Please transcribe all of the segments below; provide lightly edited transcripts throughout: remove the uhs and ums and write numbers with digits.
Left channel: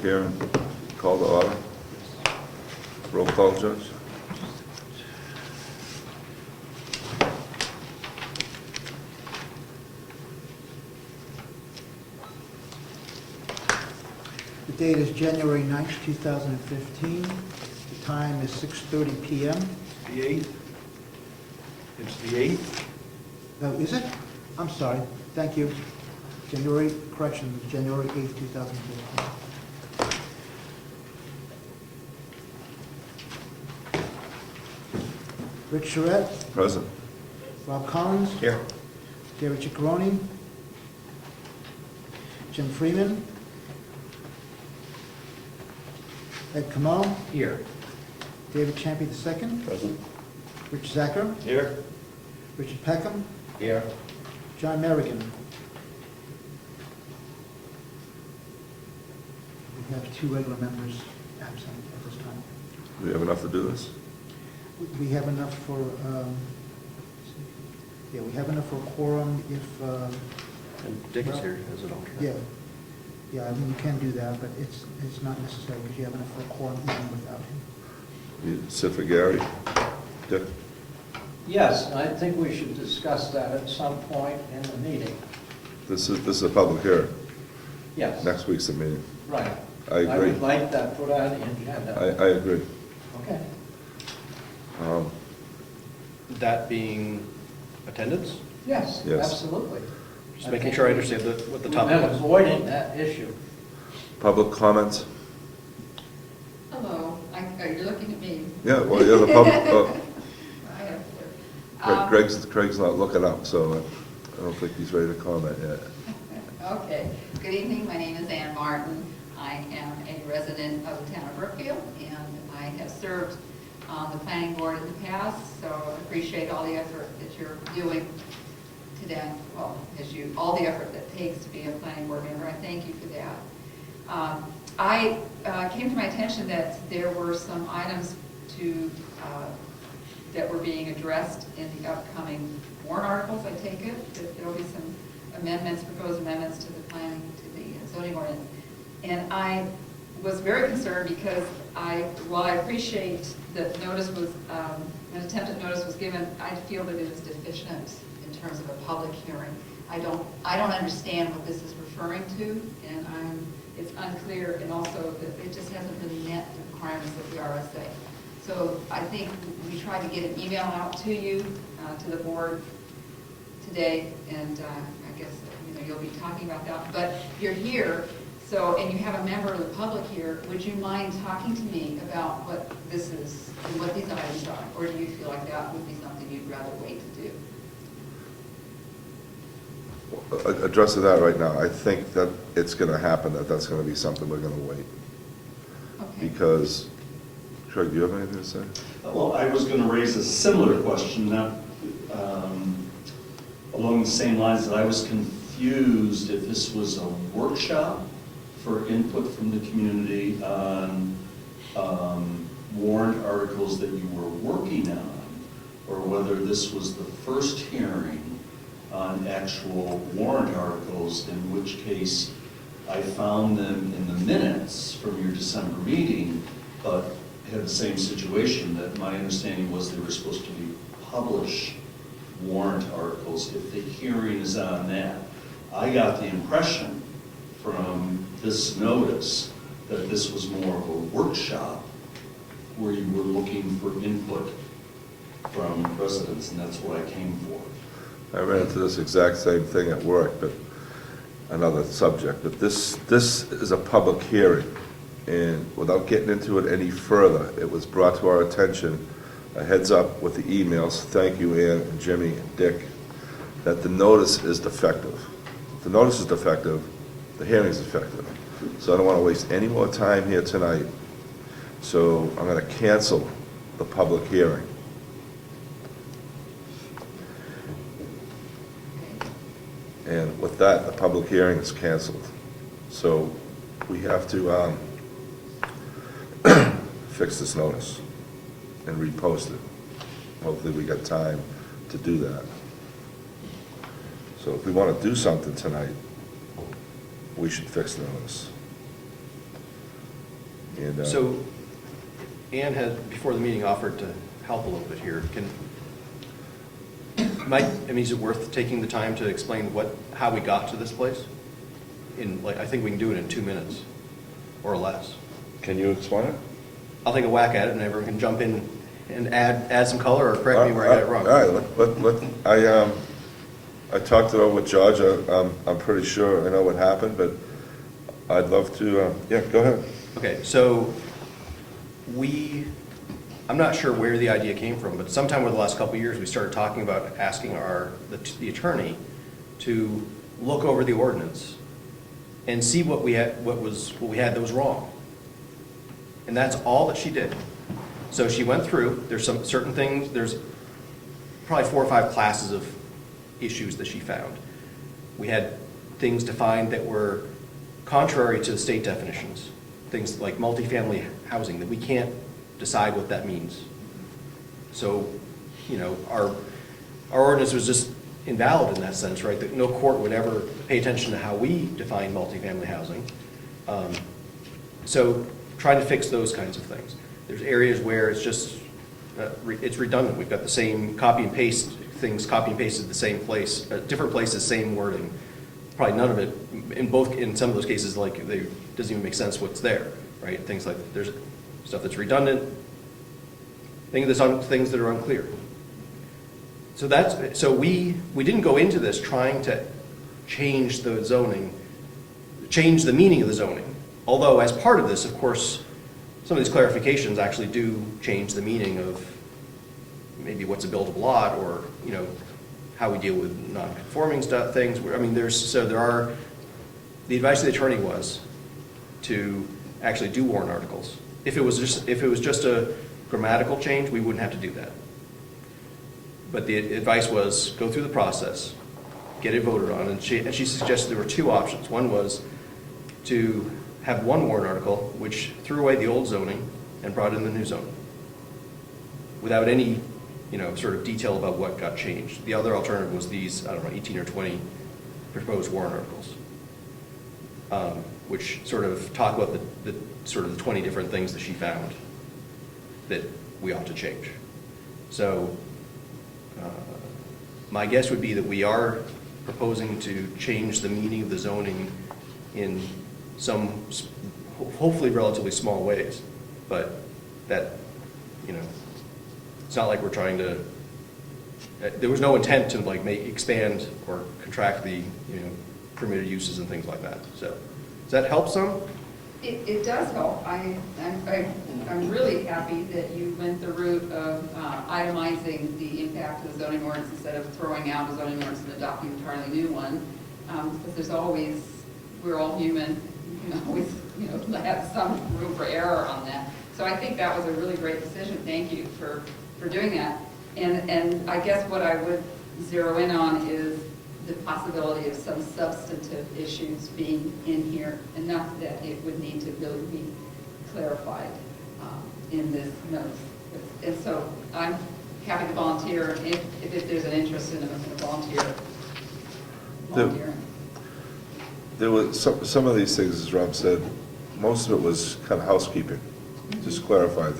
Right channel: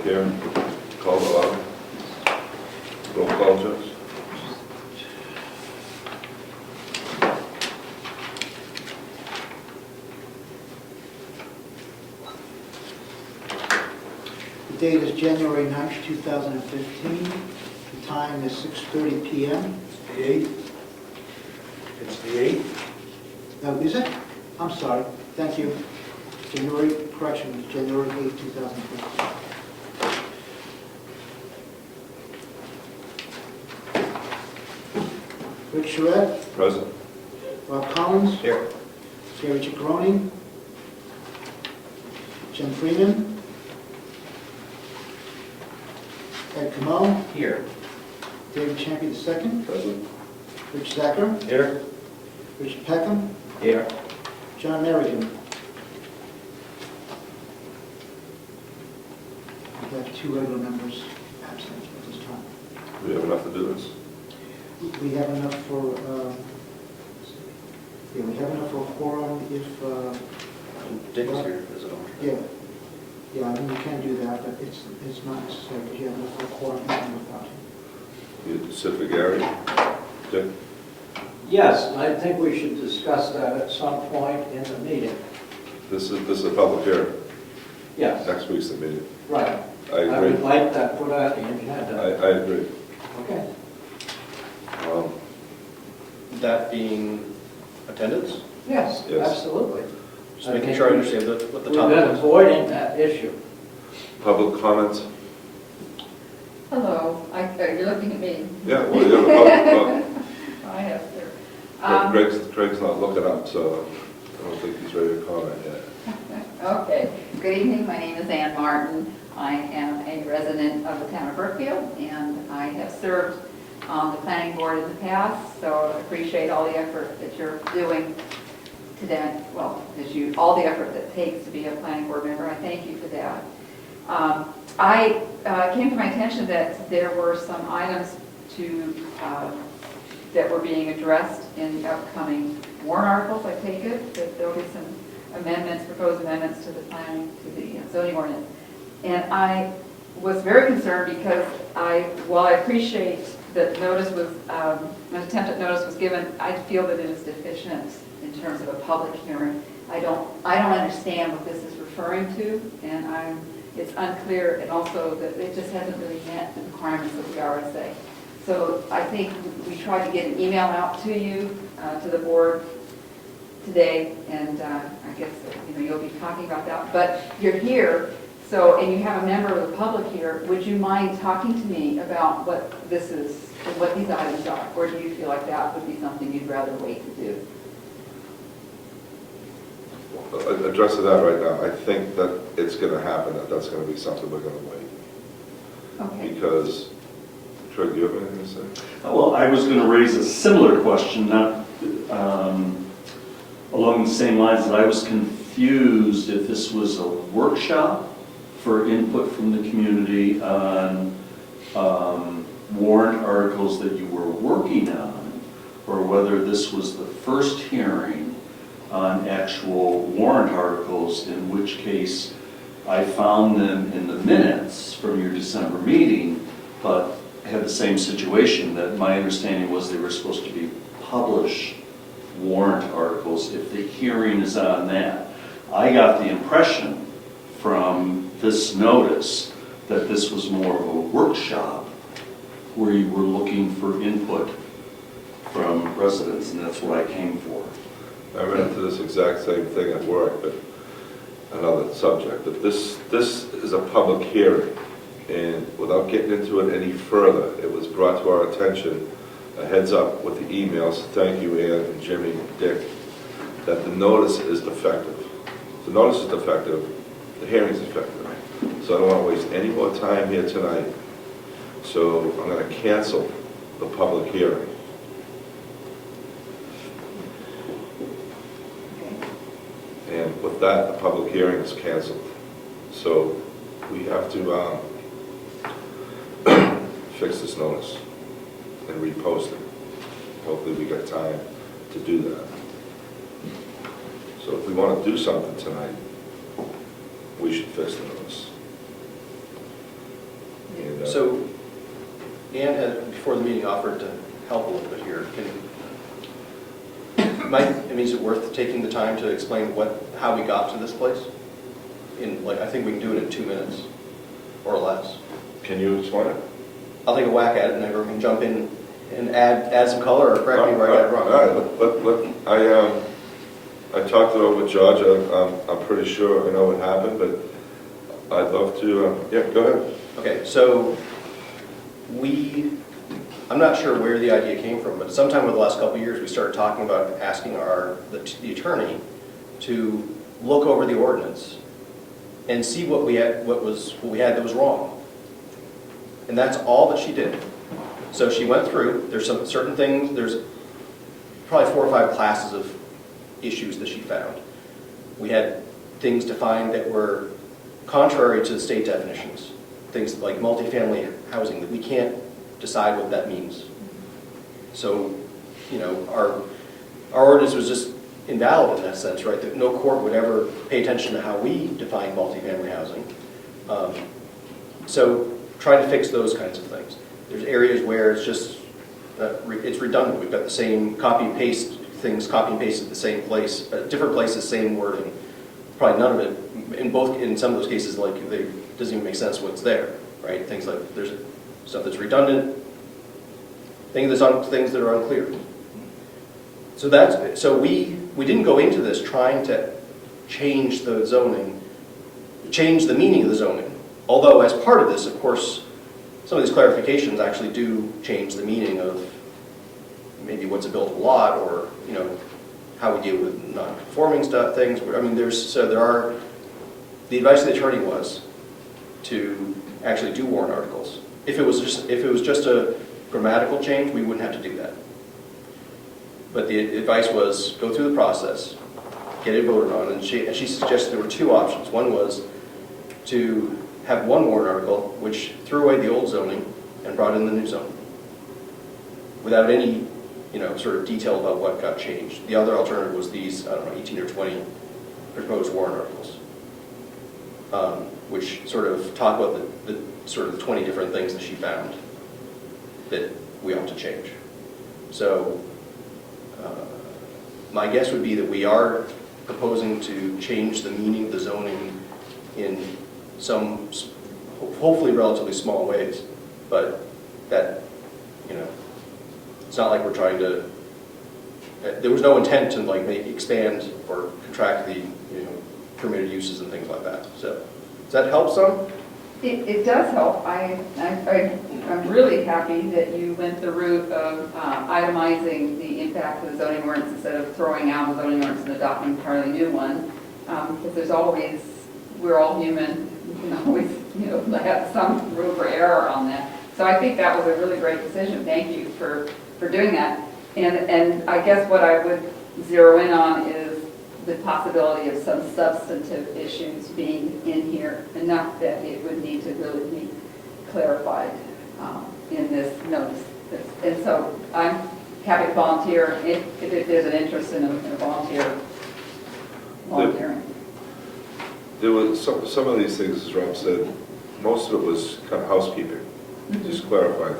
public hearing, call to order. Roll call, Judge. The date is January 9th, 2015. The time is 6:30 p.m. The 8th? It's the 8th? Is it? I'm sorry. Thank you. January 8th, 2015. Rick Charette, Present. Rob Collins, Here. Jerry Ciccarone, Jim Freeman, Ed Comeau, Here. David Champion II, Present. Rich Zacher, Here. Richard Peckham, Here. John Merrigan. We have 2 regular members absent at this time. We have enough to do this? We have enough for, yeah, we have enough for a quorum if, Dick's here as an alternate. yeah, I mean, we can do that, but it's not necessary because you have enough for a quorum even without him. You sit for Gary? Dick? Yes, I think we should discuss that at some point in the meeting. This is a public hearing. Yes, Next week's the meeting. right. I I agree. would like that put on the agenda. I agree. Okay. That being attendance? Yes, Yes. absolutely. Just making sure I understand what the We've topic been is. avoiding that issue. Public comments? Hello, you're looking at me. Yeah, well, you have a public, I have there. Craig's not looking up, so I don't think he's ready to comment yet. Okay, good evening, my name is Ann Martin. I am a resident of the town of Brookfield, and I have served on the planning board in the past, so I appreciate all the effort that you're doing today. Well, all the effort that it takes to be a planning board member, I thank you for that. Came to my attention that there were some items that were being addressed in the upcoming warrant articles, I take it, that there'll be some amendments, proposed amendments to the planning, to the zoning ordinance. And I was very concerned because while I appreciate that notice was, an attempt at notice was given, I feel that it is deficient in terms of a public hearing. I don't understand what this is referring to, and it's unclear, and also that it just hasn't really met the requirements of the RSA. So I think we tried to get an email out to you, to the board today, and I guess you'll be talking about that. But you're here, and you have a member of the public here. Would you mind talking to me about what this is and what these items are, or do you feel like that would be something you'd rather wait to do? Addressing that right now, I think that it's going to happen, that's going to be something we're going to wait. Okay. Because, Craig, do you have anything to say? Well, I was going to raise a similar question, not along the same lines, that I was confused if this was a workshop for input from the community on warrant articles that you were working on, or whether this was the first hearing on actual warrant articles, in which case I found them in the minutes from your December meeting, but had the same situation, that my understanding was they were supposed to be published warrant articles if the hearing is on that. I got the impression from this notice that this was more of a workshop where you were looking for input from residents, and that's what I came for. I ran into this exact same thing at work, but another subject. But this is a public hearing, and without getting into it any further, it was brought to our attention, a heads up with the emails, thank you Ann and Jimmy and Dick, that the notice is defective. If the notice is defective, the hearing is defective. So I don't want to waste any more time here tonight. So I'm going to cancel the public hearing. And with that, the public hearing is canceled. So we have to fix this notice and repost it. Hopefully we get time to do that. So if we want to do something tonight, we should fix the notice. And, So Ann had, before the meeting, offered to help a little bit here. Is it worth taking the time to explain how we got to this place? I think we can do it in 2 minutes or less. Can you explain it? I'll take a whack at it and everyone can jump in and add some color or correct me where I got it wrong. All right, I talked it over with George. I'm pretty sure I know what happened, but I'd love to, yeah, go ahead. Okay, so I'm not sure where the idea came from, but sometime over the last couple of years, we started talking about asking the attorney to look over the ordinance and see what we had that was wrong. And that's all that she did. So she went through, there's some certain things, there's probably 4 or 5 classes of issues that she found. We had things defined that were contrary to the state definitions, things like multifamily housing, that we can't decide what that means. So, our ordinance was just invalid in that sense, right? That no court would ever pay attention to how we define multifamily housing. So trying to fix those kinds of things. There's areas where it's just, it's redundant. We've got the same copy and paste things, copy and pasted the same place, different places, same wording. Probably none of it, in some of those cases, doesn't even make sense what's there, right? Things like, there's stuff that's redundant, things that are unclear. So we didn't go into this trying to change the zoning, change the meaning of the zoning. Although as part of this, of course, some of these clarifications actually do change the meaning of maybe what's a buildable lot, or how we deal with non-conforming things. The advice of the attorney was to actually do warrant articles. If it was just a grammatical change, we wouldn't have to do that. But the advice was go through the process, get it voted on, and she suggested there were 2 options. One was to have one warrant article which threw away the old zoning and brought in the new zoning without any sort of detail about what got changed. The other alternative was these, 18 or 20 proposed warrant articles, which sort of talk about the 20 different things that she found that we ought to change. So my guess would be that we are proposing to change the meaning of the zoning in some, hopefully relatively small ways, but that, it's not like we're trying to, there was no intent to expand or contract the, permitted uses and things like that. So, does that help some? It does help. I'm really happy that you went the route of itemizing the impact of the zoning ordinance instead of throwing out a zoning ordinance and adopting an entirely new one. Because there's always, we're all human, you can always, have some room for error on that. So I think that was a really great decision. Thank you for doing that. And I guess what I would zero in on is the possibility of some substantive issues being in here, enough that it would need to really be clarified in this notice. And so I'm happy to volunteer if there's an interest in a volunteering. There was some of these things, as Rob said, most of it was kind of housekeeping, just clarifying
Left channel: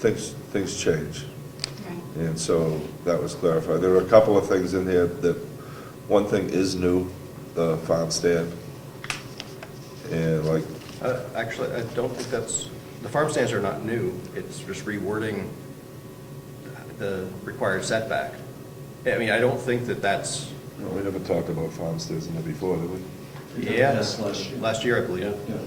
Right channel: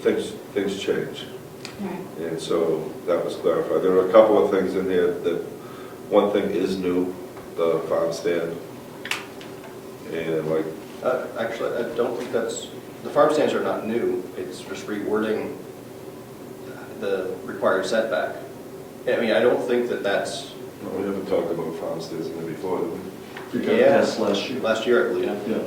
things. Things change. Right. And so that was clarified. There were a couple of things in there that, one thing is new, the farm stand. And Actually, I don't think the farm stands are not new. It's just rewording the required setback. I don't think that's... well, we haven't talked about farm stands in there before, did we? It got passed last year. Last year, I believe. Yeah.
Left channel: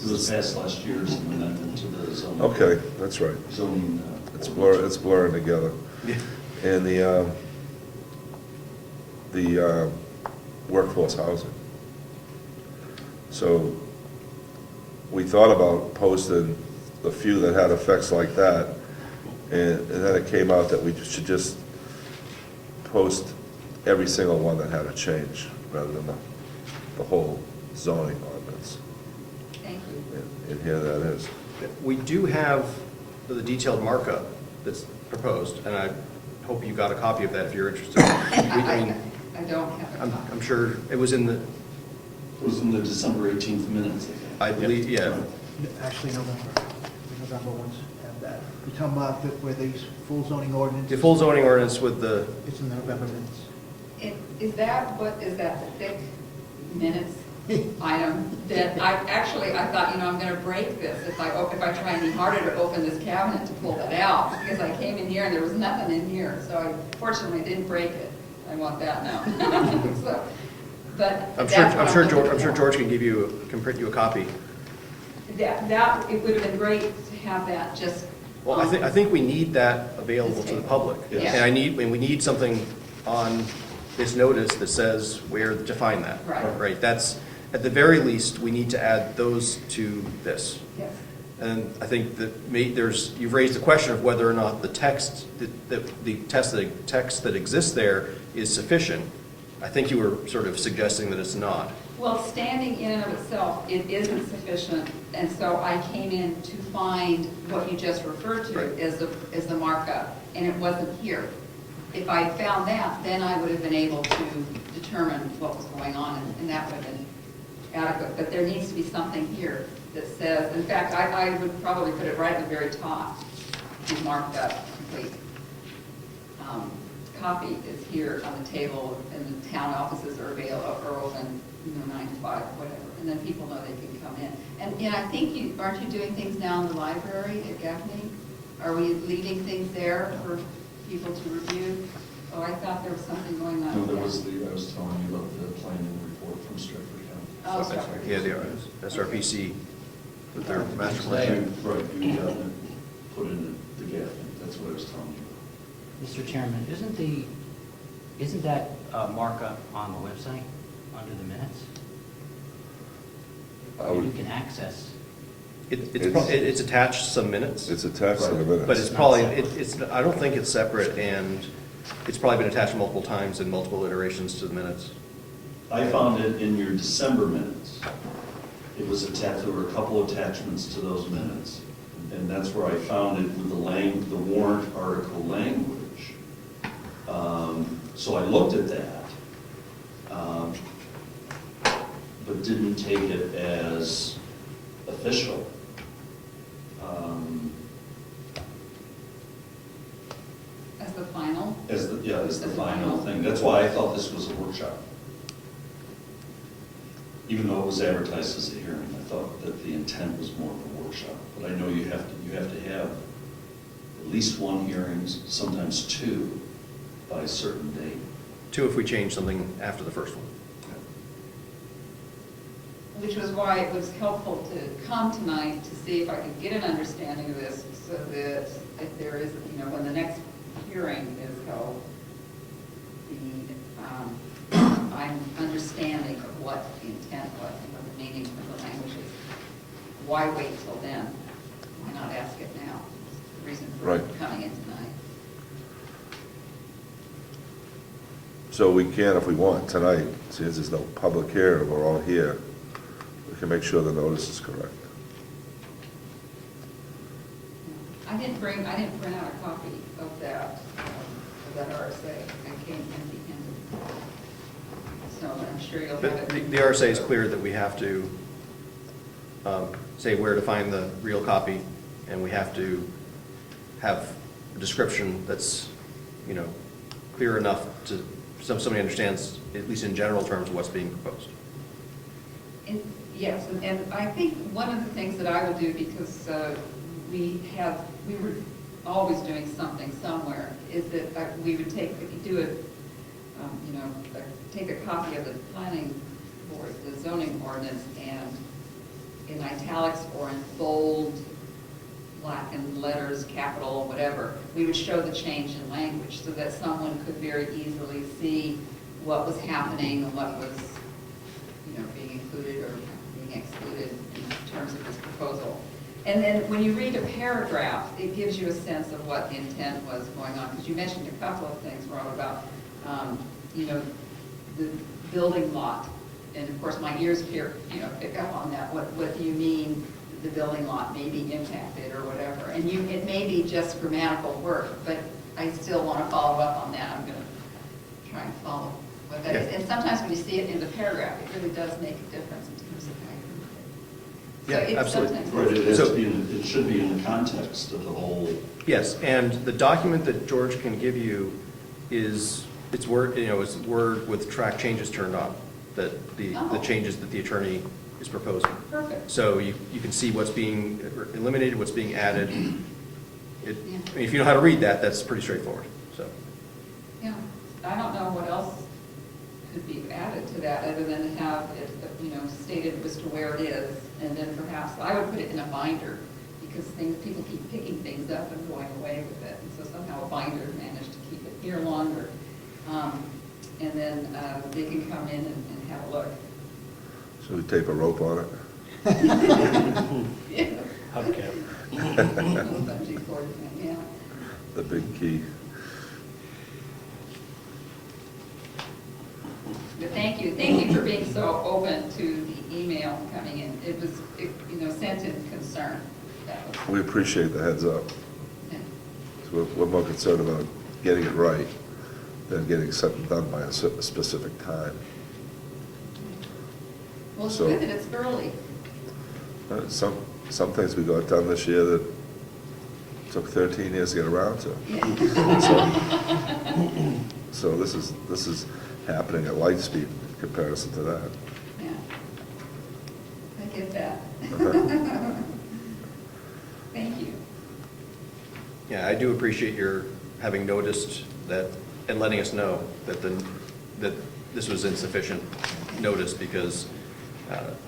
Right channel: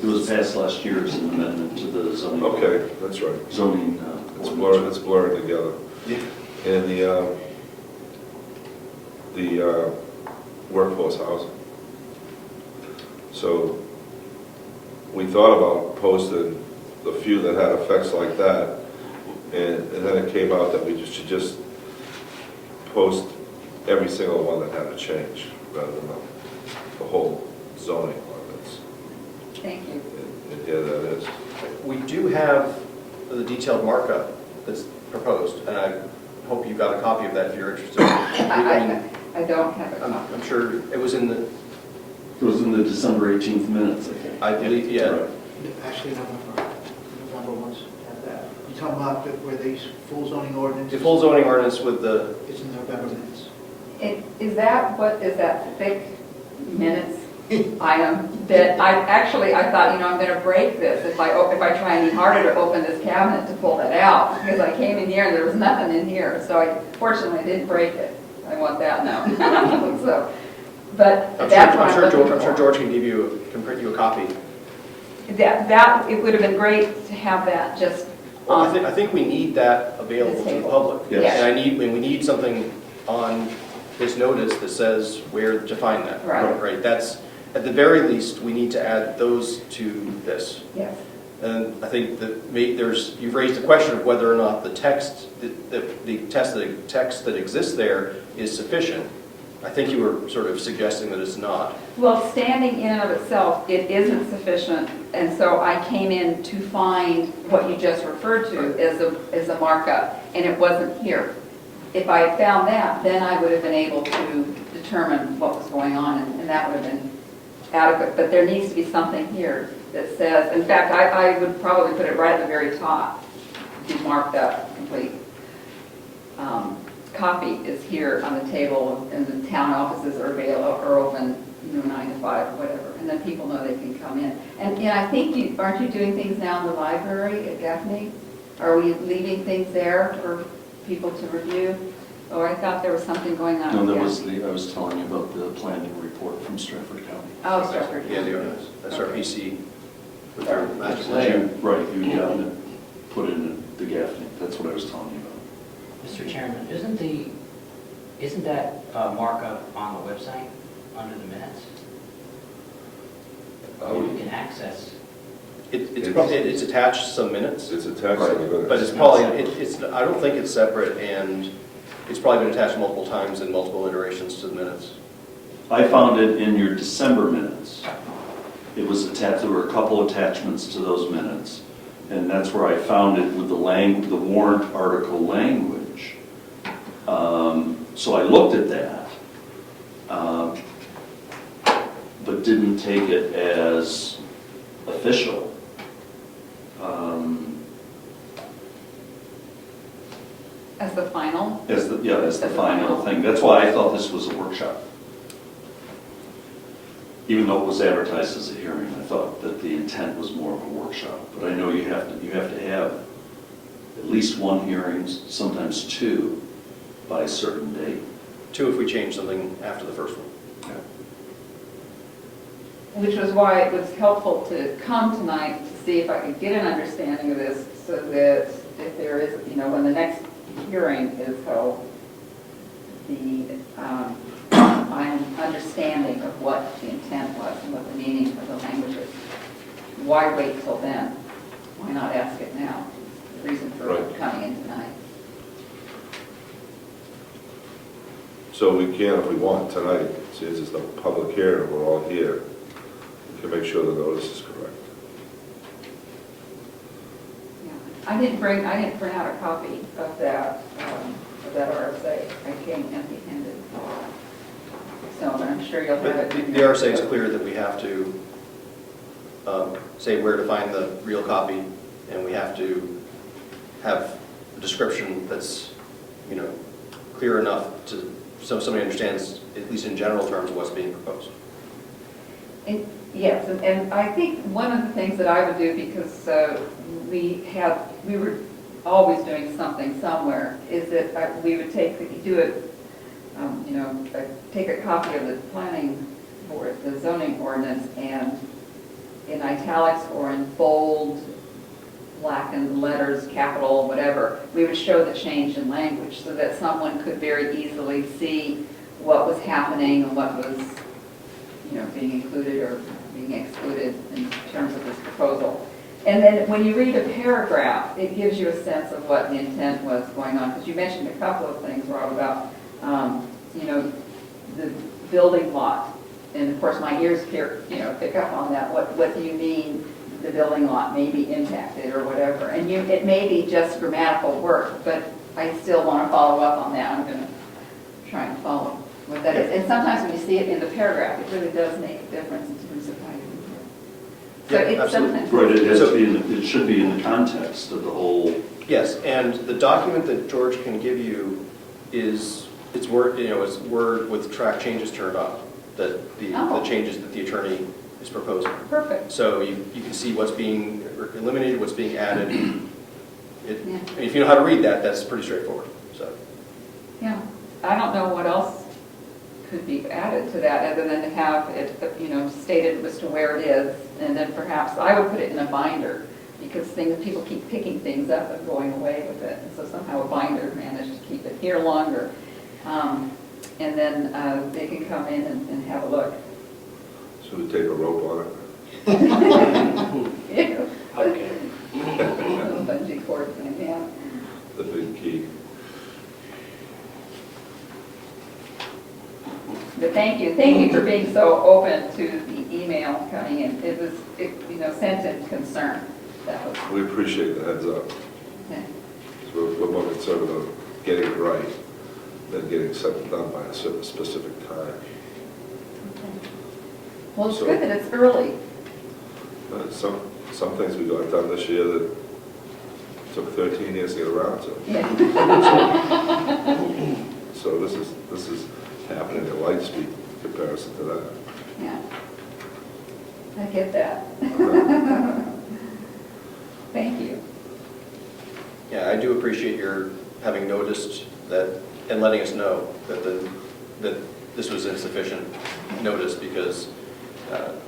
It was passed last year as an amendment to the zoning. Okay, that's right. Zoning. It's blurring together. Yeah. And the workforce housing. So we thought about posting the few that had effects like that, and then it came out that we should just post every single one that had a change, rather than the whole zoning ordinance. Thank you. And here that is. We do have the detailed markup that's proposed, and I hope you've got a copy of that if you're interested. I don't have a copy. I'm sure it was in the... It was in the December 18th minutes, I think. I believe, yeah. Right. Actually, no. November ones. You talking about where the full zoning ordinance? The full zoning ordinance with the, It's in the November minutes. Is that thick minutes item that I thought, I'm gonna break this if I try any harder to open this cabinet to pull that out, because I came in here and there was nothing in here, so I fortunately didn't break it. I want that known. So, but that's what I'm looking I'm sure for. George can print you a copy. It would have been great to have that just Well, on. I think we need that available to the public. Yes. And we need something on this notice that says where to find that. Right. That's, at the very least, we need to add those to this. Yes. And I think that you've raised the question of whether or not the text that exists there is sufficient. I think you were sort of suggesting that it's not. Well, standing in and of itself, it isn't sufficient, and so I came in to find what you just referred to as a markup, and it wasn't here. If I had found that, then I would have been able to determine what was going on, and that would have been adequate. But there needs to be something here that says, in fact, I would probably put it right at the very top, be marked up, complete. Copy is here on the table, and the town offices are open, 9 to 5, or whatever, and then people know they can come in. And I think aren't you doing things now in the library at Gaffney? Are we leaving things there for people to review? Oh, I thought there was something going on. No, at that was Gaffney. I was telling you about the planning report from Stratford County. Oh, Stratford. Yeah, the SRPC with their master You- plan. Right, you got it, put in the Gaffney, that's what I was telling you about. Mr. Chairman, isn't that markup on the website under the minutes? You can access. It's attached some minutes, It's attached to the minutes. but it's probably, I don't think it's separate, and it's probably been attached multiple times in multiple iterations to the minutes. I found it in your December minutes. It was attached, there were a couple attachments to those minutes, and that's where I found it with the warrant article language. So I looked at that, but didn't take it as official. As the final? As the final thing. That's why I thought this was a workshop. Even though it was advertised as a hearing, I thought that the intent was more of a workshop. But I know you have to have at least one hearing, sometimes two, by a certain date. 2 if we change something after the first one. Which was why it was helpful to come tonight to see if I could get an understanding of this, so that if there is, when the next hearing is held, I'm understanding of what the intent was and what the meaning of the language is. Why wait till then? Why not ask it now? The reason for Right. coming in tonight. So we can, if we want, tonight, since it's the public hearing, we're all here, we can make sure the notice is correct. Yeah. I didn't bring out a copy of that RSA. I came empty-handed. So I'm sure you'll have But it. the RSA is clear that we have to say where to find the real copy, and we have to have a description that's, clear enough so somebody understands, at least in general terms, what's being proposed. Yes, and I think one of the things that I would do, because we were always doing something somewhere, is that we would take a copy of the planning board, the zoning ordinance, and in italics or in bold, blackened letters, capital, whatever, we would show the change in language so that someone could very easily see what was happening and what was, being included or being excluded in terms of this proposal. And then when you read a paragraph, it gives you a sense of what the intent was going on. Because you mentioned a couple of things, Rob, about, the building lot. And of course, my ears pick up on that. What do you mean the building lot may be impacted or whatever? And it may be just grammatical work, but I still want to follow up on that. I'm going to try and follow what that is. And sometimes when you see it in the paragraph, it really does make a difference in terms of how you read it. So Yeah, it's absolutely. sometimes. Right, it has to be, it should be in the context of the whole. Yes, and the document that George can give you is, it's Word, is Word with track changes turned on, that the Oh. changes that the attorney is proposing. Perfect. So you can see what's being eliminated, what's being added. It, Yeah. I mean, if you know how to read that, that's pretty straightforward, so. Yeah, I don't know what else could be added to that other than to have it, stated as to where it is. And then perhaps I would put it in a binder because people keep picking things up and going away with it. And so somehow a binder managed to keep it here longer. And then they can come in and have a look. Should we tape a rope on it? Yeah. Okay. Little bungee cord thing, yeah. The big key. But thank you for being so open to the email coming in. It was, sent in concern. That was, We appreciate the heads up. yeah. So we're more concerned about getting it right than getting something done by a certain specific time. Well, it's So- good that it's early. Some things we got done this year that took 13 years to get around to. Yeah. So this is happening at light speed in comparison to that. Yeah. I get that. Thank you. Yeah, I do appreciate your having noticed that and letting us know that this was insufficient notice because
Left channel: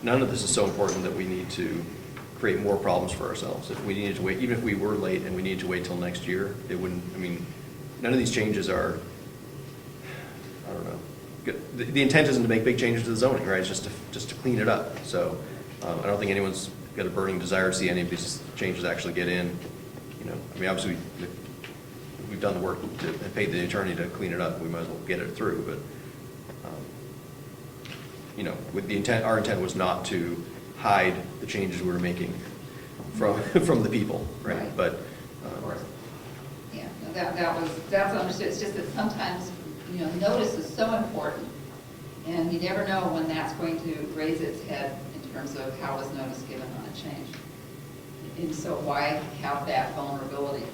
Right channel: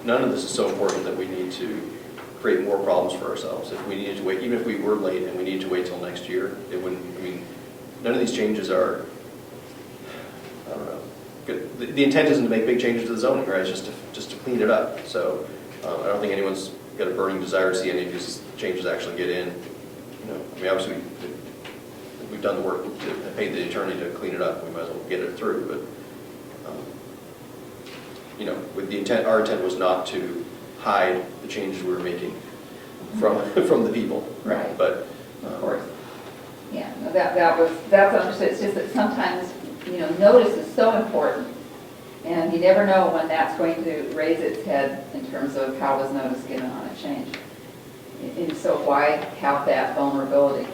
none of this is so important that we need to create more problems for ourselves. If we needed to wait, even if we were late and we needed to wait till next year, it wouldn't, none of these changes are, I don't know. Good. The intent isn't to make big changes to the zoning, right? It's just to clean it up. So I don't think anyone's got a burning desire to see any of these changes actually get in. Obviously, we've done the work and paid the attorney to clean it up. We might as well get it through. But with the intent, our intent was not to hide the changes we were making from the people, right? Right. But Of course. Yeah, no, that's understood. It's just that sometimes, notice is so important. And you never know when that's going to raise its head in terms of how was notice given on a change. And so why have that vulnerability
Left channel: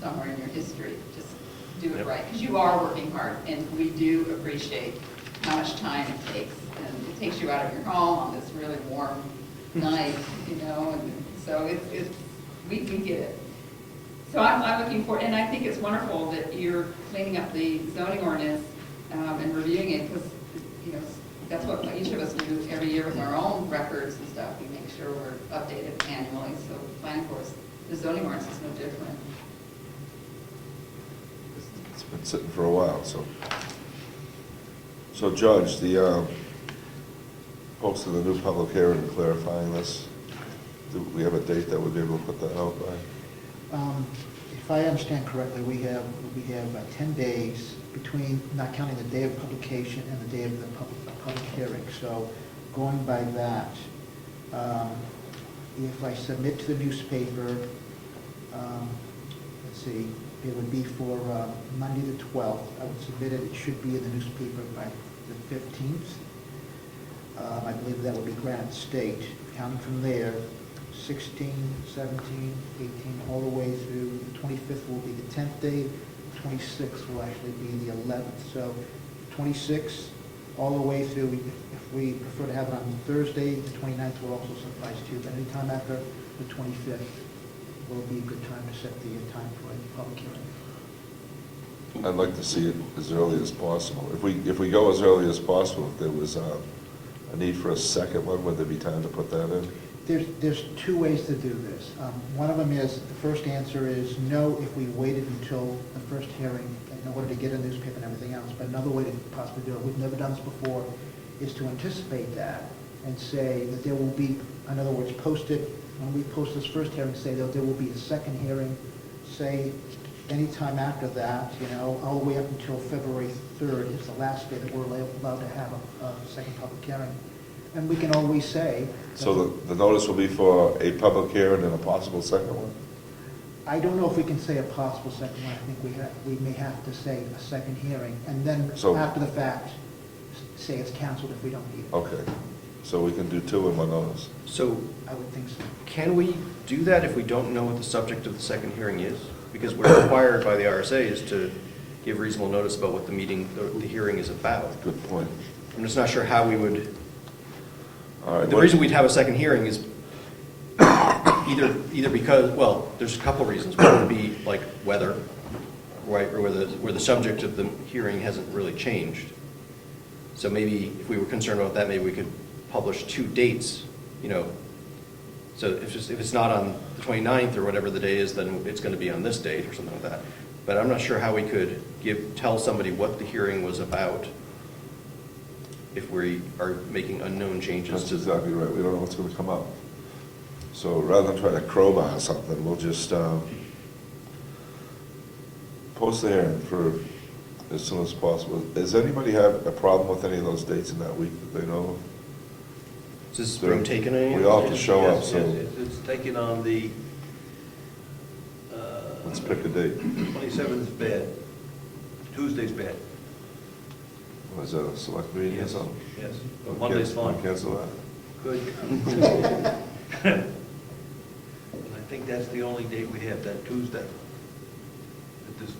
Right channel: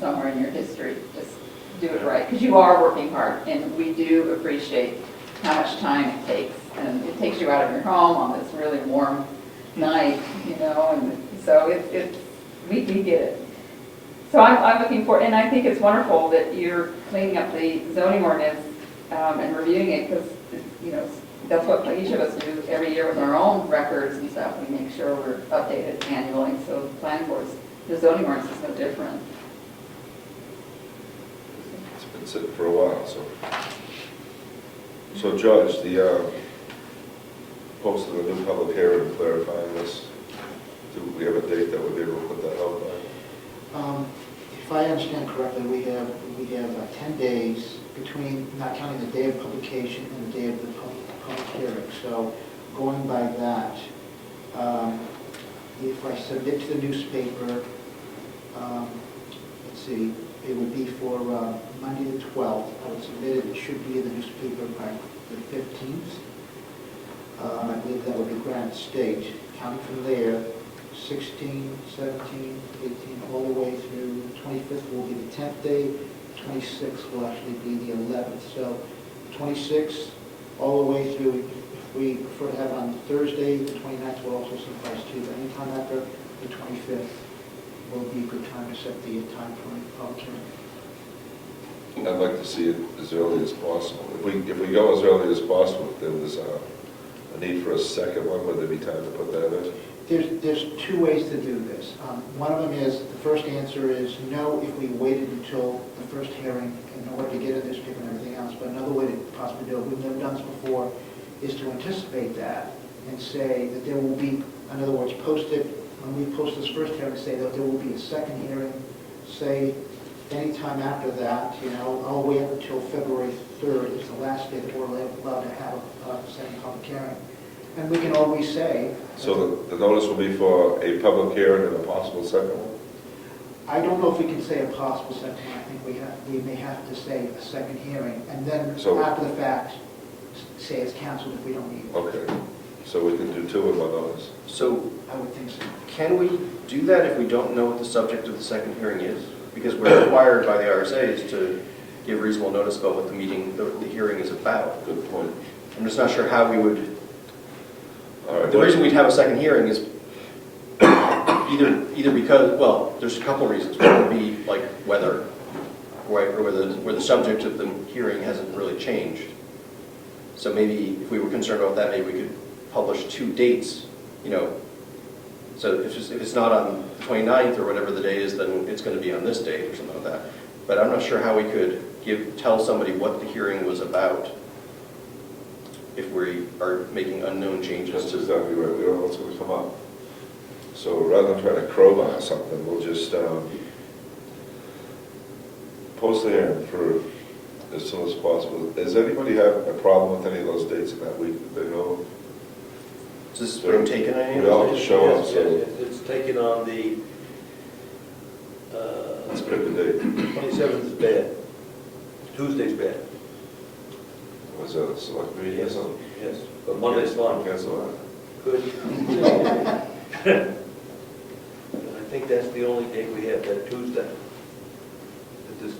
somewhere in your history? Just do it right, because you are working hard, and we do appreciate how much time it takes. And it takes you out of your home on this really warm night, and so we do get it. So I'm looking for, and I think it's wonderful that you're cleaning up the zoning ordinance and reviewing it, because, that's what each of us do every year with our own records and stuff. We make sure we're updated annually, so planning boards, the zoning ordinance is no different. It's been sitting for a while, so. So Judge, the posting the new public hearing clarifying this, do we have a date that we'll be able to put that out by? If I understand correctly, we have 10 days between, not counting the day of publication and the day of the public hearing. So going by that, if I submit to the newspaper, let's see, it would be for Monday the 12th. I would submit it, it should be in the newspaper by the 15th. I believe that would be Granite State. Counting from there, 16, 17, 18, all the way through the 25th will be the 10th day. 26th will actually be the 11th. So 26th, all the way through, if we prefer to have it on Thursday, the 29th will also suffice too. But anytime after the 25th will be a good time to set the time for a public hearing. I'd like to see it as early as possible. If we go as early as possible, if there was a need for a second one, would there be time to put that in? There's two ways to do this. One of them is, the first answer is no if we waited until the first hearing in order to get a newspaper and everything else. But another way to possibly do it, we've never done this before, is to anticipate that and say that there will be, in other words, post it, when we post this first hearing, say that there will be a second hearing, say anytime after that, all the way up until February 3rd is the last day that we're allowed to have a second public hearing. And we can always say. So the notice will be for a public hearing and a possible second one? I don't know if we can say a possible second hearing. I think we may have to say a second hearing, and then So- after the fact, say it's canceled if we don't need it. Okay. So we can do 2 in 1 notice. So I would think so. can we do that if we don't know what the subject of the second hearing is? Because we're required by the RSA's to give reasonable notice about what the meeting, the hearing is about. Good point. I'm just not sure how we would, All right. the reason we'd have a second hearing is either because, well, there's a couple reasons. One would be like weather, right, or where the subject of the hearing hasn't really changed. So maybe if we were concerned about that, maybe we could publish 2 dates, you know. So if it's not on the 29th or whatever the day is, then it's going to be on this date or something like that. But I'm not sure how we could tell somebody what the hearing was about if we are making unknown changes That's to. exactly right. We don't know what's going to come up. So rather than trying to crowbar something, we'll just post the hearing for as soon as possible. Does anybody have a problem with any of those dates in that week that they know of? Is this being taken any? We all have to show up, Yes, so it's taken on the, let's pick a date. 27th is bad. Tuesday's bad. Was that a select meeting or something? Yes, but Monday's fine. Cancel that. Good. And I think that's the only date we have, that Tuesday.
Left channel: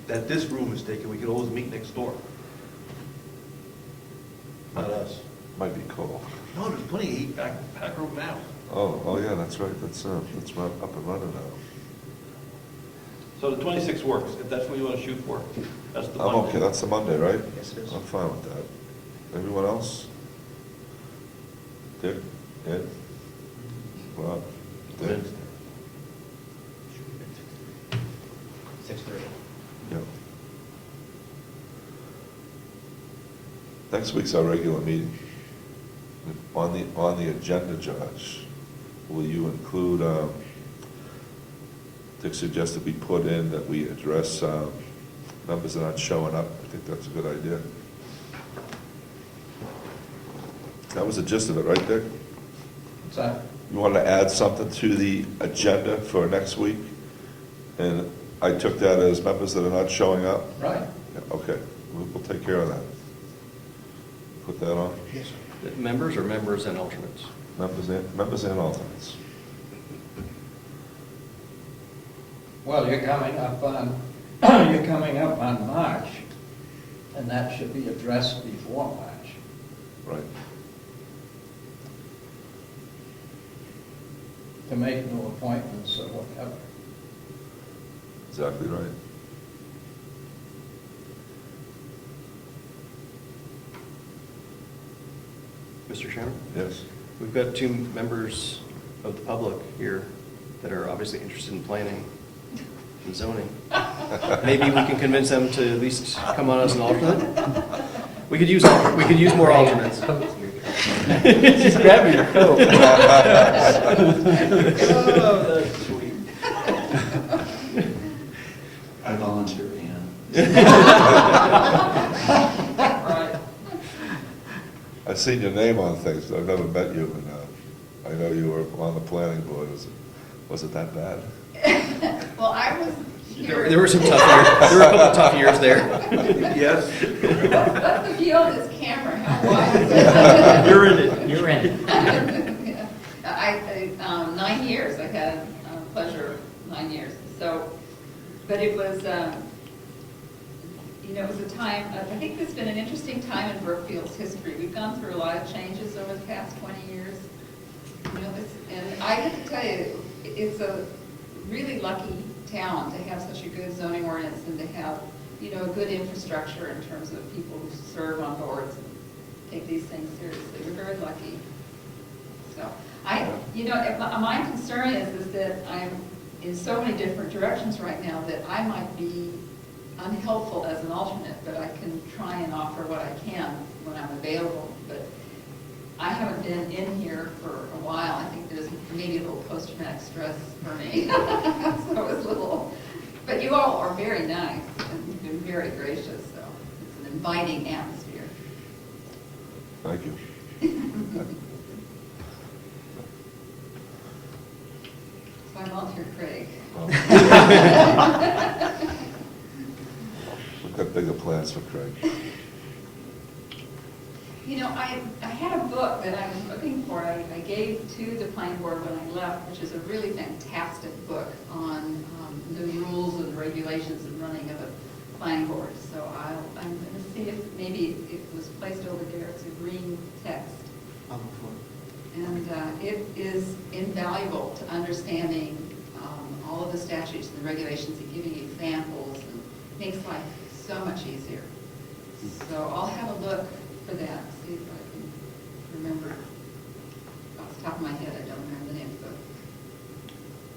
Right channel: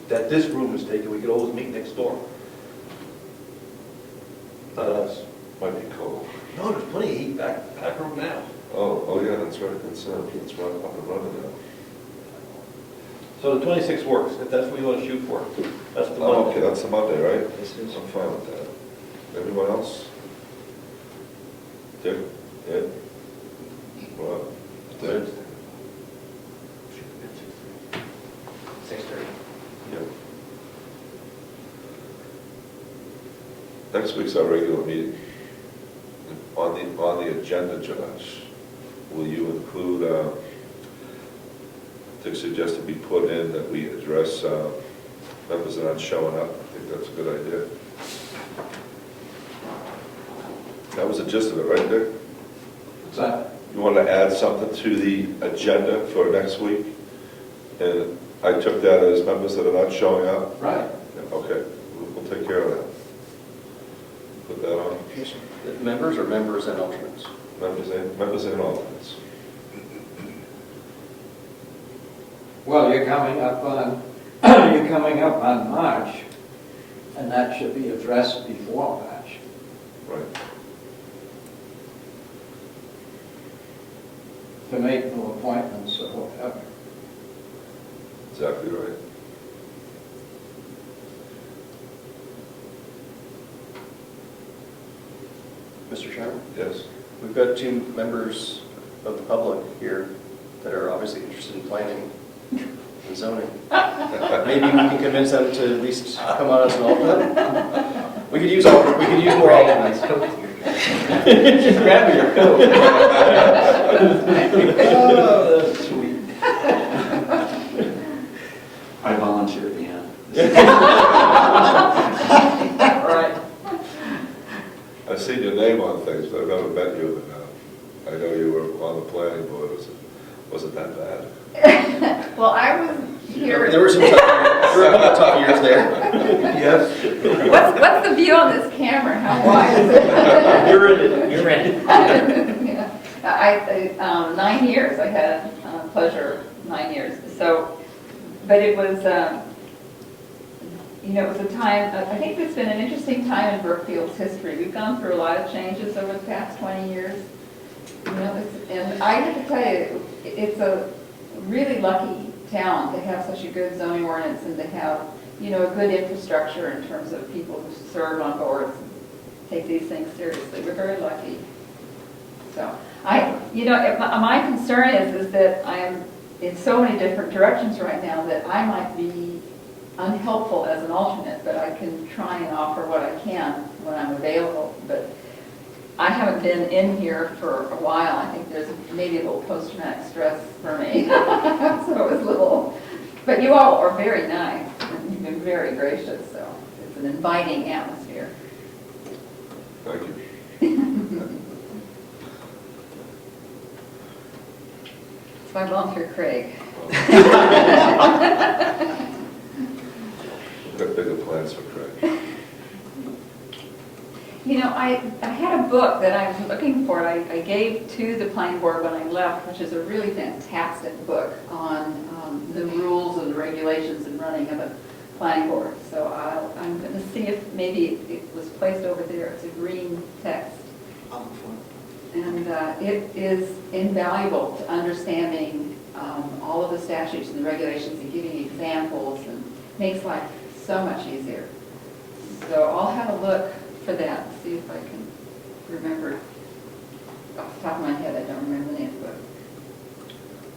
That this room is taken, we could always meet next door. Not us. Might be cold. No, there's plenty of heat back room now. Oh, yeah, that's right. That's up and running now. So the 26th works, if that's what you want to shoot for. That's the Oh, Monday. okay, that's the Monday, right? Yes, it is. I'm fine with that. Anyone else? Dick? Ed? Rob? Dick? 6:30. Yeah. Next week's our regular meeting. On the agenda, Josh, will you include, Dick suggested be put in that we address members that aren't showing up. I think that's a good idea. That was the gist of it, right, Dick? So, You wanted to add something to the agenda for next week? And I took that as members that are not showing up? right. Okay, we'll take care of that. Put that on. Yes, sir. Members or members and alternates? Members and alternates. Well, you're coming up on March, and that should be addressed before March. Right. To make no appointments or whatever. Exactly right. Mr. Chairman? Yes. We've got 2 members of the public here that are obviously interested in planning and zoning. Maybe we can convince them to at least come on as an alternate. We could use more alternates. Just grab me your coat. Oh, that's sweet. I volunteer at the end. All right. I've seen your name on things, but I've never met you. And, I know you were on the planning board. Was it that bad? Well, I was here. There were some tough years. There were a couple of tough years there. Yes. What's the view on this camera? How wide is it? You're in it. You're in. Yeah. 9 years, I had pleasure, 9 years. So, but it was, it was a time, I think it's been an interesting time in Brookfield's history. We've gone through a lot of changes over the past 20 years. And I have to tell you, it's a really lucky town to have such a good zoning ordinance and to have, a good infrastructure in terms of people who serve on boards and take these things seriously. We're very lucky. So, my concern is that I am in so many different directions right now that I might be unhelpful as an alternate, but I can try and offer what I can when I'm available. But I haven't been in here for a while. I think there's maybe a little post-traumatic stress for me. So it was a little, but you all are very nice and you've been very gracious, so it's an inviting atmosphere. Thank you. So I volunteer Craig. We've got bigger plans for Craig. You know, I had a book that I was looking for, I gave to the planning board when I left, which is a really fantastic book on the rules and regulations and running of a planning board. So I'm going to see if maybe it was placed over there. It's a green text. And it is invaluable to understanding all of the statutes and the regulations and giving examples, and makes life so much easier. So I'll have a look for that, see if I can remember. Off the top of my head, I don't remember the name of the book.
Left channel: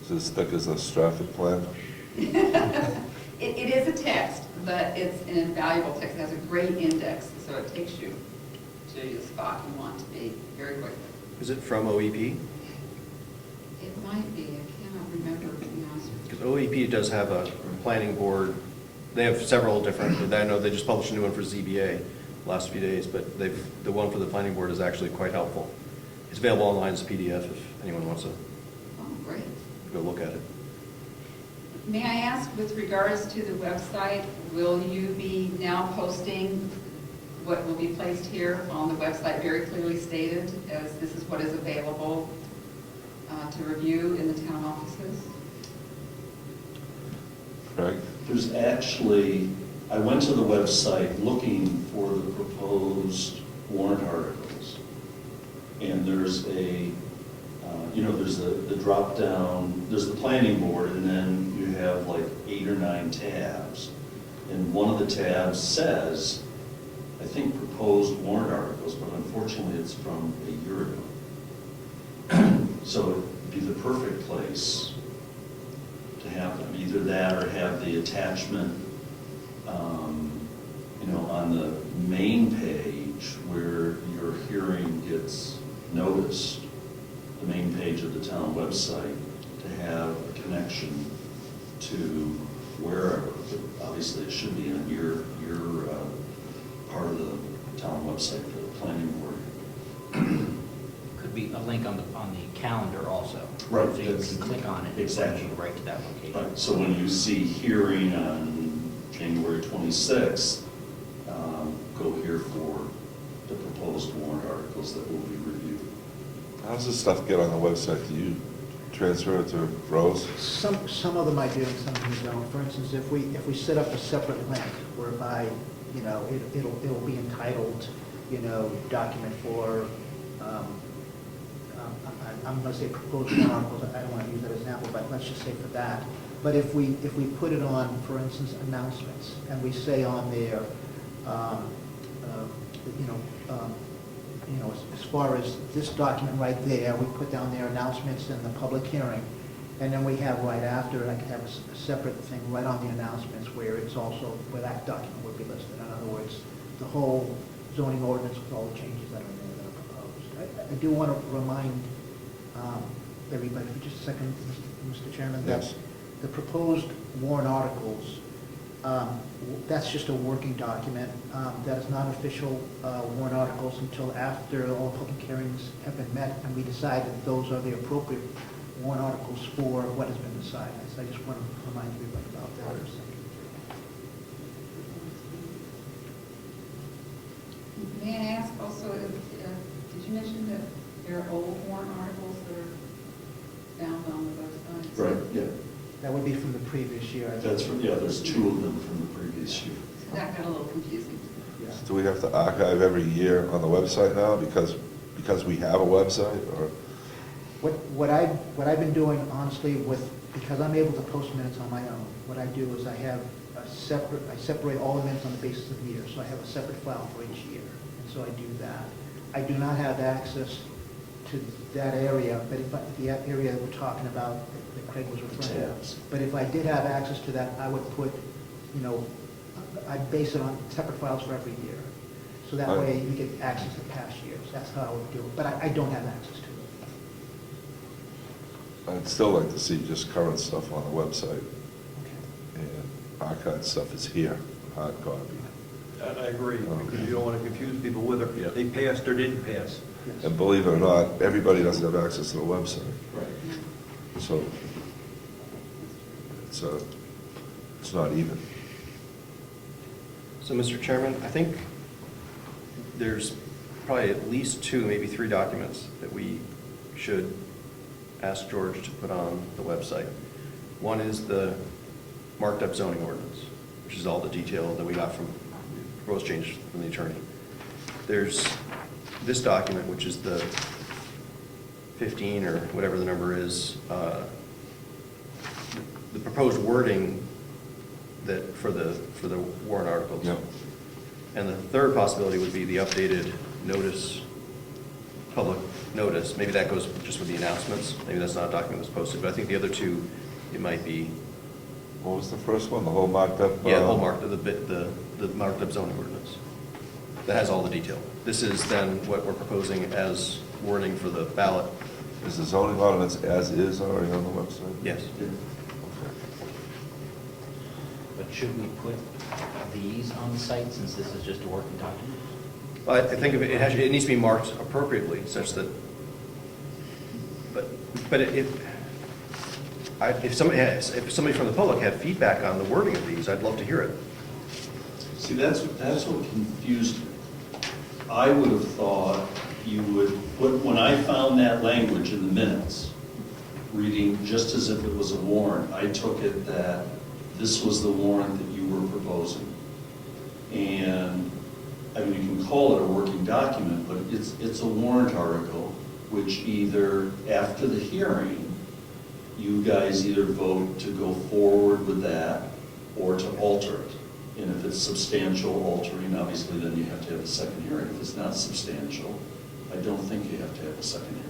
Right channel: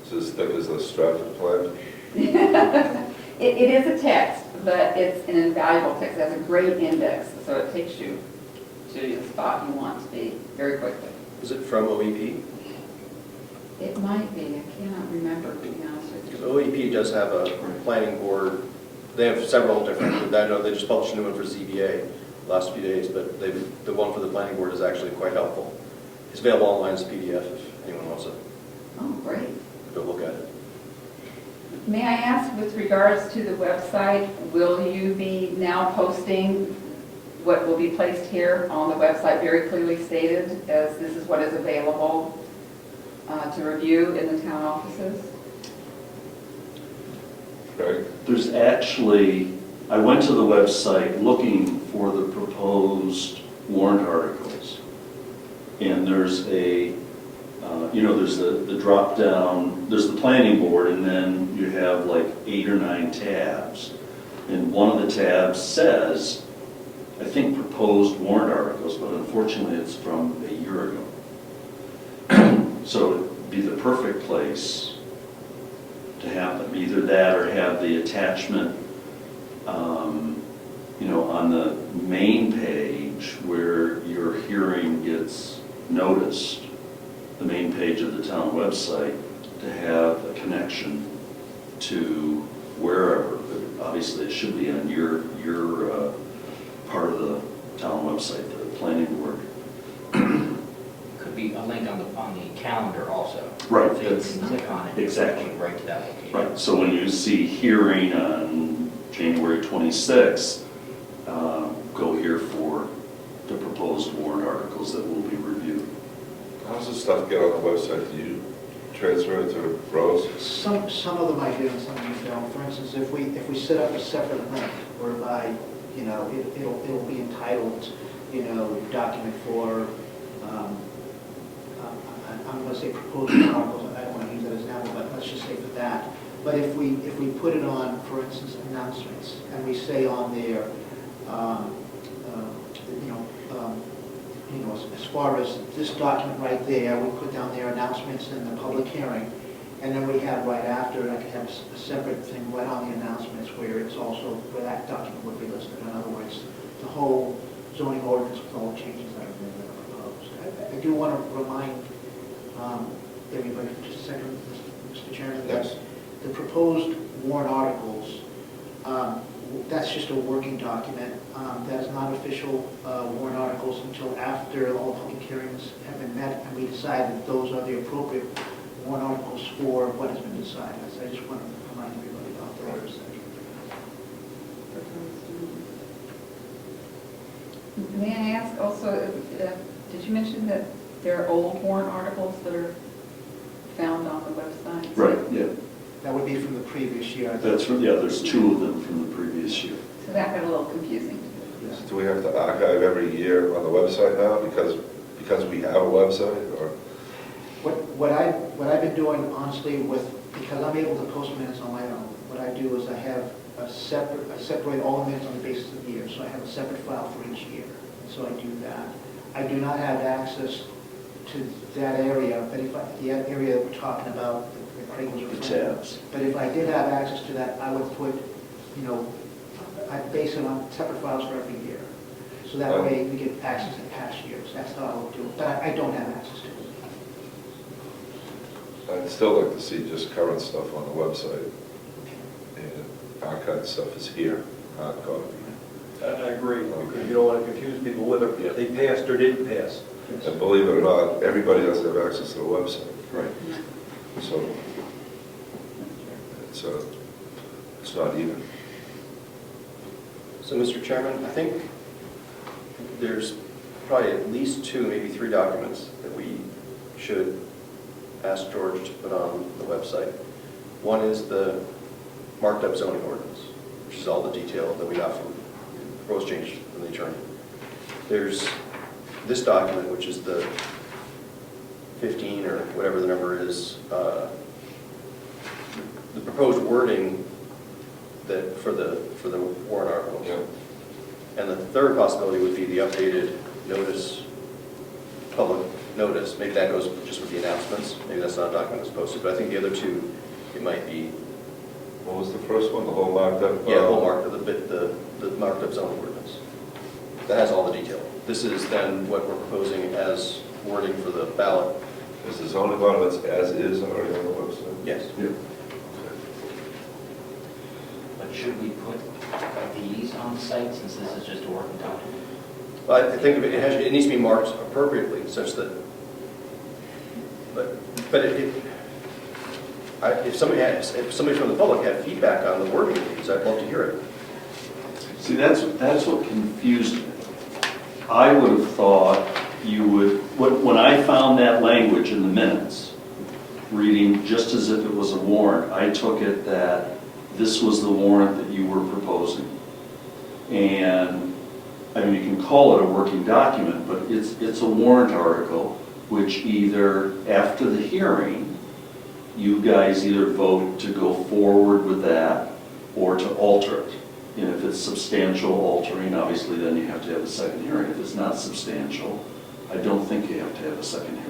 Is it as thick as a Stratford plan? It is a text, but it's an invaluable text. It has a great index, so it takes you to the spot you want to be very quickly. Is it from OEP? It might be, I cannot remember, to be honest with Because you. OEP does have a planning board, they have several different, I know they just published a new one for ZBA last few days, but the one for the planning board is actually quite helpful. It's available online as a PDF if anyone wants to Oh, great. go look at it. May I ask, with regards to the website, will you be now posting what will be placed here on the website very clearly stated as this is what is available to review in the town offices? Right? There's actually, I went to the website looking for the proposed warrant articles. And there's a, there's the drop down, there's the planning board, and then you have like 8 or 9 tabs. And one of the tabs says, I think proposed warrant articles, but unfortunately it's from a year ago. So it'd be the perfect place to have them, either that or have the attachment, on the main page where your hearing gets noticed, the main page of the town website, to have a connection to wherever, but obviously it should be on your part of the town website, the planning board. Could be a link on the calendar also. Right, So you that's- can click on it. exactly. And go right to that location. Right, so when you see hearing on January 26th, go here for the proposed warrant articles that will be reviewed. How does this stuff get on the website? Do you transfer it to Rose? Some of them I do, and some of them don't. For instance, if we set up a separate link whereby, it'll be entitled, document for, I'm going to say proposed articles, I don't want to use that as an example, but let's just say for that. But if we put it on, for instance, announcements, and we say on there, as far as this document right there, we put down their announcements and the public hearing, and then we have right after, and I can have a separate thing right on the announcements where it's also, where that document would be listed. In other words, the whole zoning ordinance with all the changes that have been proposed. I do want to remind everybody, just a second, Mr. Chairman, that Yes. the proposed warrant articles, that's just a working document. That is not official warrant articles until after all public hearings have been met and we decide that those are the appropriate warrant articles for what has been decided. So I just want to remind everybody about that. May I ask also, did you mention that there are old warrant articles that are found on the website? Right, yeah. That would be from the previous year. That's from, there's 2 of them from the previous year. So that got a little confusing. Yeah. Do we have to archive every year on the website now because we have a website, or? What I've been doing honestly because I'm able to post minutes on my own, what I do is I separate all the minutes on the basis of the year, so I have a separate file for each year. And so I do that. I do not have access to that area, but the area that we're talking about, that Craig was The referring to. tabs. But if I did have access to that, I would put, I'd base it on separate files for every year. So that way you get access to past years. That's how I would do it. But I don't have access to it. I'd still like to see just current stuff on the website, Okay. and archived stuff is here, hard copy. I agree, because you don't want to confuse people whether they passed or didn't pass. Yes. And believe it or not, everybody doesn't have access to the website, Right. so it's not even. So, Mr. Chairman, I think there's probably at least 2, maybe 3 documents that we should ask George to put on the website. One is the marked up zoning ordinance, which is all the detail that we got from proposed change from the attorney. There's this document, which is the 15 or whatever the number is, the proposed wording that for the warrant articles. Yep. And the third possibility would be the updated notice, public notice. Maybe that goes just with the announcements. Maybe that's not a document that's posted, but I think the other 2, it might be, What was the first one, the whole marked up? yeah, the whole the marked up zoning ordinance. That has all the detail. This is then what we're proposing as wording for the ballot. Is the zoning ordinance as is already on the website? Yes. Yeah. But should we put these on site since this is just a working document? I think it needs to be marked appropriately such that, if somebody from the public had feedback on the wording of these, I'd love to hear it. See, that's what confused me. I would have thought you would, when I found that language in the minutes, reading just as if it was a warrant, I took it that this was the warrant that you were proposing. And, I mean, you can call it a working document, but it's a warrant article, which either, after the hearing, you guys either vote to go forward with that or to alter it. And if it's substantial altering, obviously then you have to have a second hearing. If it's not substantial, I don't think you have to have a second hearing.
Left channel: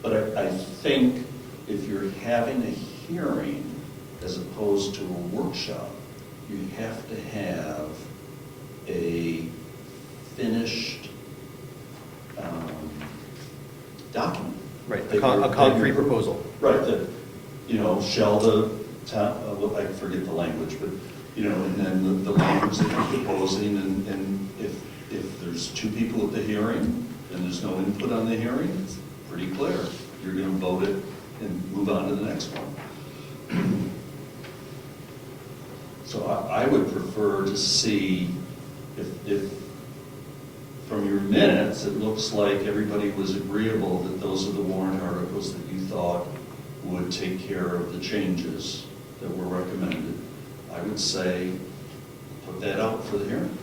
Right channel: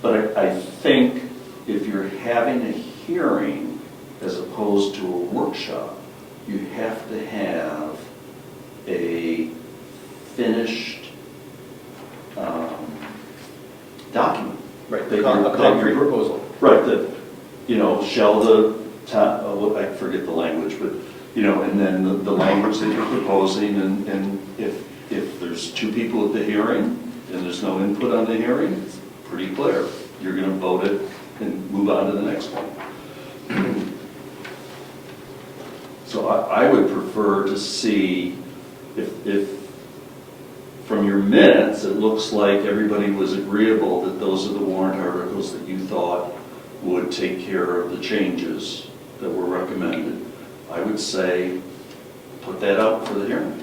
But I think if you're having a hearing as opposed to a workshop, you have to have a finished document. Right, That a concrete you're- proposal. Right, that, shall the town, I forget the language, but, and then the language that you're proposing, and if there's 2 people at the hearing, and there's no input on the hearing, it's pretty clear. You're gonna vote it and move on to the next one. So I would prefer to see if from your minutes, it looks like everybody was agreeable that those are the warrant articles that you thought would take care of the changes that were recommended. I would say, put that out for the hearing.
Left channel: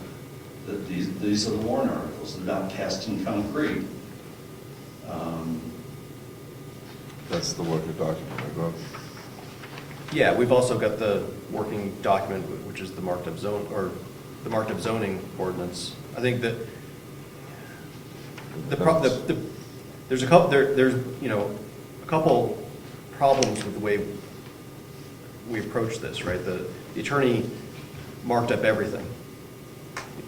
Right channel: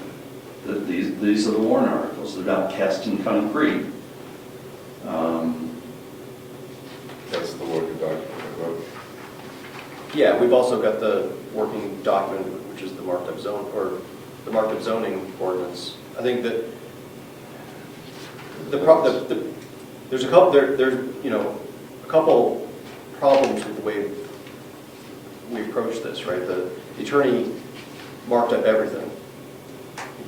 That these are the warrant articles, they're not cast in concrete. That's the working document, right? Yeah, we've also got the working document, which is the marked up zone, or the marked up zoning ordinance. I think that there's a couple problems with the way we approach this, right? The attorney marked up everything.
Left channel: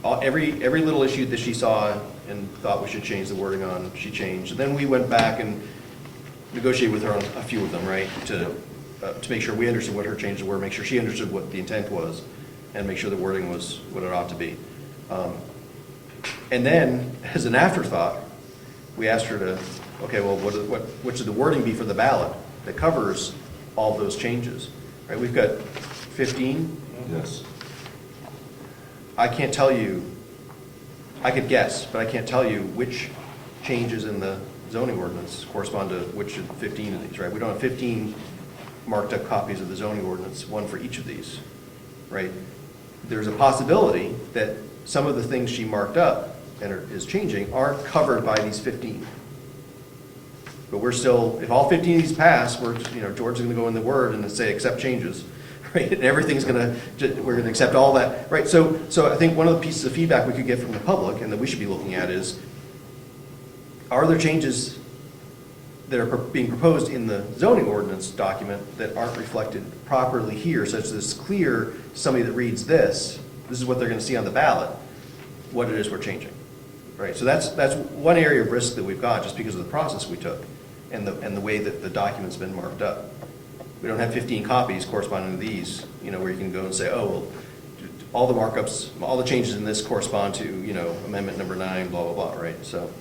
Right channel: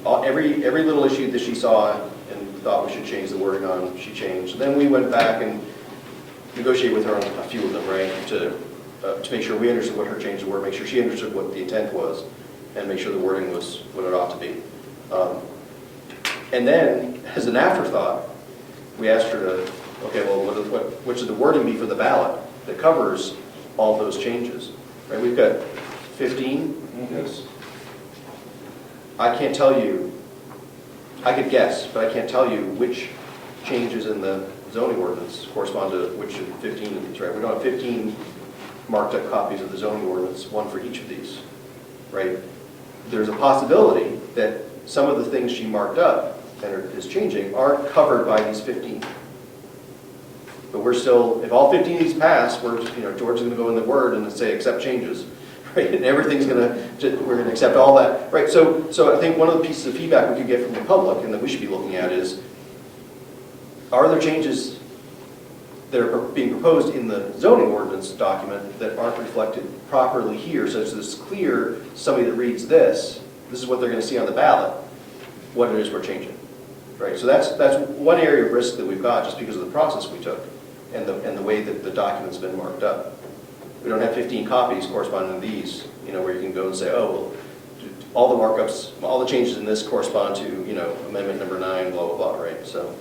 Every little issue that she saw and thought we should change the wording on, she changed. Then we went back and negotiated with her on a few of them, right? To make sure we understood what her changes were, make sure she understood what the intent was, and make sure the wording was what it ought to be. And then, as an afterthought, we asked her to, okay, well, what should the wording be for the ballot that covers all those changes? Right? We've got 15. Yes. I can't tell you, I could guess, but I can't tell you which changes in the zoning ordinance correspond to which of the 15 of these, right? We don't have 15 marked up copies of the zoning ordinance, one for each of these, right? There's a possibility that some of the things she marked up and is changing aren't covered by these 15. But we're still, if all 15 of these pass, George's going to go in the Word and say accept changes, right? And everything's we're going to accept all that, right? So I think one of the pieces of feedback we could get from the public and that we should be looking at is, are there changes that are being proposed in the zoning ordinance document that aren't reflected properly here, such that it's clear somebody that reads this is what they're going to see on the ballot, what it is we're changing, right? So that's one area of risk that we've got just because of the process we took and the way that the document's been marked up. We don't have 15 copies corresponding to these, where you can go and say, oh, well, all the markups, all the changes in this correspond to, amendment number 9, blah, blah, blah, right? So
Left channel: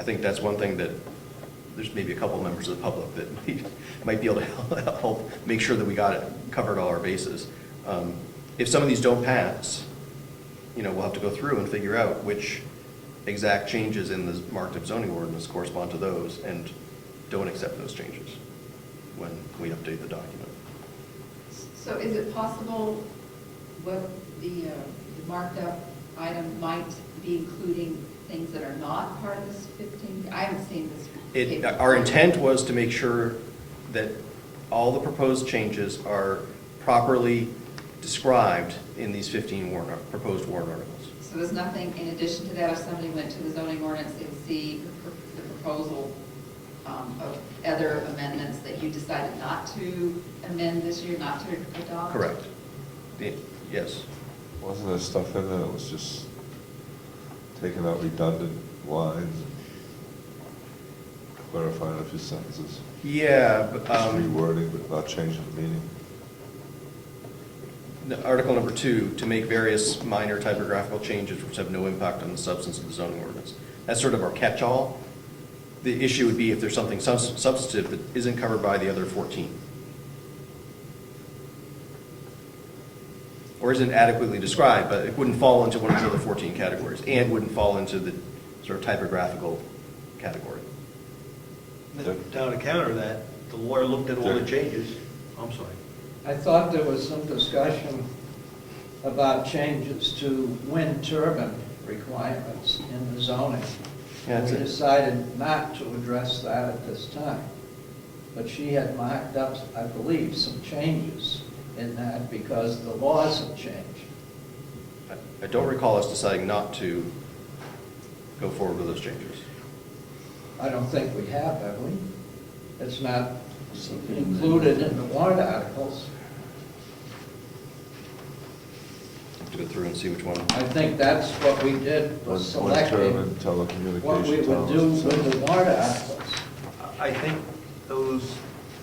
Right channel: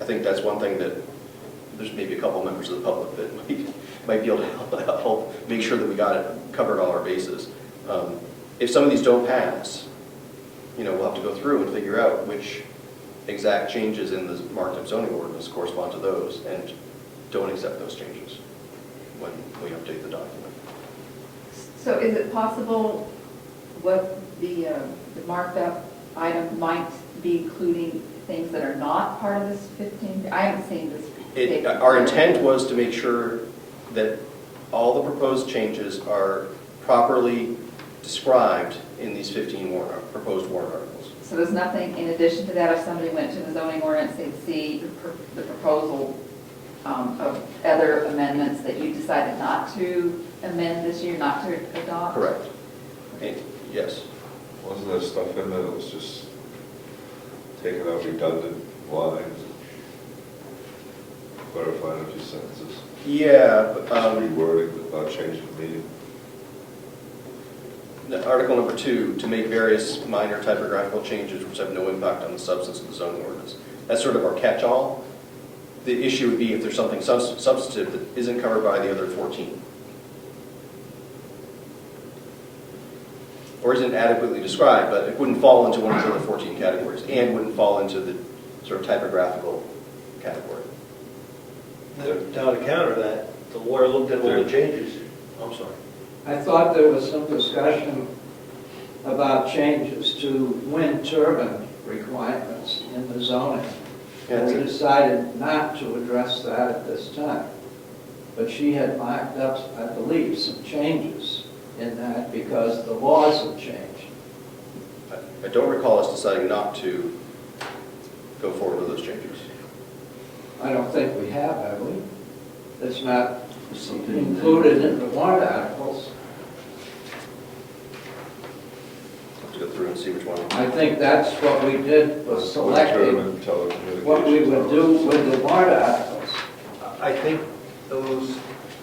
I think that's one thing that there's maybe a couple members of the public that might be able to help make sure that we got it, covered all our bases. If some of these don't pass, we'll have to go through and figure out which exact changes in the marked up zoning ordinance correspond to those, and don't accept those changes when we update the document. So is it possible what the marked up item might be including things that are not part of this 15? I haven't seen this. Our intent was to make sure that all the proposed changes are properly described in these 15 proposed warrant articles. So there's nothing in addition to that, if somebody went to the zoning ordinance, they'd see the proposal of other amendments that you decided not to amend this year, not to adopt? Correct. Yes. Wasn't there stuff in there that was just taking out redundant lines and clarifying a few sentences? Yeah, but, Rewording without changing the meaning. Article number 2, to make various minor typographical changes which have no impact on the substance of the zoning ordinance. That's sort of our catch-all. The issue would be if there's something substantive that isn't covered by the other 14. Or isn't adequately described, but it wouldn't fall into one of the other 14 categories, and wouldn't fall into the sort of typographical category. Now, to counter that, the lawyer looked at all the changes. I'm sorry. I thought there was some discussion about changes to wind turbine requirements in the zoning. Yeah, We that's it. decided not to address that at this time. But she had marked up, I believe, some changes in that because the laws have changed. I don't recall us deciding not to go forward with those changes. I don't think we have we? It's not included in the warrant articles. Have to go through and see which one. I think that's what we did, was selecting what we would do telecommunications. with the warrant articles. I think those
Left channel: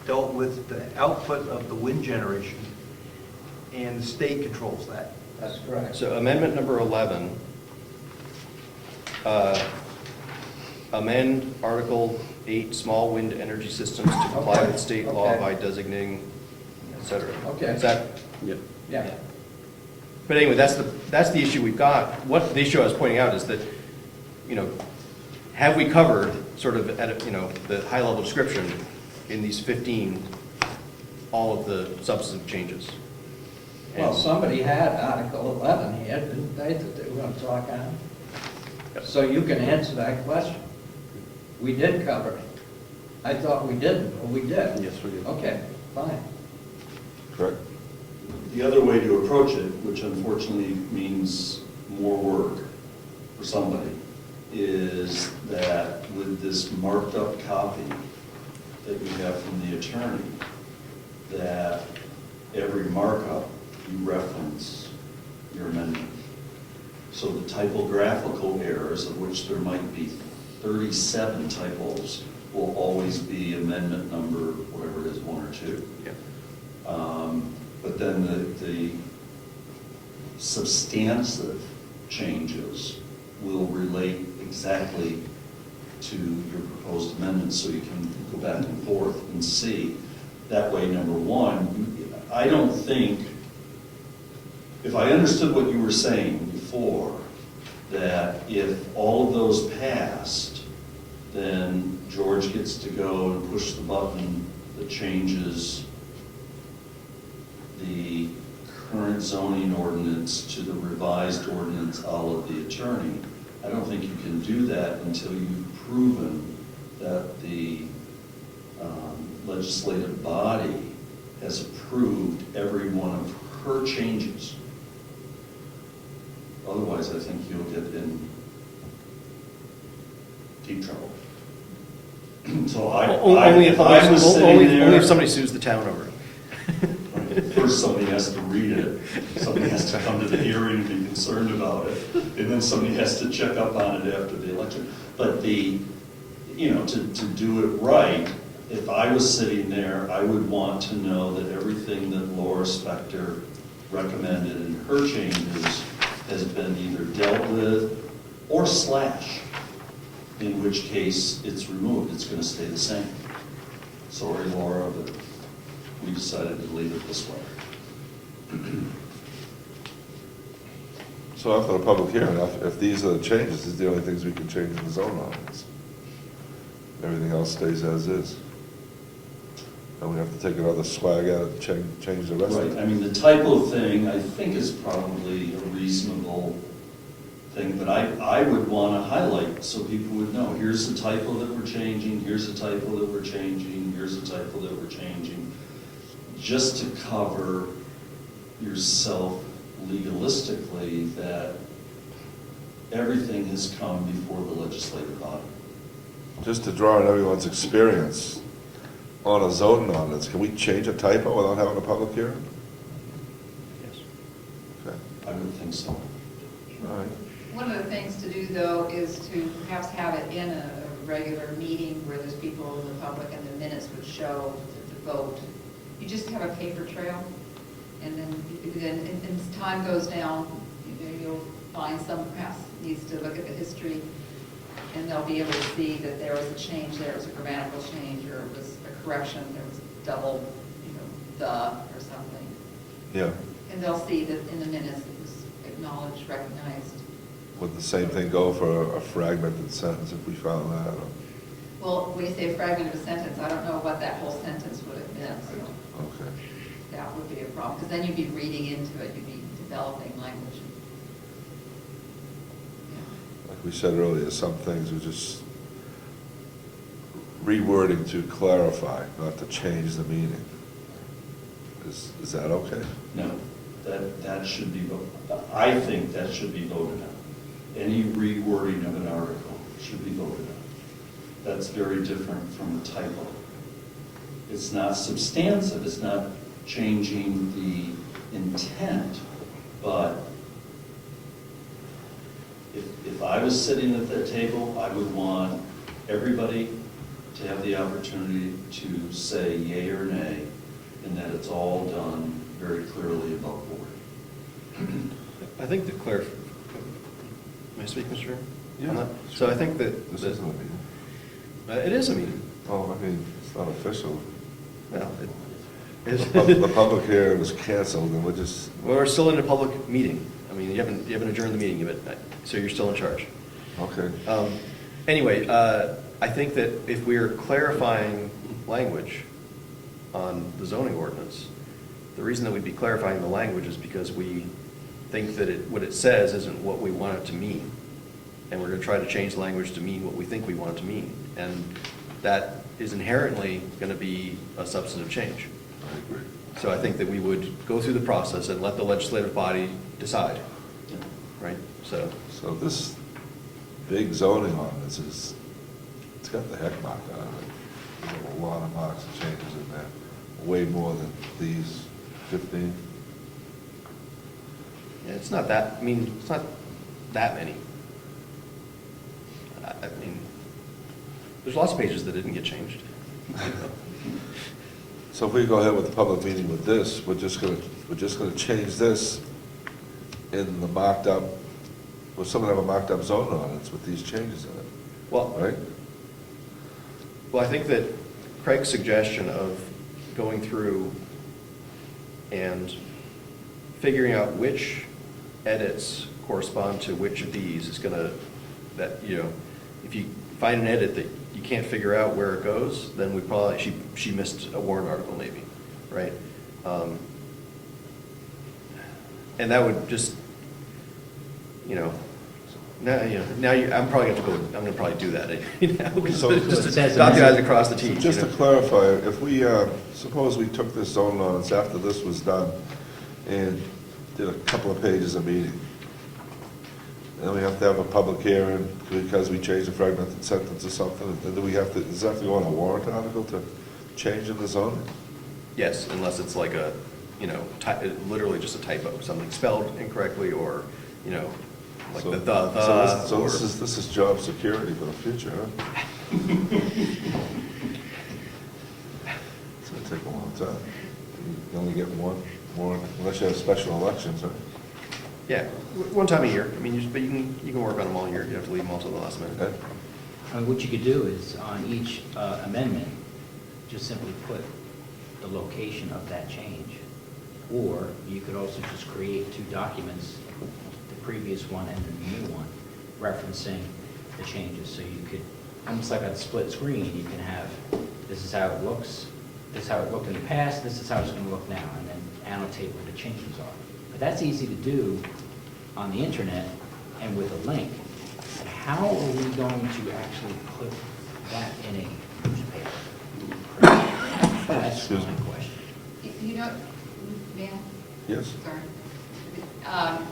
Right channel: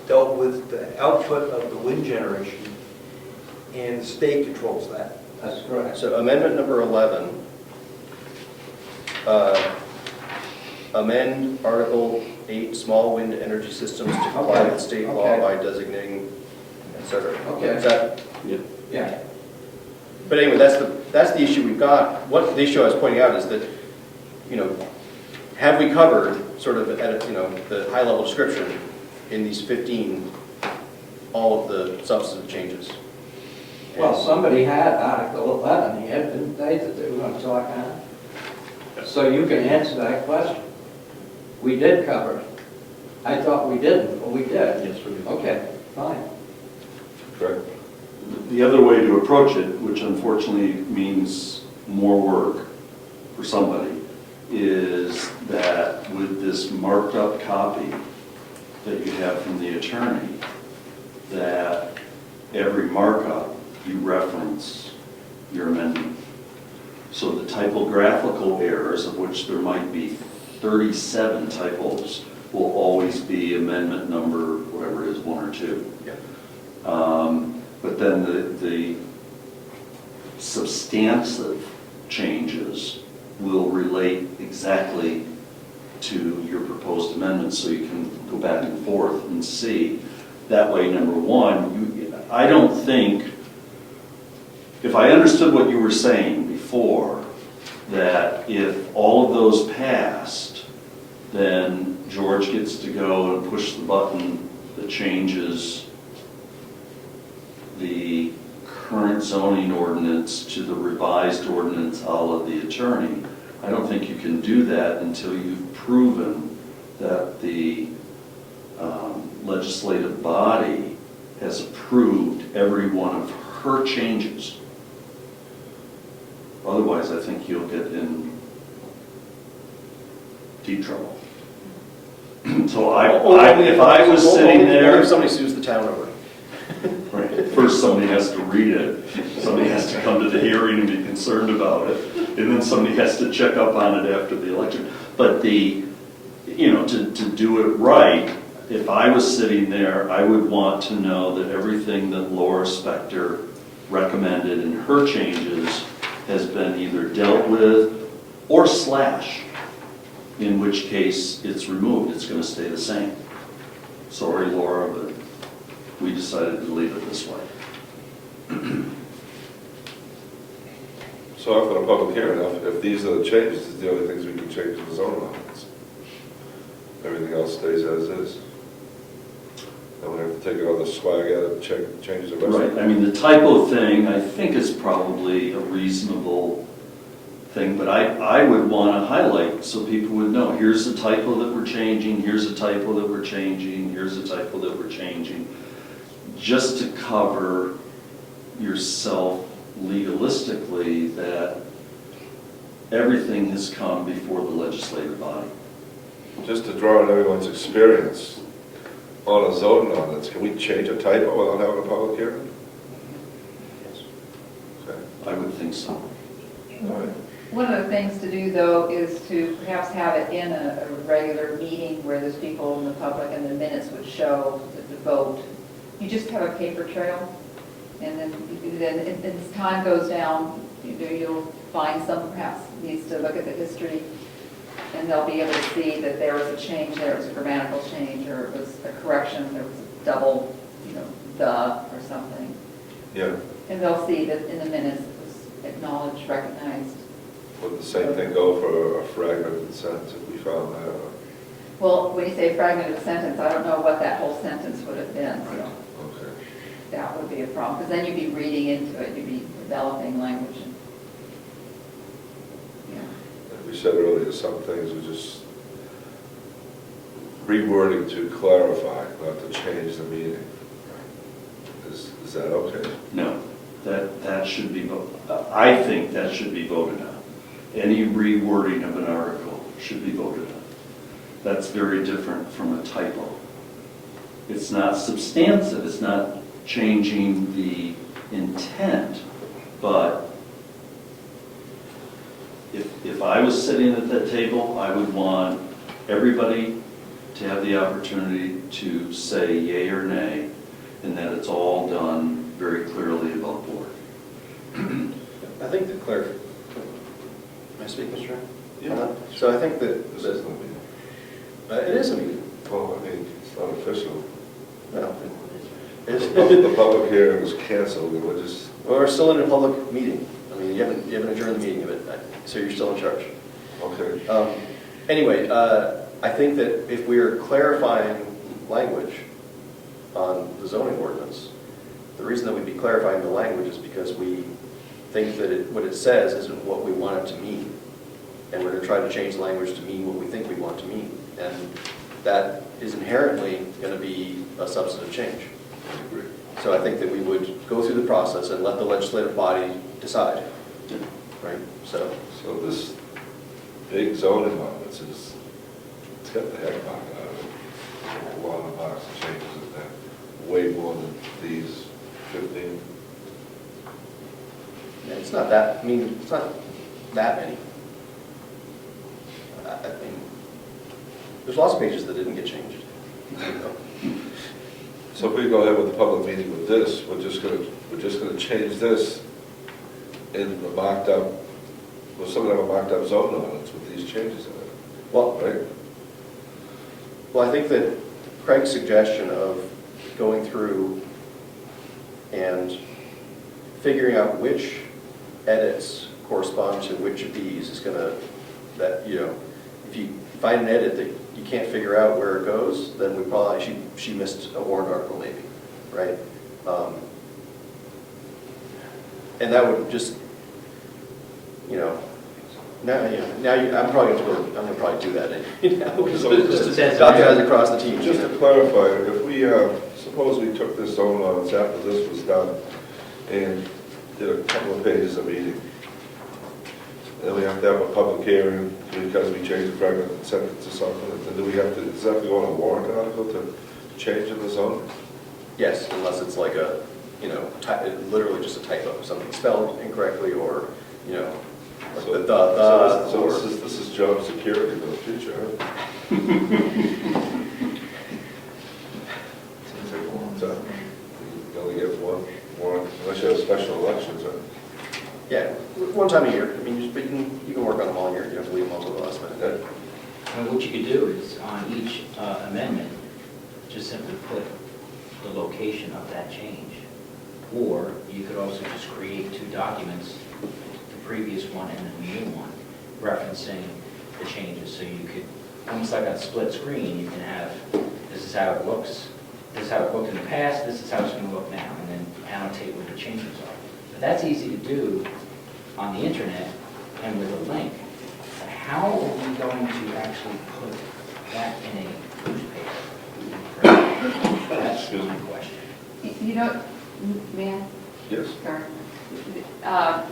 dealt with the output of the wind generation, and the state controls that. That's correct. So amendment number 11, amend Article 8, small wind energy systems to comply Okay. with state law Okay. by designating, et cetera. Okay. Is that? Yeah. But anyway, that's the issue we've got. What the issue I was pointing out is that, have we covered sort of at, the high level description in these 15, all of the substantive changes? Well, somebody had Article 11 here, didn't they, that they were going to talk on? So you can answer that question. We did cover it. I thought we didn't, but we did. Yes, we do. Okay, fine. Correct. The other way to approach it, which unfortunately means more work for somebody, is that with this marked up copy that you have from the attorney, that every markup you reference your amendment. So the typographical errors, of which there might be 37 typos, will always be amendment number, whatever it is, 1 or 2. Yeah. But then the substantive changes will relate exactly to your proposed amendments, so you can go back and forth and see. That way, number one, I don't think, if I understood what you were saying before, that if all of those passed, then George gets to go and push the button that changes the current zoning ordinance to the revised ordinance a la the attorney. I don't think you can do that until you've proven that the legislative body has approved every one of her changes. Otherwise, I think you'll get in deep trouble. So if I was sitting there... Only if somebody sues the town over it. Right. First, somebody has to read it, somebody has to come to the hearing and be concerned about it, and then somebody has to check up on it after the election. But to do it right, if I was sitting there, I would want to know that everything that Laura Spector recommended in her changes has been either dealt with or slashed, in which case it's removed, it's going to stay the same. Sorry, Laura, but we decided to leave it this way. So after the public hearing, if these are the changes, these are the only things we can change in the zone ordinance. Everything else stays as is. And we have to take another swag at it and change the rest Right, of I it. mean, the typo thing, I think is probably a reasonable thing, but I would want to highlight so people would know, here's the typo that we're changing, here's the typo that we're changing, here's the typo that we're changing, just to cover yourself legalistically that everything has come before the legislative body. Just to draw on everyone's experience on a zoning ordinance, can we change a typo without having a public hearing? Yes. Okay. I would think so. All right. One of the things to do, though, is to perhaps have it in a regular meeting where there's people in the public and the minutes would show the vote. You just have a paper trail, and then as time goes down, you'll find some perhaps needs to look at the history, and they'll be able to see that there was a change, there was a grammatical change, or it was a correction, there was a double, the or something. Yeah, And they'll see that in the minutes it was acknowledged, recognized. would the same thing go for a fragmented sentence if we found that? Or- Well, when you say fragment of a sentence, I don't know what that whole sentence would have been, so Okay. that would be a problem, because then you'd be reading into it, you'd be developing language. Like we said earlier, some things are just rewording to clarify, not to change the meaning. Is that okay? No, that should be, I think that should be voted on. Any rewording of an article should be voted on. That's very different from a typo. It's not substantive, it's not changing the intent, but if I was sitting at that table, I would want everybody to have the opportunity to say yay or nay, and that it's all done very clearly above board. I think the am I speaking, Mr. Chairman? Yeah. So I think that, This isn't a meeting. it is a meeting. Oh, I mean, it's not official. No, The public hearing is canceled, and we're just, we're still in a public meeting. I mean, you haven't adjourned the meeting, so you're still in charge. okay. Anyway, I think that if we are clarifying language on the zoning ordinance, the reason that we'd be clarifying the language is because we think that what it says isn't what we want it to mean. And we're going to try to change the language to mean what we think we want it to mean. And that is inherently going to be a substantive change. So I think that we would go through the process and let the legislative body decide, right? So This big zoning ordinance is, it's got the heck knocked out of it. There's a lot of box of changes in there, way more than these 15. yeah, it's not that, I mean, it's not that many. I mean, there's lots of pages that didn't get changed. So if we go ahead with the public meeting with this, we're just gonna change this in the mocked up, we're still gonna have a mocked up zoning ordinance with these changes in it, Well, right? Well, I think that Craig's suggestion of going through and figuring out which edits correspond to which of these is gonna, if you find an edit that you can't figure out where it goes, then we probably, she missed a warrant article maybe, right? And that would just, I'm probably gonna probably do that. Just dot the i's and cross the t's. Just to clarify, if we, suppose we took this zoning ordinance after this was done and did a couple of pages a meeting, and then we have to have a public hearing because we changed a fragmented sentence or something, and then do we have to, does that have to go on a warrant article to change in the zone? Yes, unless it's like a, literally just a typo, something spelled incorrectly or, like So or. this is job security for the future, huh? It's gonna take a long time. You only get one more, unless you have special elections, right? Yeah, one time a year. I mean, but you can work on them all year. You don't have to leave them until the last minute. Okay. What you could do is on each amendment, just simply put the location of that change. Or you could also just create two documents previous one and the new one, referencing the changes, so you could, almost like a split screen, you can have, this is how it looks, this is how it looked in the past, this is how it's gonna look now, and then annotate what the changes are. But that's easy to do on the internet and with a link. But how are we going to actually put that in a newspaper? That's my question. You know, man, Yes? sorry.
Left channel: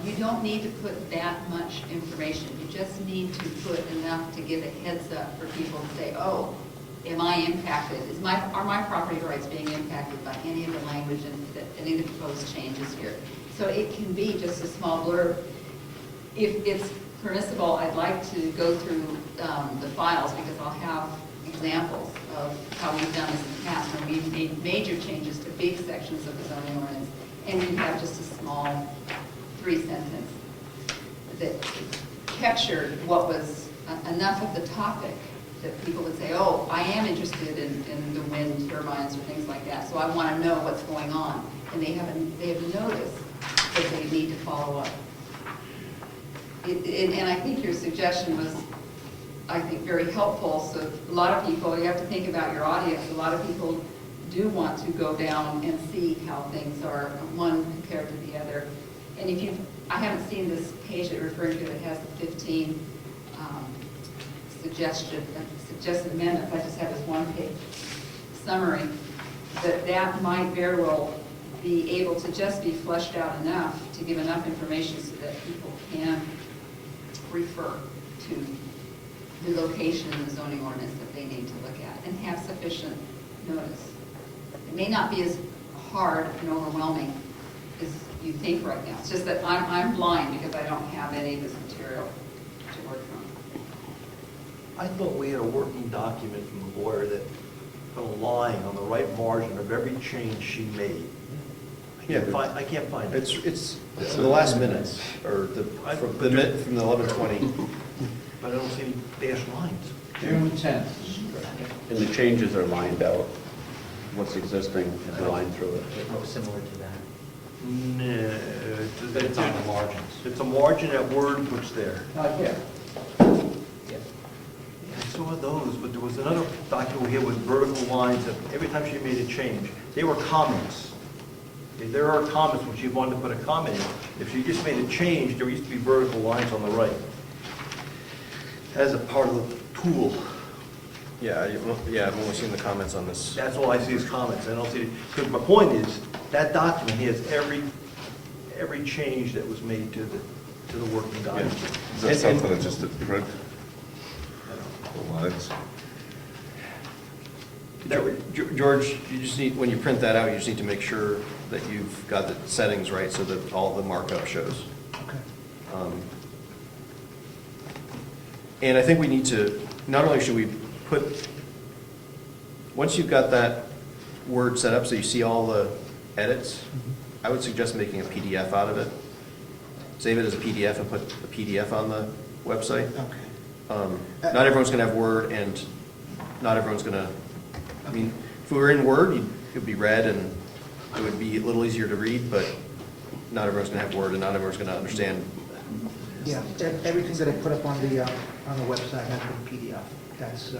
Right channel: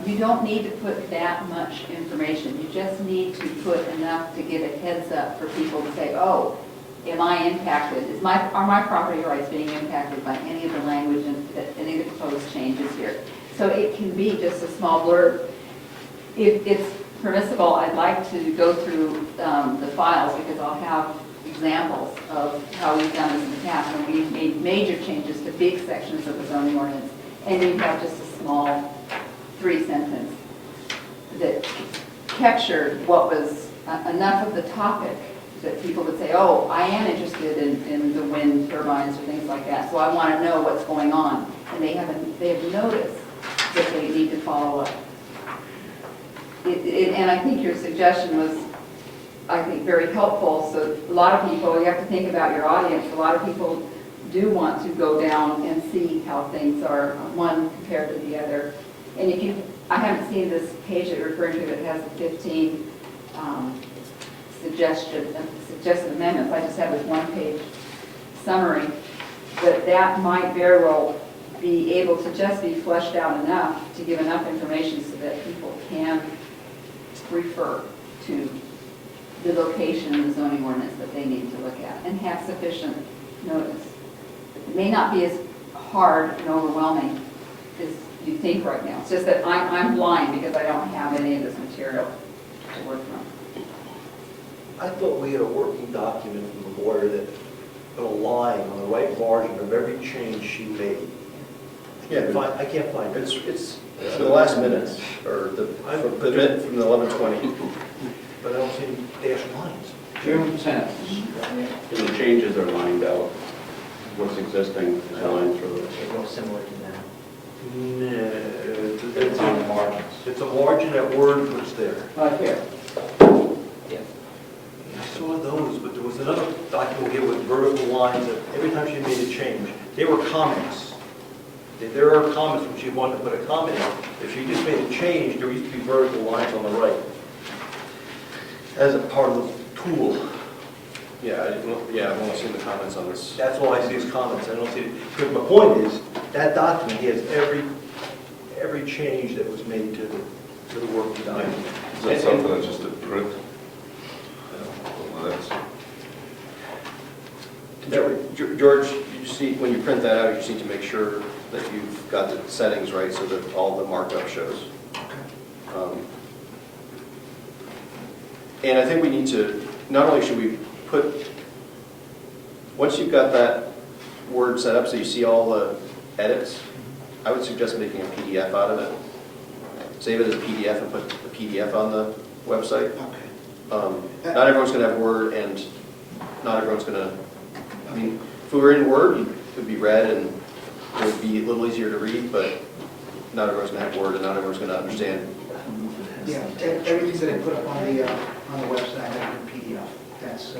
You don't need to put that much information. You just need to put enough to give a heads up for people to say, oh, am I impacted? Are my property rights being impacted by any of the language and any of the proposed changes here? So it can be just a small blurb. If it's permissible, I'd like to go through the files because I'll have examples of how we've done this in the past when we've made major changes to big sections of the zoning ordinance. And you have just a small 3-sentence that captured what was enough of the topic that people would say, oh, I am interested in the wind turbines or things like that, so I want to know what's going on. And they have noticed that they need to follow up. And I think your suggestion was, I think, very helpful. So a lot of people, you have to think about your audience, a lot of people do want to go down and see how things are, one compared to the other. And if I haven't seen this page that you're referring to that has the 15 suggested amendments. I just have this one-page summary, that might very well be able to just be fleshed out enough to give enough information so that people can refer to the location in the zoning ordinance that they need to look at and have sufficient notice. It may not be as hard and overwhelming as you think right now. It's just that I'm blind because I don't have any of this material to work from. I thought we had a working document from the lawyer that put a line on the right margin of every change she made. I can't find it. It's the last minutes, or from the 11:20. But I don't see dash lines. June 10th. And the changes are lined out. What's existing is lined through it. Real similar to that. No, It's on the margins. it's a margin that word was there. Right here. Yeah. I saw those, but there was another document here with vertical lines that every time she made a change, they were comments. There are comments when she wanted to put a comment in. If she just made a change, there used to be vertical lines on the right. As a part of the tool. Yeah, I'm only seeing the comments on this. That's all I see is comments. I don't see it. Because my point is, that document has every change that was made to the working document. Is that something that just didn't print? The lines? George, you just need, when you print that out, you just need to make sure that you've got the settings right so that all the markup shows. And I think we need to, not only should we put, once you've got that word set up so you see all the edits, I would suggest making a PDF out of it. Save it as a PDF and put the PDF on the website. Okay. Not everyone's going to have Word, and not everyone's going to, I mean, if we were in Word, it would be read and it would be a little easier to read, but not everyone's going to have Word and not everyone's going to understand. Yeah, everything that I put up on the website has been PDF. That's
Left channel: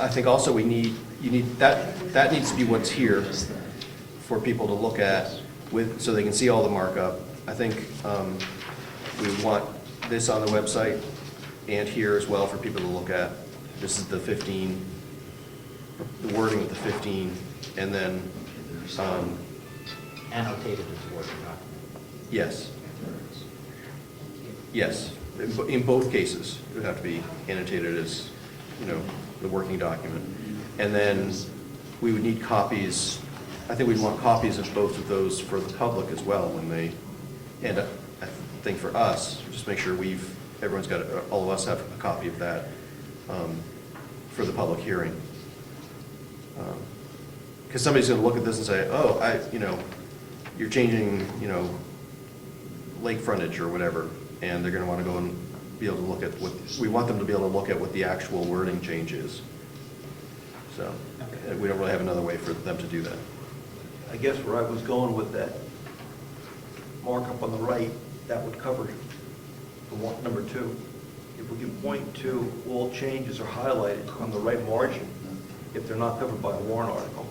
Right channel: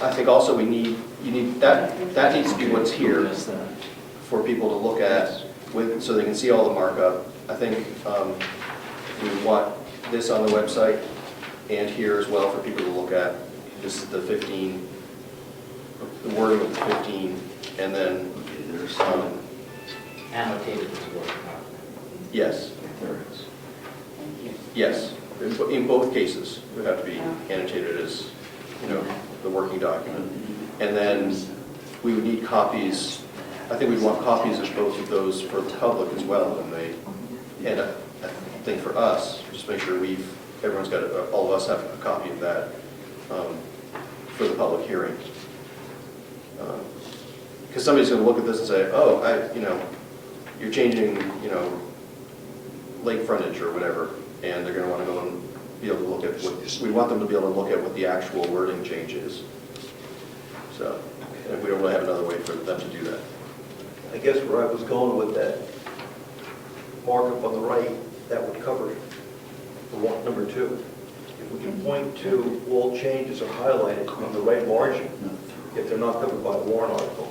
I think also you need that needs to be what's here for people to look at so they can see all the markup. I think we want this on the website and here as well for people to look at. This is the 15, the wording of the 15, and then Annotated as a working document. yes. Yes, in both cases, it would have to be annotated as, the working document. And then we would need copies, I think we'd want copies of both of those for the public as well when they, and I think for us, just make sure everyone's got, all of us have a copy of that for the public hearing. Because somebody's going to look at this and say, oh, you're changing, lake frontage or whatever, and they're going to want to go and be able to look at we want them to be able to look at what the actual wording change is. So, and we don't really have another way for them to do that. I guess where I was going with that markup on the right, that would cover Number 2, if we can point to all changes are highlighted on the red margin, if they're not covered by the warrant article,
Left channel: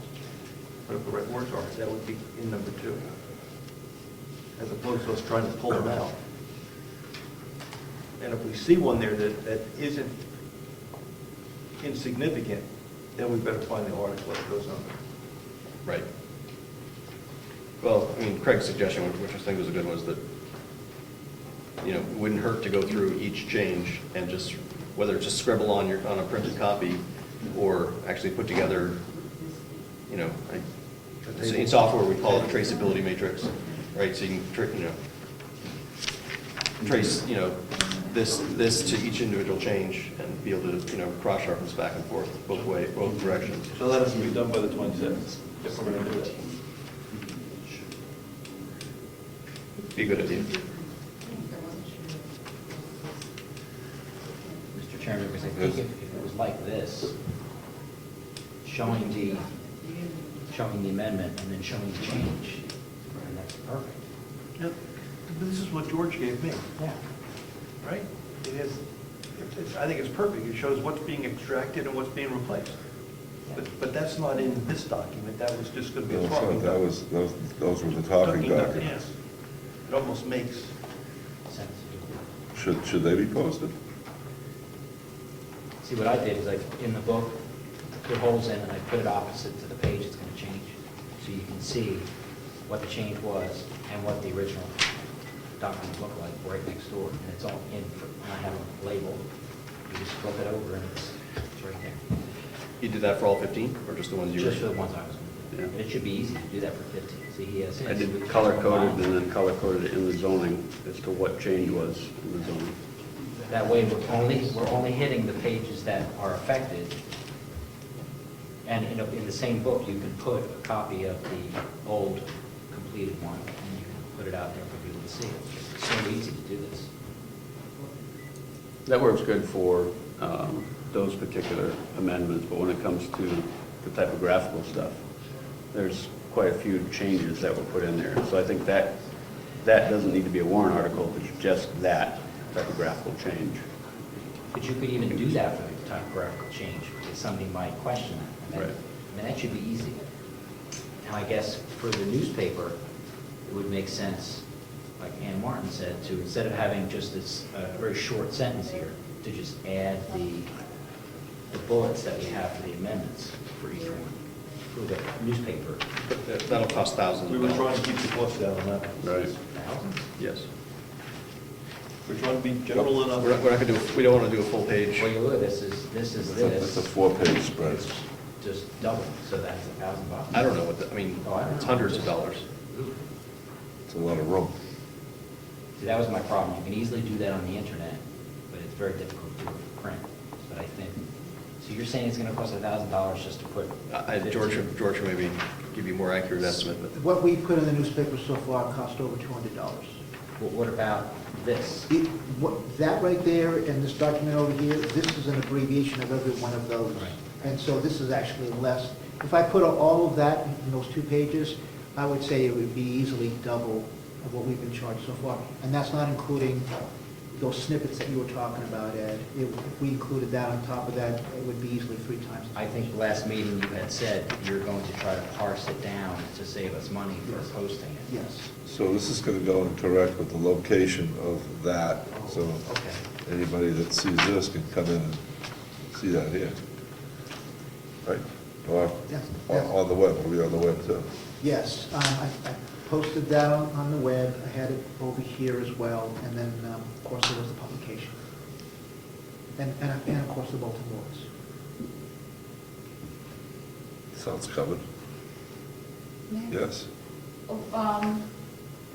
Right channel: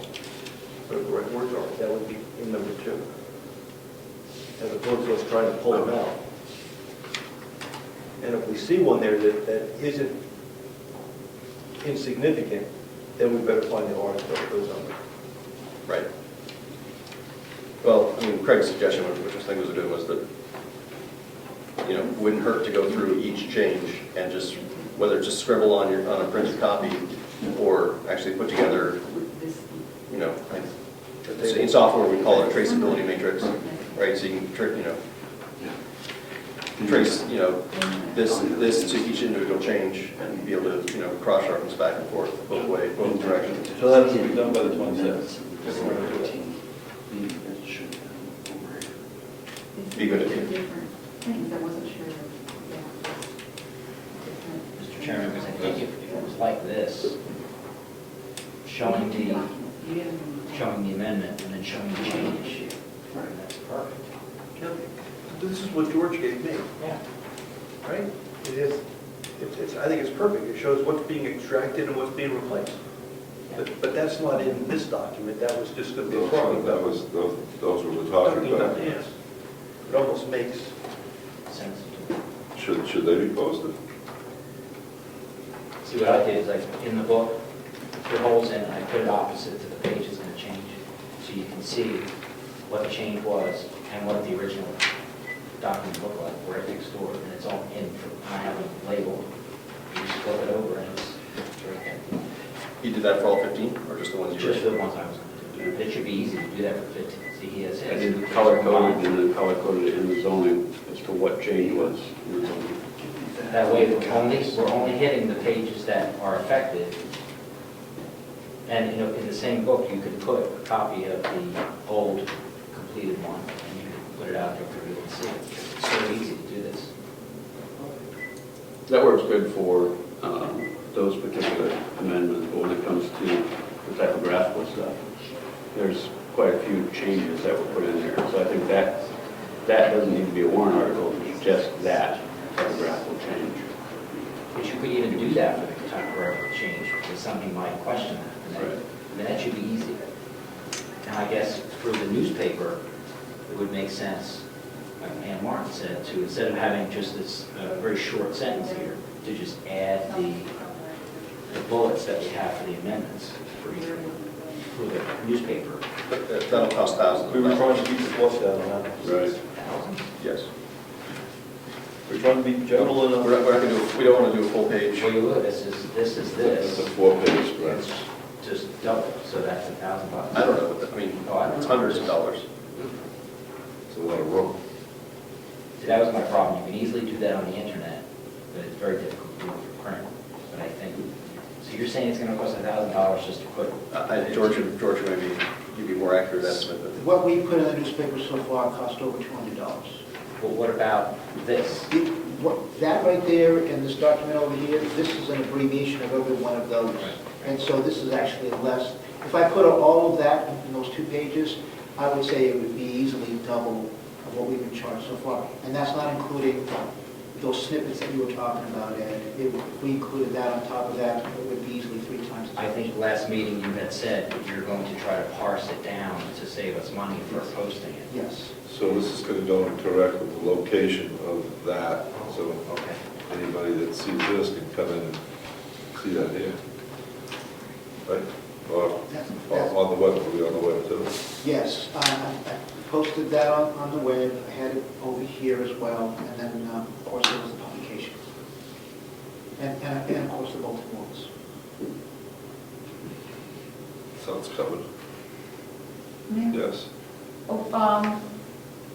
the correct words are, that would be in number 2. As opposed to us trying to pull them out. And if we see one there that isn't insignificant, then we better find the article that goes on it. Right. Well, I mean, Craig's suggestion, which I think was a good one, was that, you know, wouldn't hurt to go through each change and just, whether it's just scribble on a printed copy or actually put together, you know, in software we call it a traceability matrix, right? So you can, trace, you know, this to each individual change and be able to, you know, cross-reference back and forth both directions. So that has to be done by the 26th. if we're gonna do it. Be a good idea. Different things, I wasn't sure. Mr. Chairman, because I think if it was like this, showing the amendment and then showing the change, that's perfect. Yep. This is what George gave me, Yeah. right? It is, I think it's perfect. It shows what's being extracted and what's being replaced. But that's not in this document. That was just going to be a talking document. Those were the talking Yes. documents. It almost makes, Sense. Should they be posted? See, what I did is I, in the book, put holes in and I put it opposite to the page it's going to change. So you can see what the change was and what the original document looked like right next door. And it's all in, I have a label. You just flip it over and it's right there. You did that for all 15, or just the ones you were? Just for the ones I was going to do. It should be easy to do that for 15. See, he has. I did color coded and then color coded it in the zoning as to what change was in the zoning. That way, we're only hitting the pages that are affected. And, you know, in the same book, you can put a copy of the old completed one, and you can put it out there for people to see. It's so easy to do this. That works good for those particular amendments, but when it comes to the typographical stuff, there's quite a few changes that were put in there. So I think that doesn't need to be a warrant article, it's just that typographical change. But you could even do that for the typographical change, because somebody might question that. Right. I mean, that should be easy. And I guess for the newspaper, it would make sense, like Ann Martin said, to, instead of having just this very short sentence here, to just add the bullets that we have for the amendments for each one, for the newspaper. That'll cost thousands we of were dollars. trying to keep the cost down on that. Right. Yes. We're trying to be general enough. We're not gonna do, we don't want to do a full page. Well, you would, this is It's a this. 4-page spread. It's just double, so that's $1,000. I don't know what that, I mean, Oh, I don't it's know. hundreds of dollars. It's a lot of room. See, that was my problem. You can easily do that on the internet, but it's very difficult to do it for print. But I think, so you're saying it's gonna cost $1,000 just to put? George should maybe give you a more accurate estimate, but What we put in the newspaper so far cost over $200. Well, what about this? That right there in this document over here, this is an abbreviation of every one of those. Right. And so this is actually less. If I put all of that in those 2 pages, I would say it would be easily double of what we've been charged so far. And that's not including those snippets that you were talking about, Ed. If we included that on top of that, it would be easily 3 times. I think last meeting you had said that you're going to try to parse it down to save us money for posting it. Yes. So this is going to go correct with the location of that, so Okay. anybody that sees this can come in and see that here. Right? Or on the web, we'll be on the web too. Yes, I posted that on the web. I had it over here as well. And then, of course, there was the publication. And of course, the bulletin boards. So it's covered. Yes. Oh,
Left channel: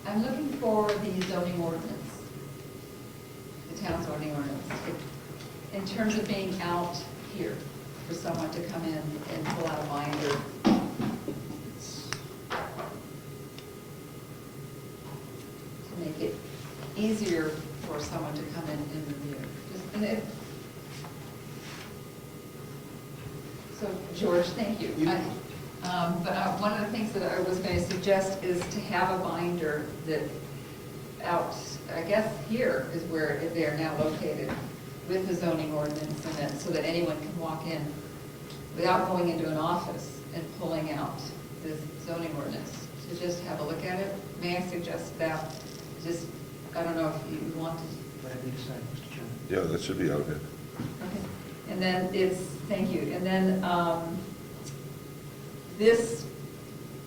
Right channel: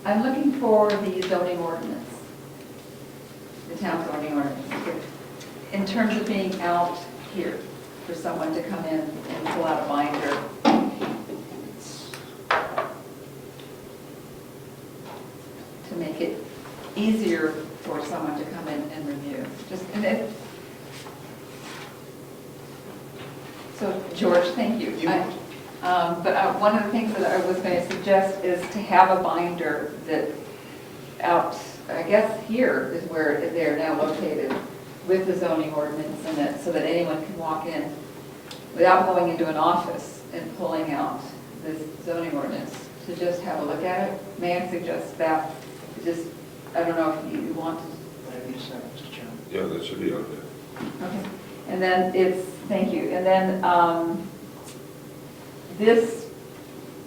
I'm looking for the zoning ordinance, the town zoning ordinance, in terms of being out here for someone to come in and pull out a binder. To make it easier for someone to come in and review. So, George, thank you. But one of the things that I was going to suggest is to have a binder that out I guess here is where they're now located with the zoning ordinance in it, so that anyone can walk in without going into an office and pulling out this zoning ordinance, to just have a look at it. May I suggest that? Just, I don't know if you want to. Yes, Mr. Chairman. Yeah, that should be on there. Okay. And then thank you. And then this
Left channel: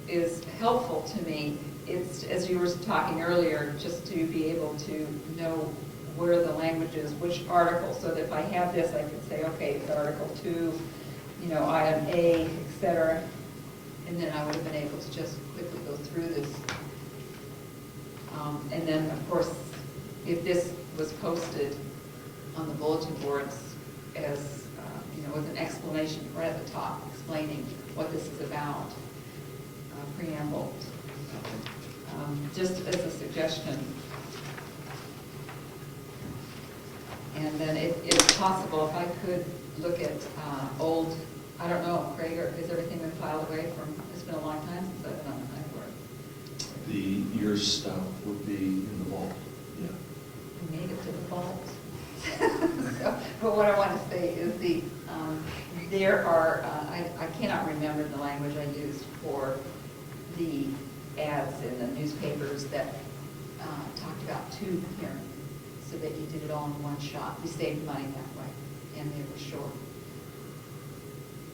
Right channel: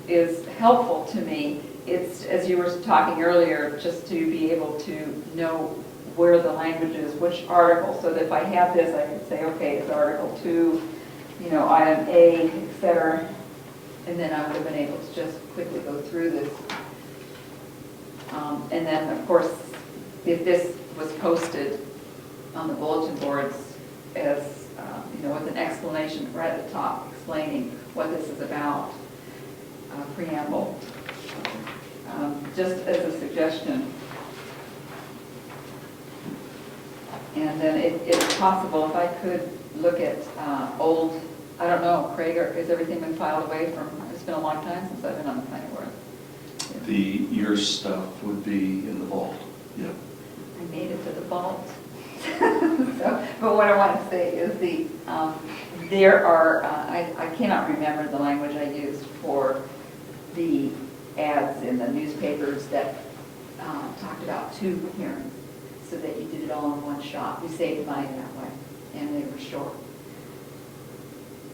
is helpful to me. It's, as you were talking earlier, just to be able to know where the language is, which article, so that if I have this, I can say, okay, it's Article 2, you know, item A, et cetera, and then I would have been able to just quickly go through this. And then, of course, if this was posted on the bulletin boards as, you know, with an explanation right at the top explaining what this is about, preamble, just as a suggestion. And then if possible, if I could look at old, I don't know, Craig, has everything been filed away from, it's been a long time since I've been on the planning board. The year stuff would be in the vault, yeah. I made it to the vault. So, but what I want to say is there are, I cannot remember the language I used for the ads in the newspapers that talked about 2 hearings, so that you did it all in one shot. We saved money that way, and they were short.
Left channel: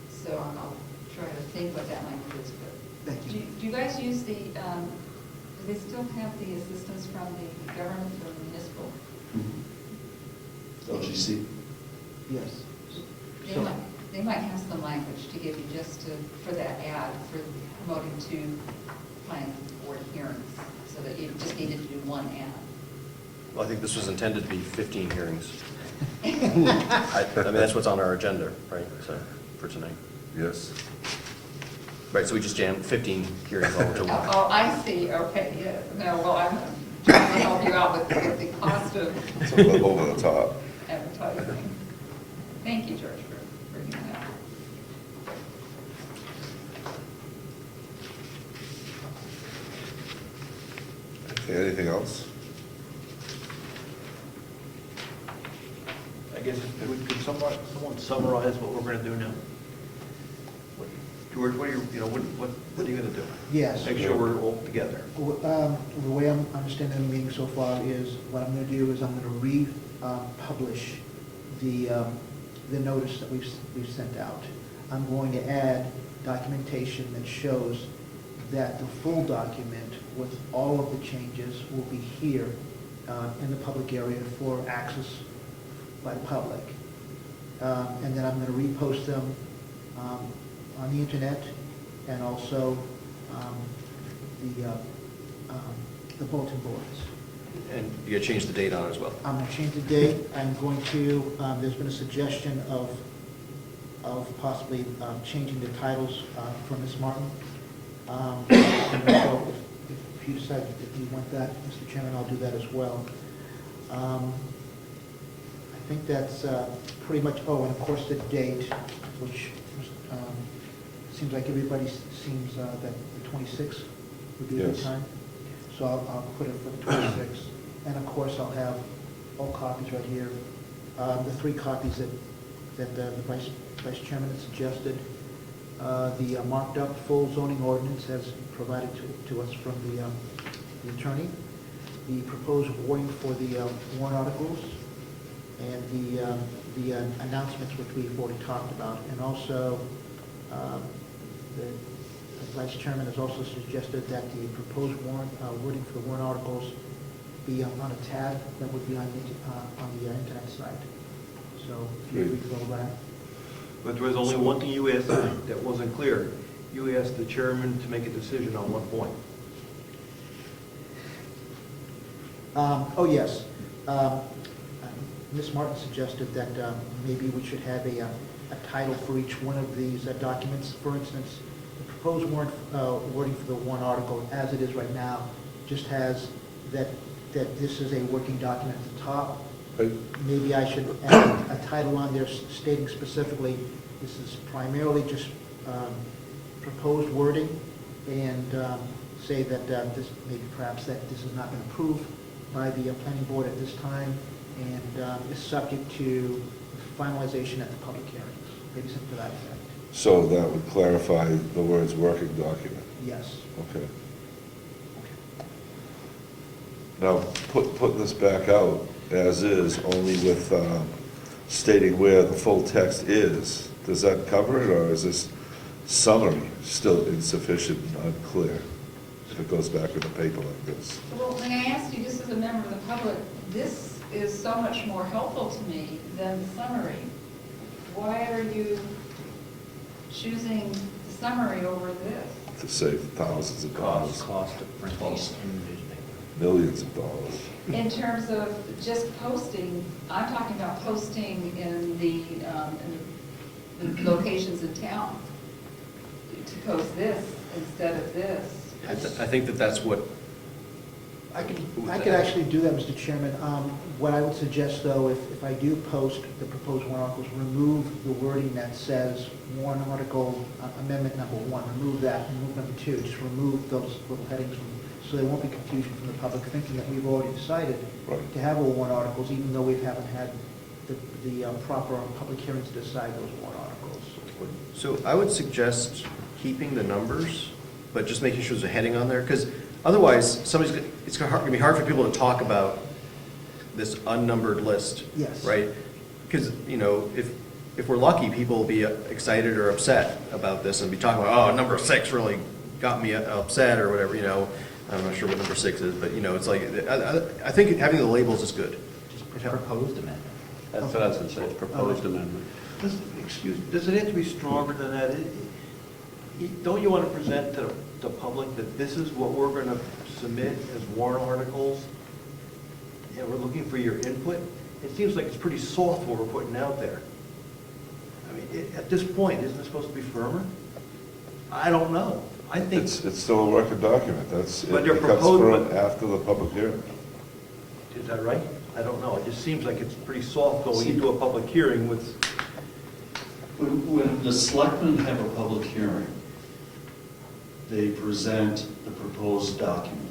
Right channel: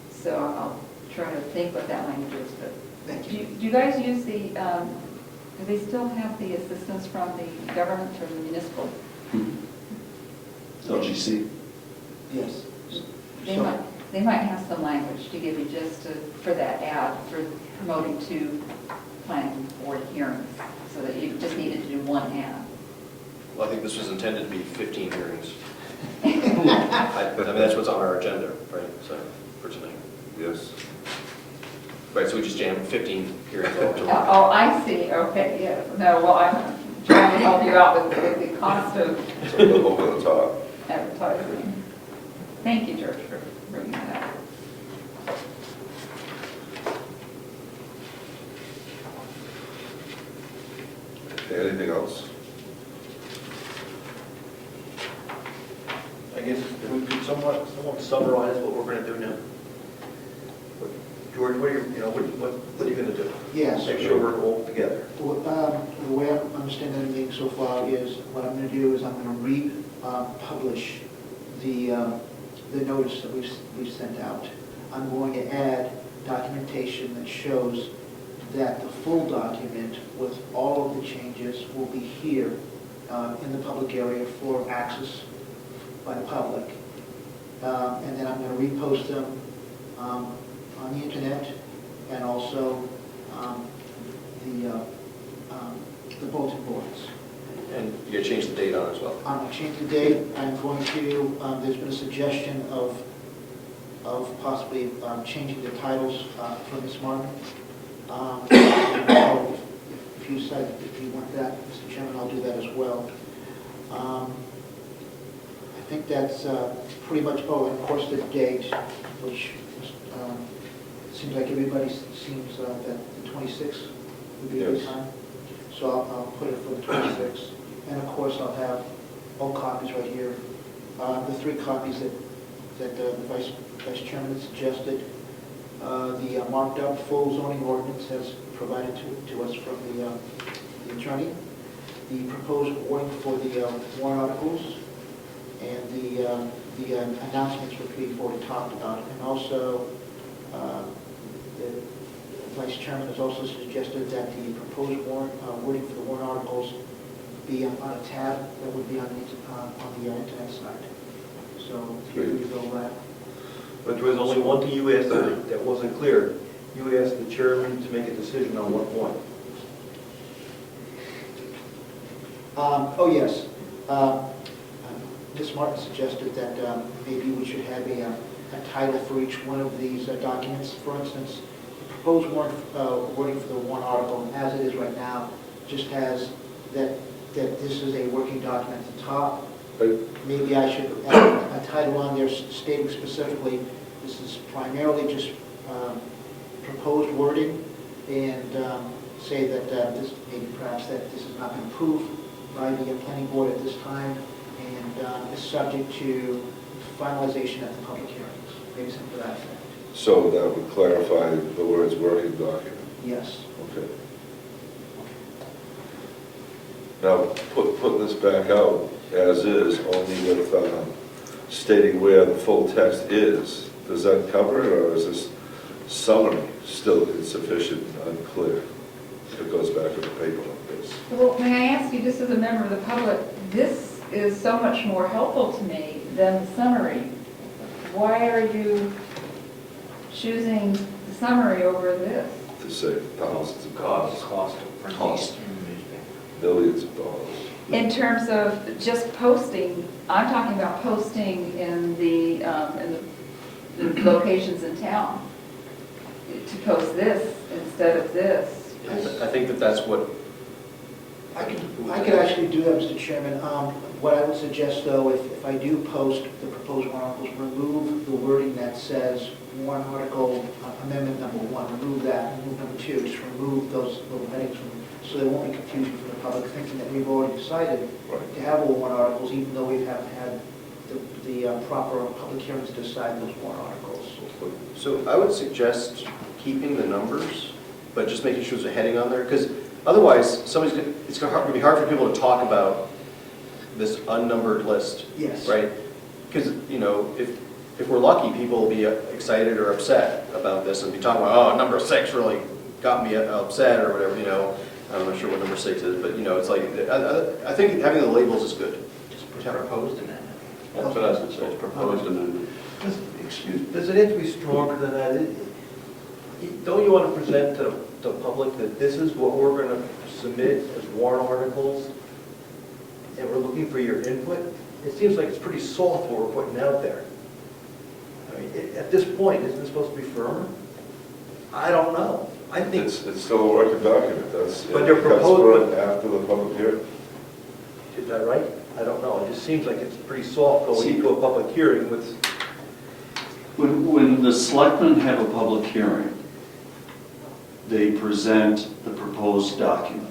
So I'll try to think what that language is, but Thank do you. you guys use the, do they still have the assistance from the government, from the municipal? LGC. Yes. They might have some language to give you just for that ad, for promoting 2 planning board hearings, so that you just needed to do 1 ad. Well, I think this was intended to be 15 hearings. I mean, that's what's on our agenda, right, so, for tonight. Yes. Right, so we just jammed 15 hearings all into one. Oh, I see, okay, yeah. No, well, I'm trying to help you out with the cost of It's a little over the top. advertising. Thank you, George, for bringing that up. Okay, anything else? I guess it would be someone summarize what we're going to do now. George, what are what are you going to do? Yes. Make sure we're all together. Well, the way I'm understanding the meeting so far is, what I'm going to do is I'm going to republish the notice that we've sent out. I'm going to add documentation that shows that the full document with all of the changes will be here in the public area for access by the public. And then I'm going to repost them on the internet, and also the bulletin boards. And you gotta change the date on it as well. I'm going to change the date. I'm going to, there's been a suggestion of possibly changing the titles for Ms. Martin. And so if you decide that you want that, Mr. Chairman, I'll do that as well. I think that's pretty much, and of course the date, which seems like everybody seems that the 26th would be a good Yes. time. So I'll put it for the 26th. And of course, I'll have all copies right here. The 3 copies that the Vice Chairman has suggested. The marked up full zoning ordinance has provided to us from the attorney. The proposed wording for the warrant articles, and the announcements which we've already talked about. And also, the Vice Chairman has also suggested that the proposed wording for the warrant articles be on a tab that would be on the internet site. So feel free to go back. But there was only one thing you asked tonight that wasn't clear. You asked the chairman to make a decision on one point. Oh, yes. Ms. Martin suggested that maybe we should have a title for each one of these documents. For instance, the proposed wording for the warrant article, as it is right now, just has that this is a working document at the top. Maybe I should add a title on there stating specifically, this is primarily just proposed wording, and say that this, maybe perhaps that this has not been approved by the planning board at this time, and is subject to finalization at the public hearings, based on that effect. So that would clarify the words working document. Yes. Okay. Now, put this back out as is, only with stating where the full text is. Does that cover it, or is this summary still insufficient and unclear? If it goes back in the paper like this. Well, may I ask you, just as a member of the public, this is so much more helpful to me than the summary. Why are you choosing the summary over this? To save thousands of dollars, Cost of printing Cost. in the newspaper. millions of dollars. In terms of just posting, I'm talking about posting in the locations in town, to post this instead of this. I think that that's what, I could actually do that, Mr. Chairman. What I would suggest, though, if I do post the proposed warrant articles, remove the wording that says warrant article amendment number 1, remove that, and move number 2, just remove those little headings from, so there won't be confusion from the public thinking that we've already decided Right. to have all warrant articles, even though we haven't had the proper public hearings to decide those warrant articles. so I would suggest keeping the numbers, but just making sure there's a heading on there, because otherwise, it's gonna be hard for people to talk about this unnumbered list. Yes. Right? Because, you know, if we're lucky, people will be excited or upset about this and be talking about, oh, number 6 really got me upset or whatever, you know. I'm not sure what number 6 is, but, you know, it's like, I think having the labels is good. Just put proposed amendment. That's what I was going to say, it's proposed amendment. Does it have to be stronger than that? Don't you want to present to the public that this is what we're going to submit as warrant articles, and we're looking for your input? It seems like it's pretty soft what we're putting out there. I mean, at this point, isn't it supposed to be firmer? I don't know. I think, It's still a working document, that's, But it they're becomes proposing- current after the public hearing. is that right? I don't know. It just seems like it's pretty soft going into a public hearing with, When the selectmen have a public hearing, they present the proposed document.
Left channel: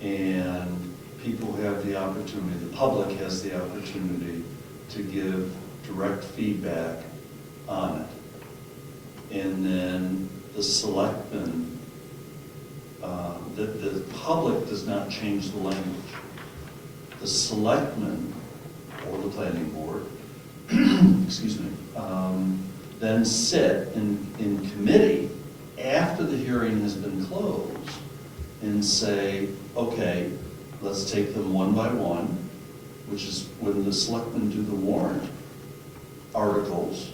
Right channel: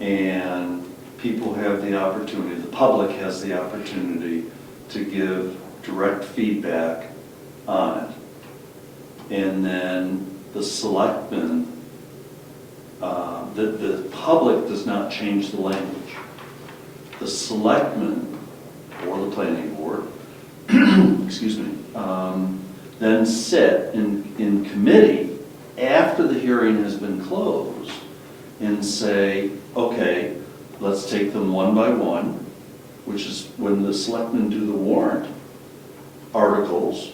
And people have the opportunity, the public has the opportunity to give direct feedback on it. And then the selectmen, the public does not change the language. The selectmen, or the planning board, excuse me, then sit in committee after the hearing has been closed and say, okay, let's take them one by one, which is when the selectmen do the warrant articles,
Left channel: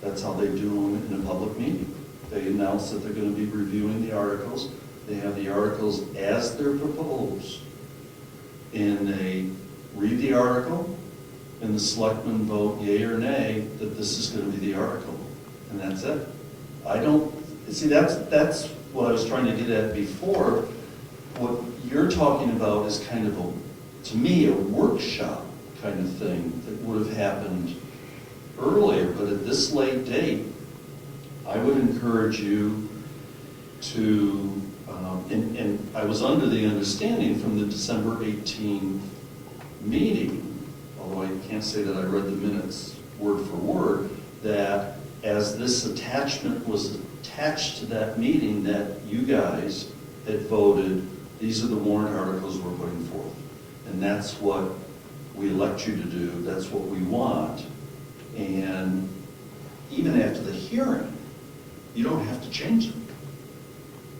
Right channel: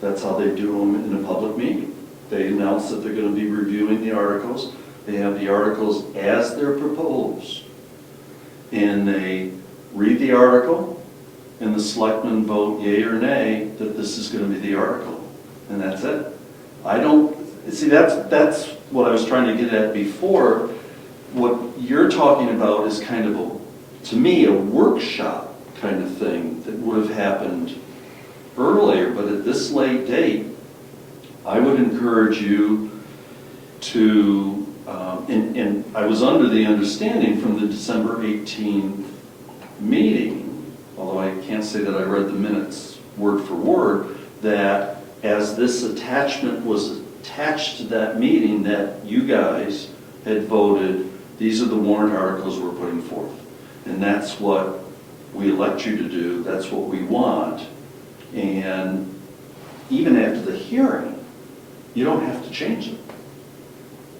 that's how they do them in a public meeting. They announce that they're going to be reviewing the articles. They have the articles as they're proposed. And they read the article, and the selectmen vote yea or nay that this is going to be the article. And that's it. I don't, see, that's what I was trying to get at before. What you're talking about is kind of to me, a workshop kind of thing that would have happened earlier, but at this late date, I would encourage you to, and I was under the understanding from the December 18th meeting, although I can't say that I read the minutes word for word, that as this attachment was attached to that meeting, that you guys had voted, these are the warrant articles we're putting forth. And that's what we elect you to do, that's what we want. And even after the hearing, you don't have to change them.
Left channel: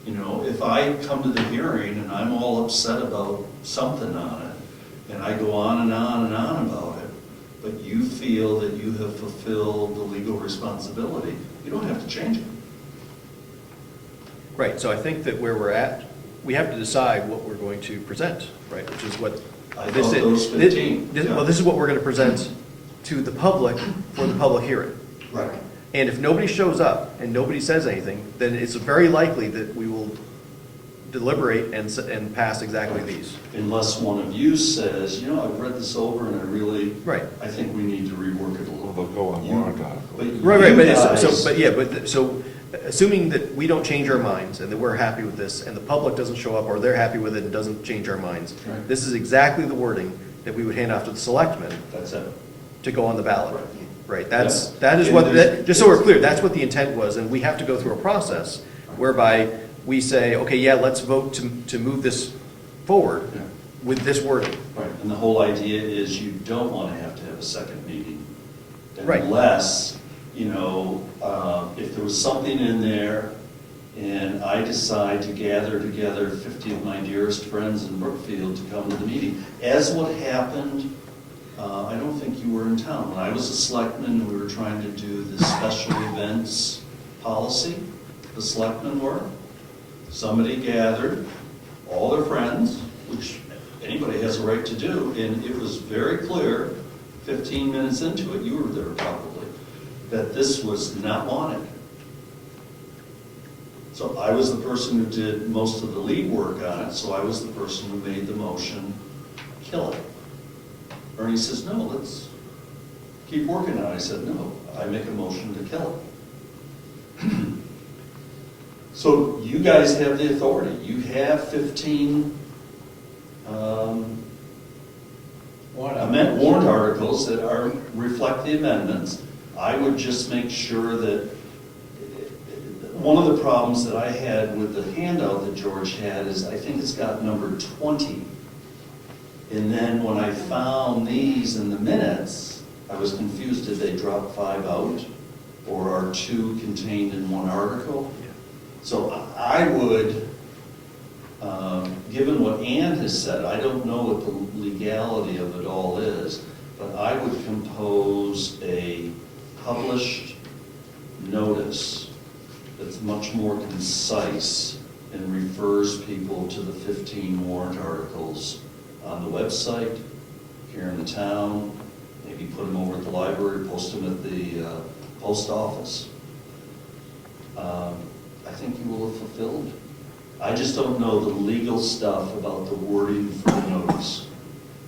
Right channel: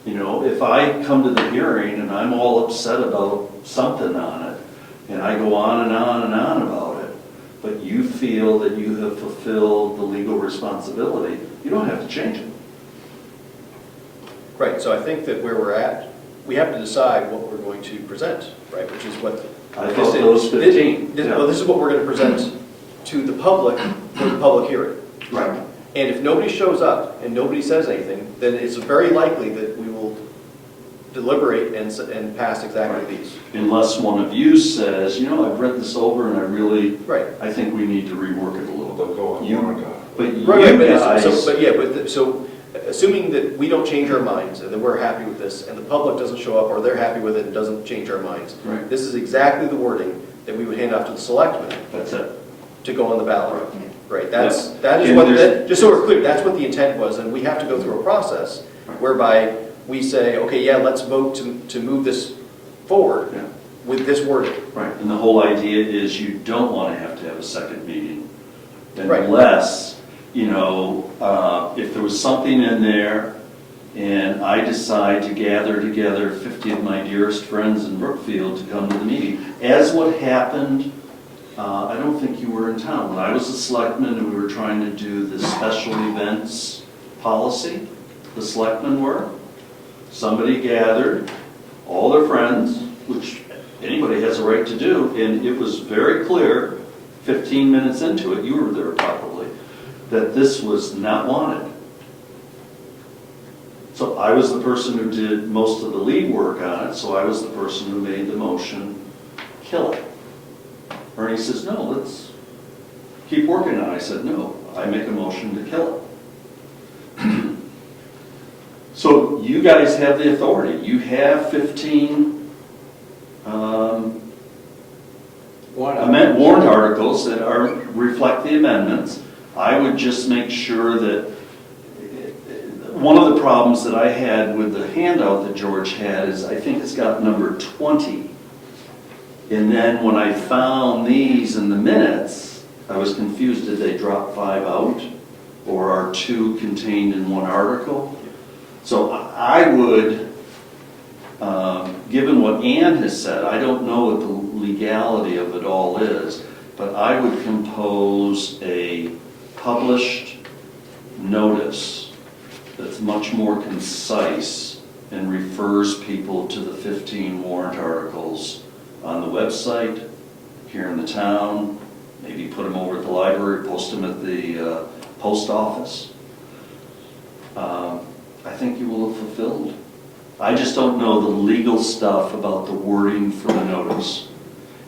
You know, if I come to the hearing and I'm all upset about something on it, and I go on and on and on about it, but you feel that you have fulfilled the legal responsibility, you don't have to change it. Right, so I think that where we're at, we have to decide what we're going to present, right, which is what. I thought those 15. Well, this is what we're going to present to the public for the public hearing. Right. And if nobody shows up and nobody says anything, then it's very likely that we will deliberate and pass exactly these. Unless one of you says, you know, I've read this over and I really, Right. I think we need to rework it a little bit. They'll go on You- warrant on. But you Right, but guys, so assuming that we don't change our minds and that we're happy with this, and the public doesn't show up, or they're happy with it and doesn't change our minds, Right. this is exactly the wording that we would hand off to the selectmen That's it. to go on the ballot. Right. Right, Yeah. that is And what, there's- just so we're clear, that's what the intent was, and we have to go through a process Right. whereby we say, okay, yeah, let's vote to move this forward Yeah. with this wording. Right, and the whole idea is you don't want to have a second meeting Right. unless, if there was something in there and I decide to gather together 50 of my dearest friends in Brookfield to come to the meeting, as what happened, I don't think you were in town. When I was a selectman and we were trying to do the special events policy, the selectmen were, somebody gathered all their friends, which anybody has a right to do, and it was very clear, 15 minutes into it, you were there probably, that this was not wanted. So I was the person who did most of the lead work on it, so I was the person who made the motion, kill it. Ernie says, no, let's keep working on it. I said, no, I make a motion to kill it. So you guys have the authority. You have 15 warrant articles that reflect the amendments. I would just make sure that, one of the problems that I had with the handout that George had is I think it's got number 20. And then when I found these in the minutes, I was confused. Did they drop 5 out? Or are 2 contained in one article? So I would, given what Ann has said, I don't know what the legality of it all is, but I would compose a published notice that's much more concise and refers people to the 15 warrant articles on the website, here in the town, maybe put them over at the library, post them at the post office. I think you will have fulfilled. I just don't know the legal stuff about the wording for the notice.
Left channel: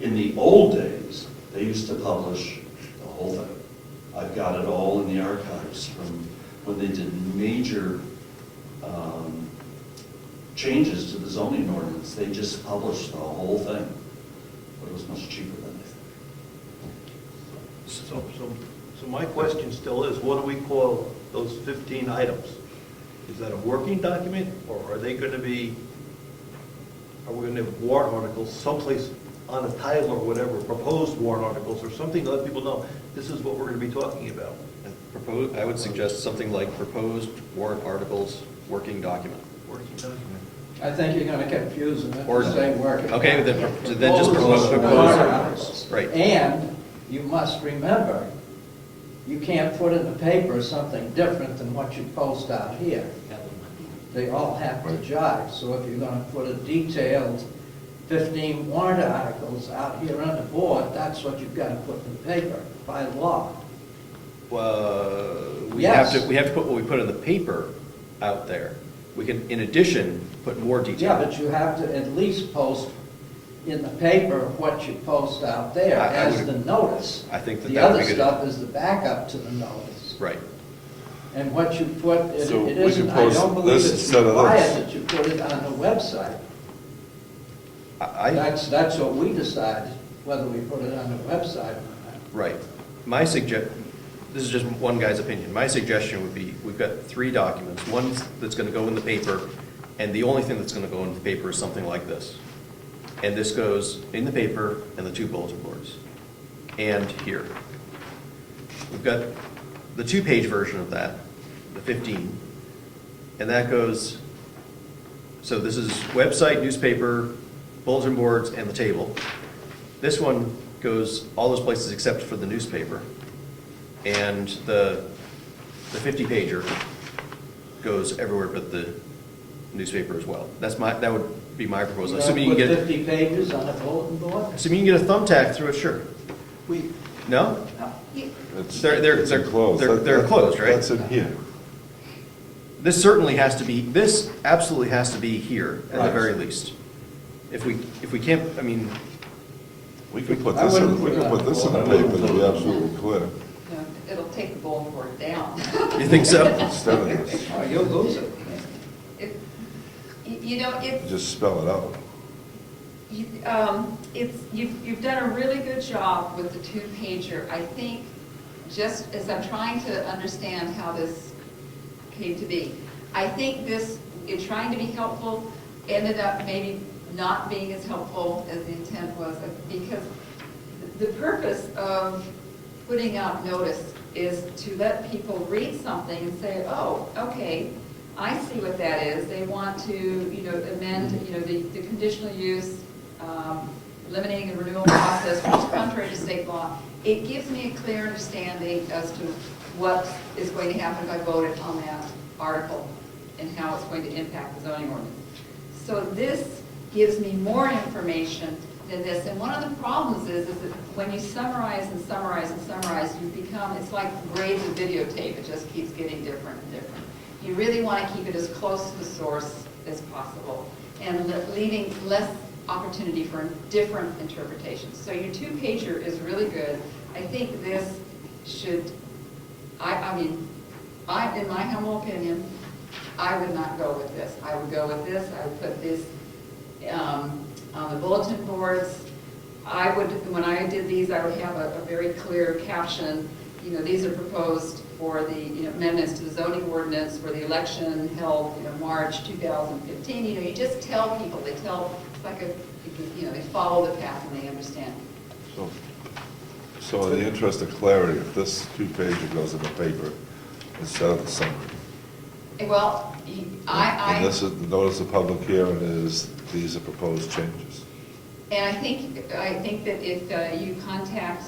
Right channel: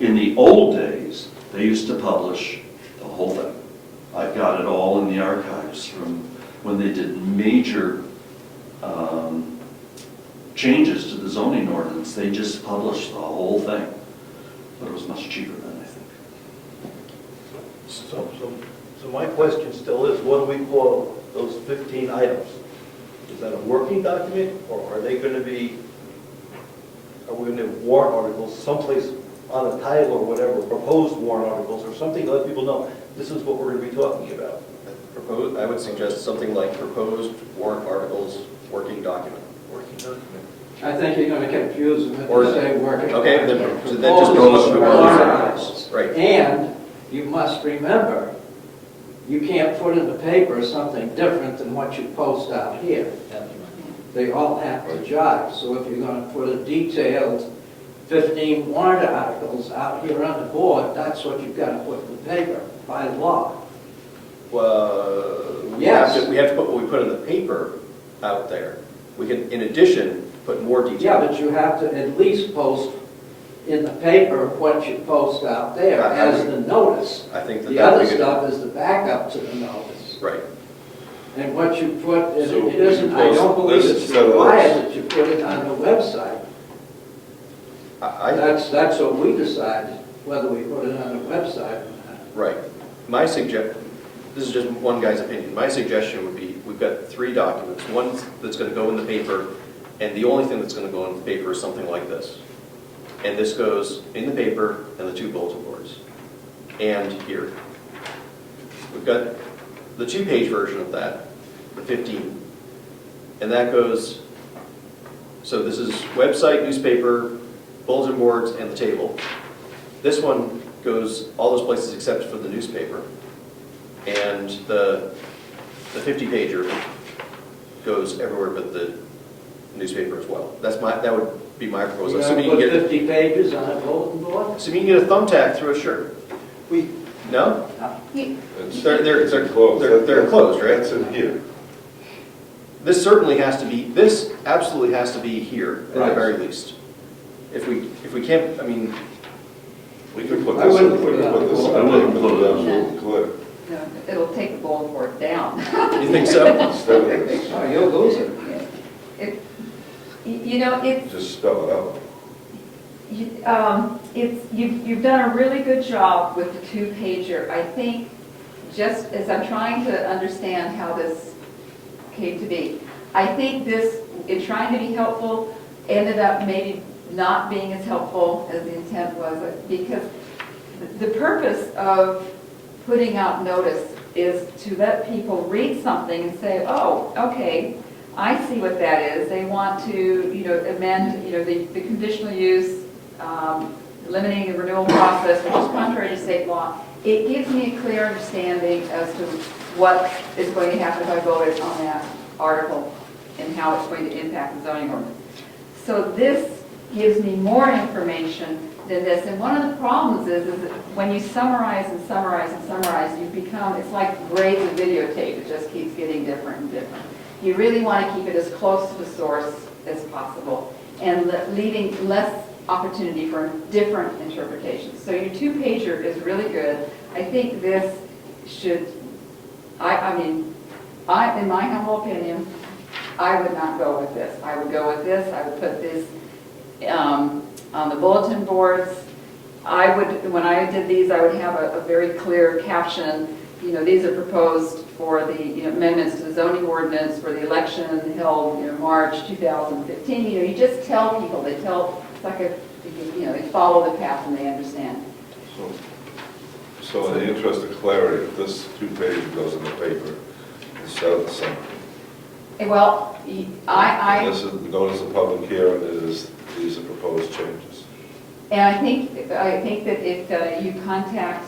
In the old days, they used to publish the whole thing. I've got it all in the archives from when they did major changes to the zoning ordinance. They just published the whole thing, but it was much cheaper then, I think. So my question still is, what do we call those 15 items? Is that a working document, or are we going to have warrant articles someplace on a title or whatever, proposed warrant articles, or something to let people know this is what we're going to be talking about? Proposed, I would suggest something like proposed warrant articles, working document. Working document. I think you're gonna confuse them if Or- you say working. Okay, then just Proposed propose- warrant articles. Right. And you must remember, you can't put in the paper something different than what you post out here. They all have to jive. So if you're gonna put a detailed 15 warrant articles out here on the board, that's what you've gotta put in the paper by law. We Yes. have to put what we put in the paper out there. We can, in addition, put more detail. Yeah, but you have to at least post in the paper what you post out there I as would- the notice. I think that The that would other be good. stuff is the backup to the notice. Right. And what you put, it So we it isn't, can I post don't believe this it's instead of required this. that you put it on the website. I, That's what we decide, whether we put it on the website or not. right. This is just one guy's opinion. My suggestion would be, we've got 3 documents. One that's going to go in the paper, and the only thing that's going to go in the paper is something like this. And this goes in the paper and the 2 bulletin boards. And here. We've got the 2-page version of that, the 15. And that goes, so this is website, newspaper, bulletin boards, and the table. This one goes all those places except for the newspaper. And the 50-pager goes everywhere but the newspaper as well. That would be my proposal. Assuming you Put can get, 50 pages on a bulletin board? assuming you can get a thumbtack through a shirt. No? It's They're enclosed. they're enclosed, right? That's in here. This certainly has to be, this absolutely has to be here at the Right. very least. If we can't, I mean, We could put I this in, wouldn't we put could it put on this in the a wall. big, absolutely clear. you know, it'll take the bulletin board down. You think so? Instead of this, Oh, you'll lose it. It- You know, it's, just spell it out. you've done a really good job with the two-pager. I think, just as I'm trying to understand how this came to be, I think this, in trying to be helpful, ended up maybe not being as helpful as the intent was, because the purpose of putting out notice is to let people read something and say, oh, okay, I see what that is. They want to, you know, amend, you know, the conditional use, eliminating the renewal process, which is contrary to state law. It gives me a clear understanding as to what is going to happen if I voted on that article and how it's going to impact the zoning ordinance. So this gives me more information than this. And one of the problems is that when you summarize and summarize and summarize, you become, it's like grades of videotape. It just keeps getting different and different. You really want to keep it as close to the source as possible and leaving less opportunity for different interpretations. So your two-pager is really good. I think this should, I mean, in my humble opinion, I would not go with this. I would go with this. I would put this on the bulletin boards. I would, when I did these, I would have a very clear caption. You know, these are proposed for the, you know, amendments to the zoning ordinance for the election held, you know, March 2015. You know, you just tell people. They tell, it's like a, you know, they follow the path and they understand. So in the interest of clarity, if this two-page goes in the paper instead of the summary, Well, and this is, notice of public hearing is, these are proposed changes. And I think that if you contact,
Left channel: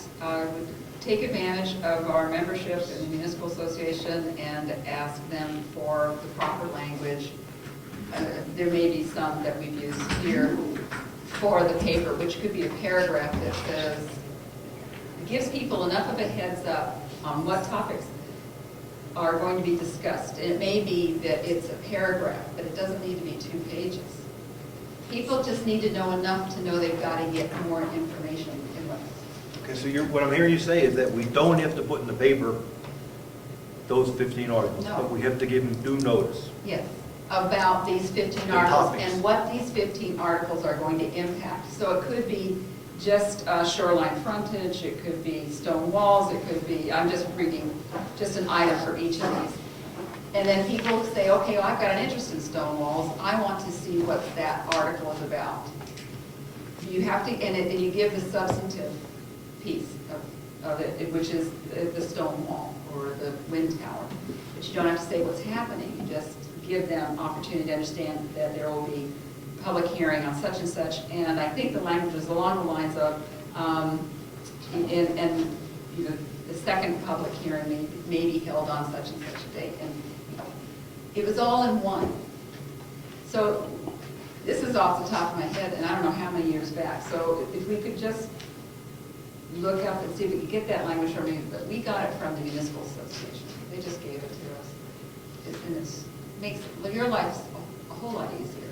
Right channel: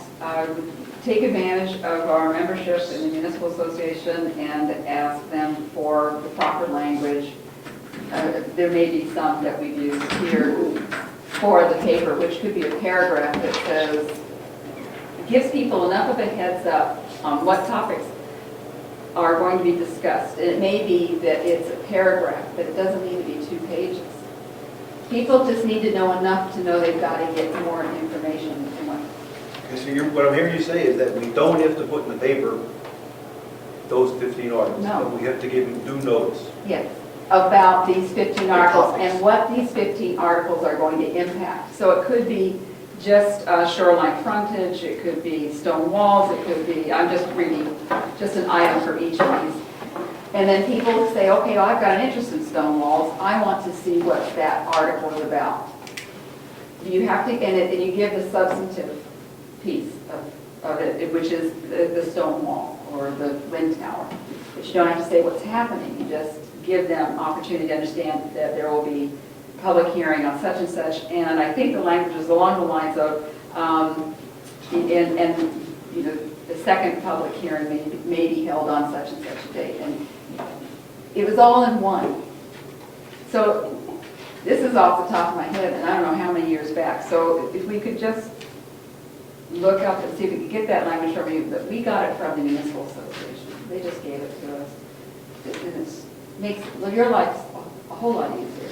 take advantage of our membership in the municipal association and ask them for the proper language. There may be some that we've used here for the paper, which could be a paragraph that says, gives people enough of a heads up on what topics are going to be discussed. It may be that it's a paragraph, but it doesn't need to be 2 pages. People just need to know enough to know they've got to get more information than what. Okay, so what I'm hearing you say is that we don't have to put in the paper those 15 articles. No. But we have to give them due notice. Yes, about these 15 articles topics. and what these 15 articles are going to impact. So it could be just shoreline frontage, it could be stone walls, it could be, I'm just reading just an item for each of these. And then people say, okay, well, I've got an interest in stone walls, I want to see what that article is about. You have to, and you give the substantive piece of it, which is the stone wall or the wind tower. But you don't have to say what's happening, you just give them opportunity to understand that there will be public hearing on such and such, and I think the language is along the lines of, and you know, the second public hearing may be held on such and such a date, and it was all in one. So this is off the top of my head, and I don't know how many years back. So if we could just look up and see if we could get that language from you, but we got it from the municipal association. They just gave it to us, and it makes your life a whole lot easier.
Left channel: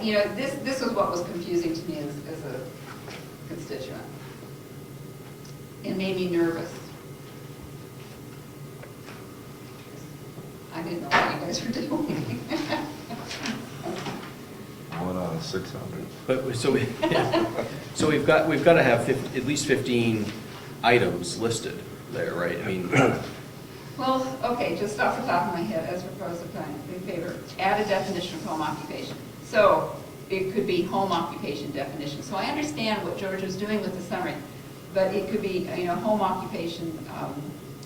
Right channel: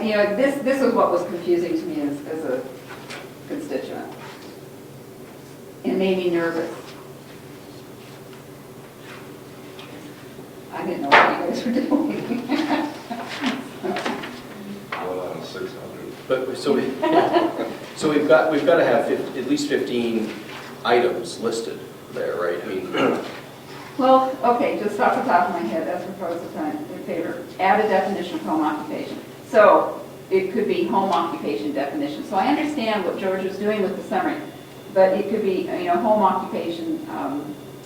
You know, this was what was confusing to me as a constituent. It made me nervous. I didn't know what you guys were doing. 1 out of 600. But, so we've got to have at least 15 items listed there, right? I mean, Well, okay, just off the top of my head, as proposed in favor, add a definition of home occupation. So it could be home occupation definition. So I understand what George was doing with the summary, but it could be, you know, home occupation,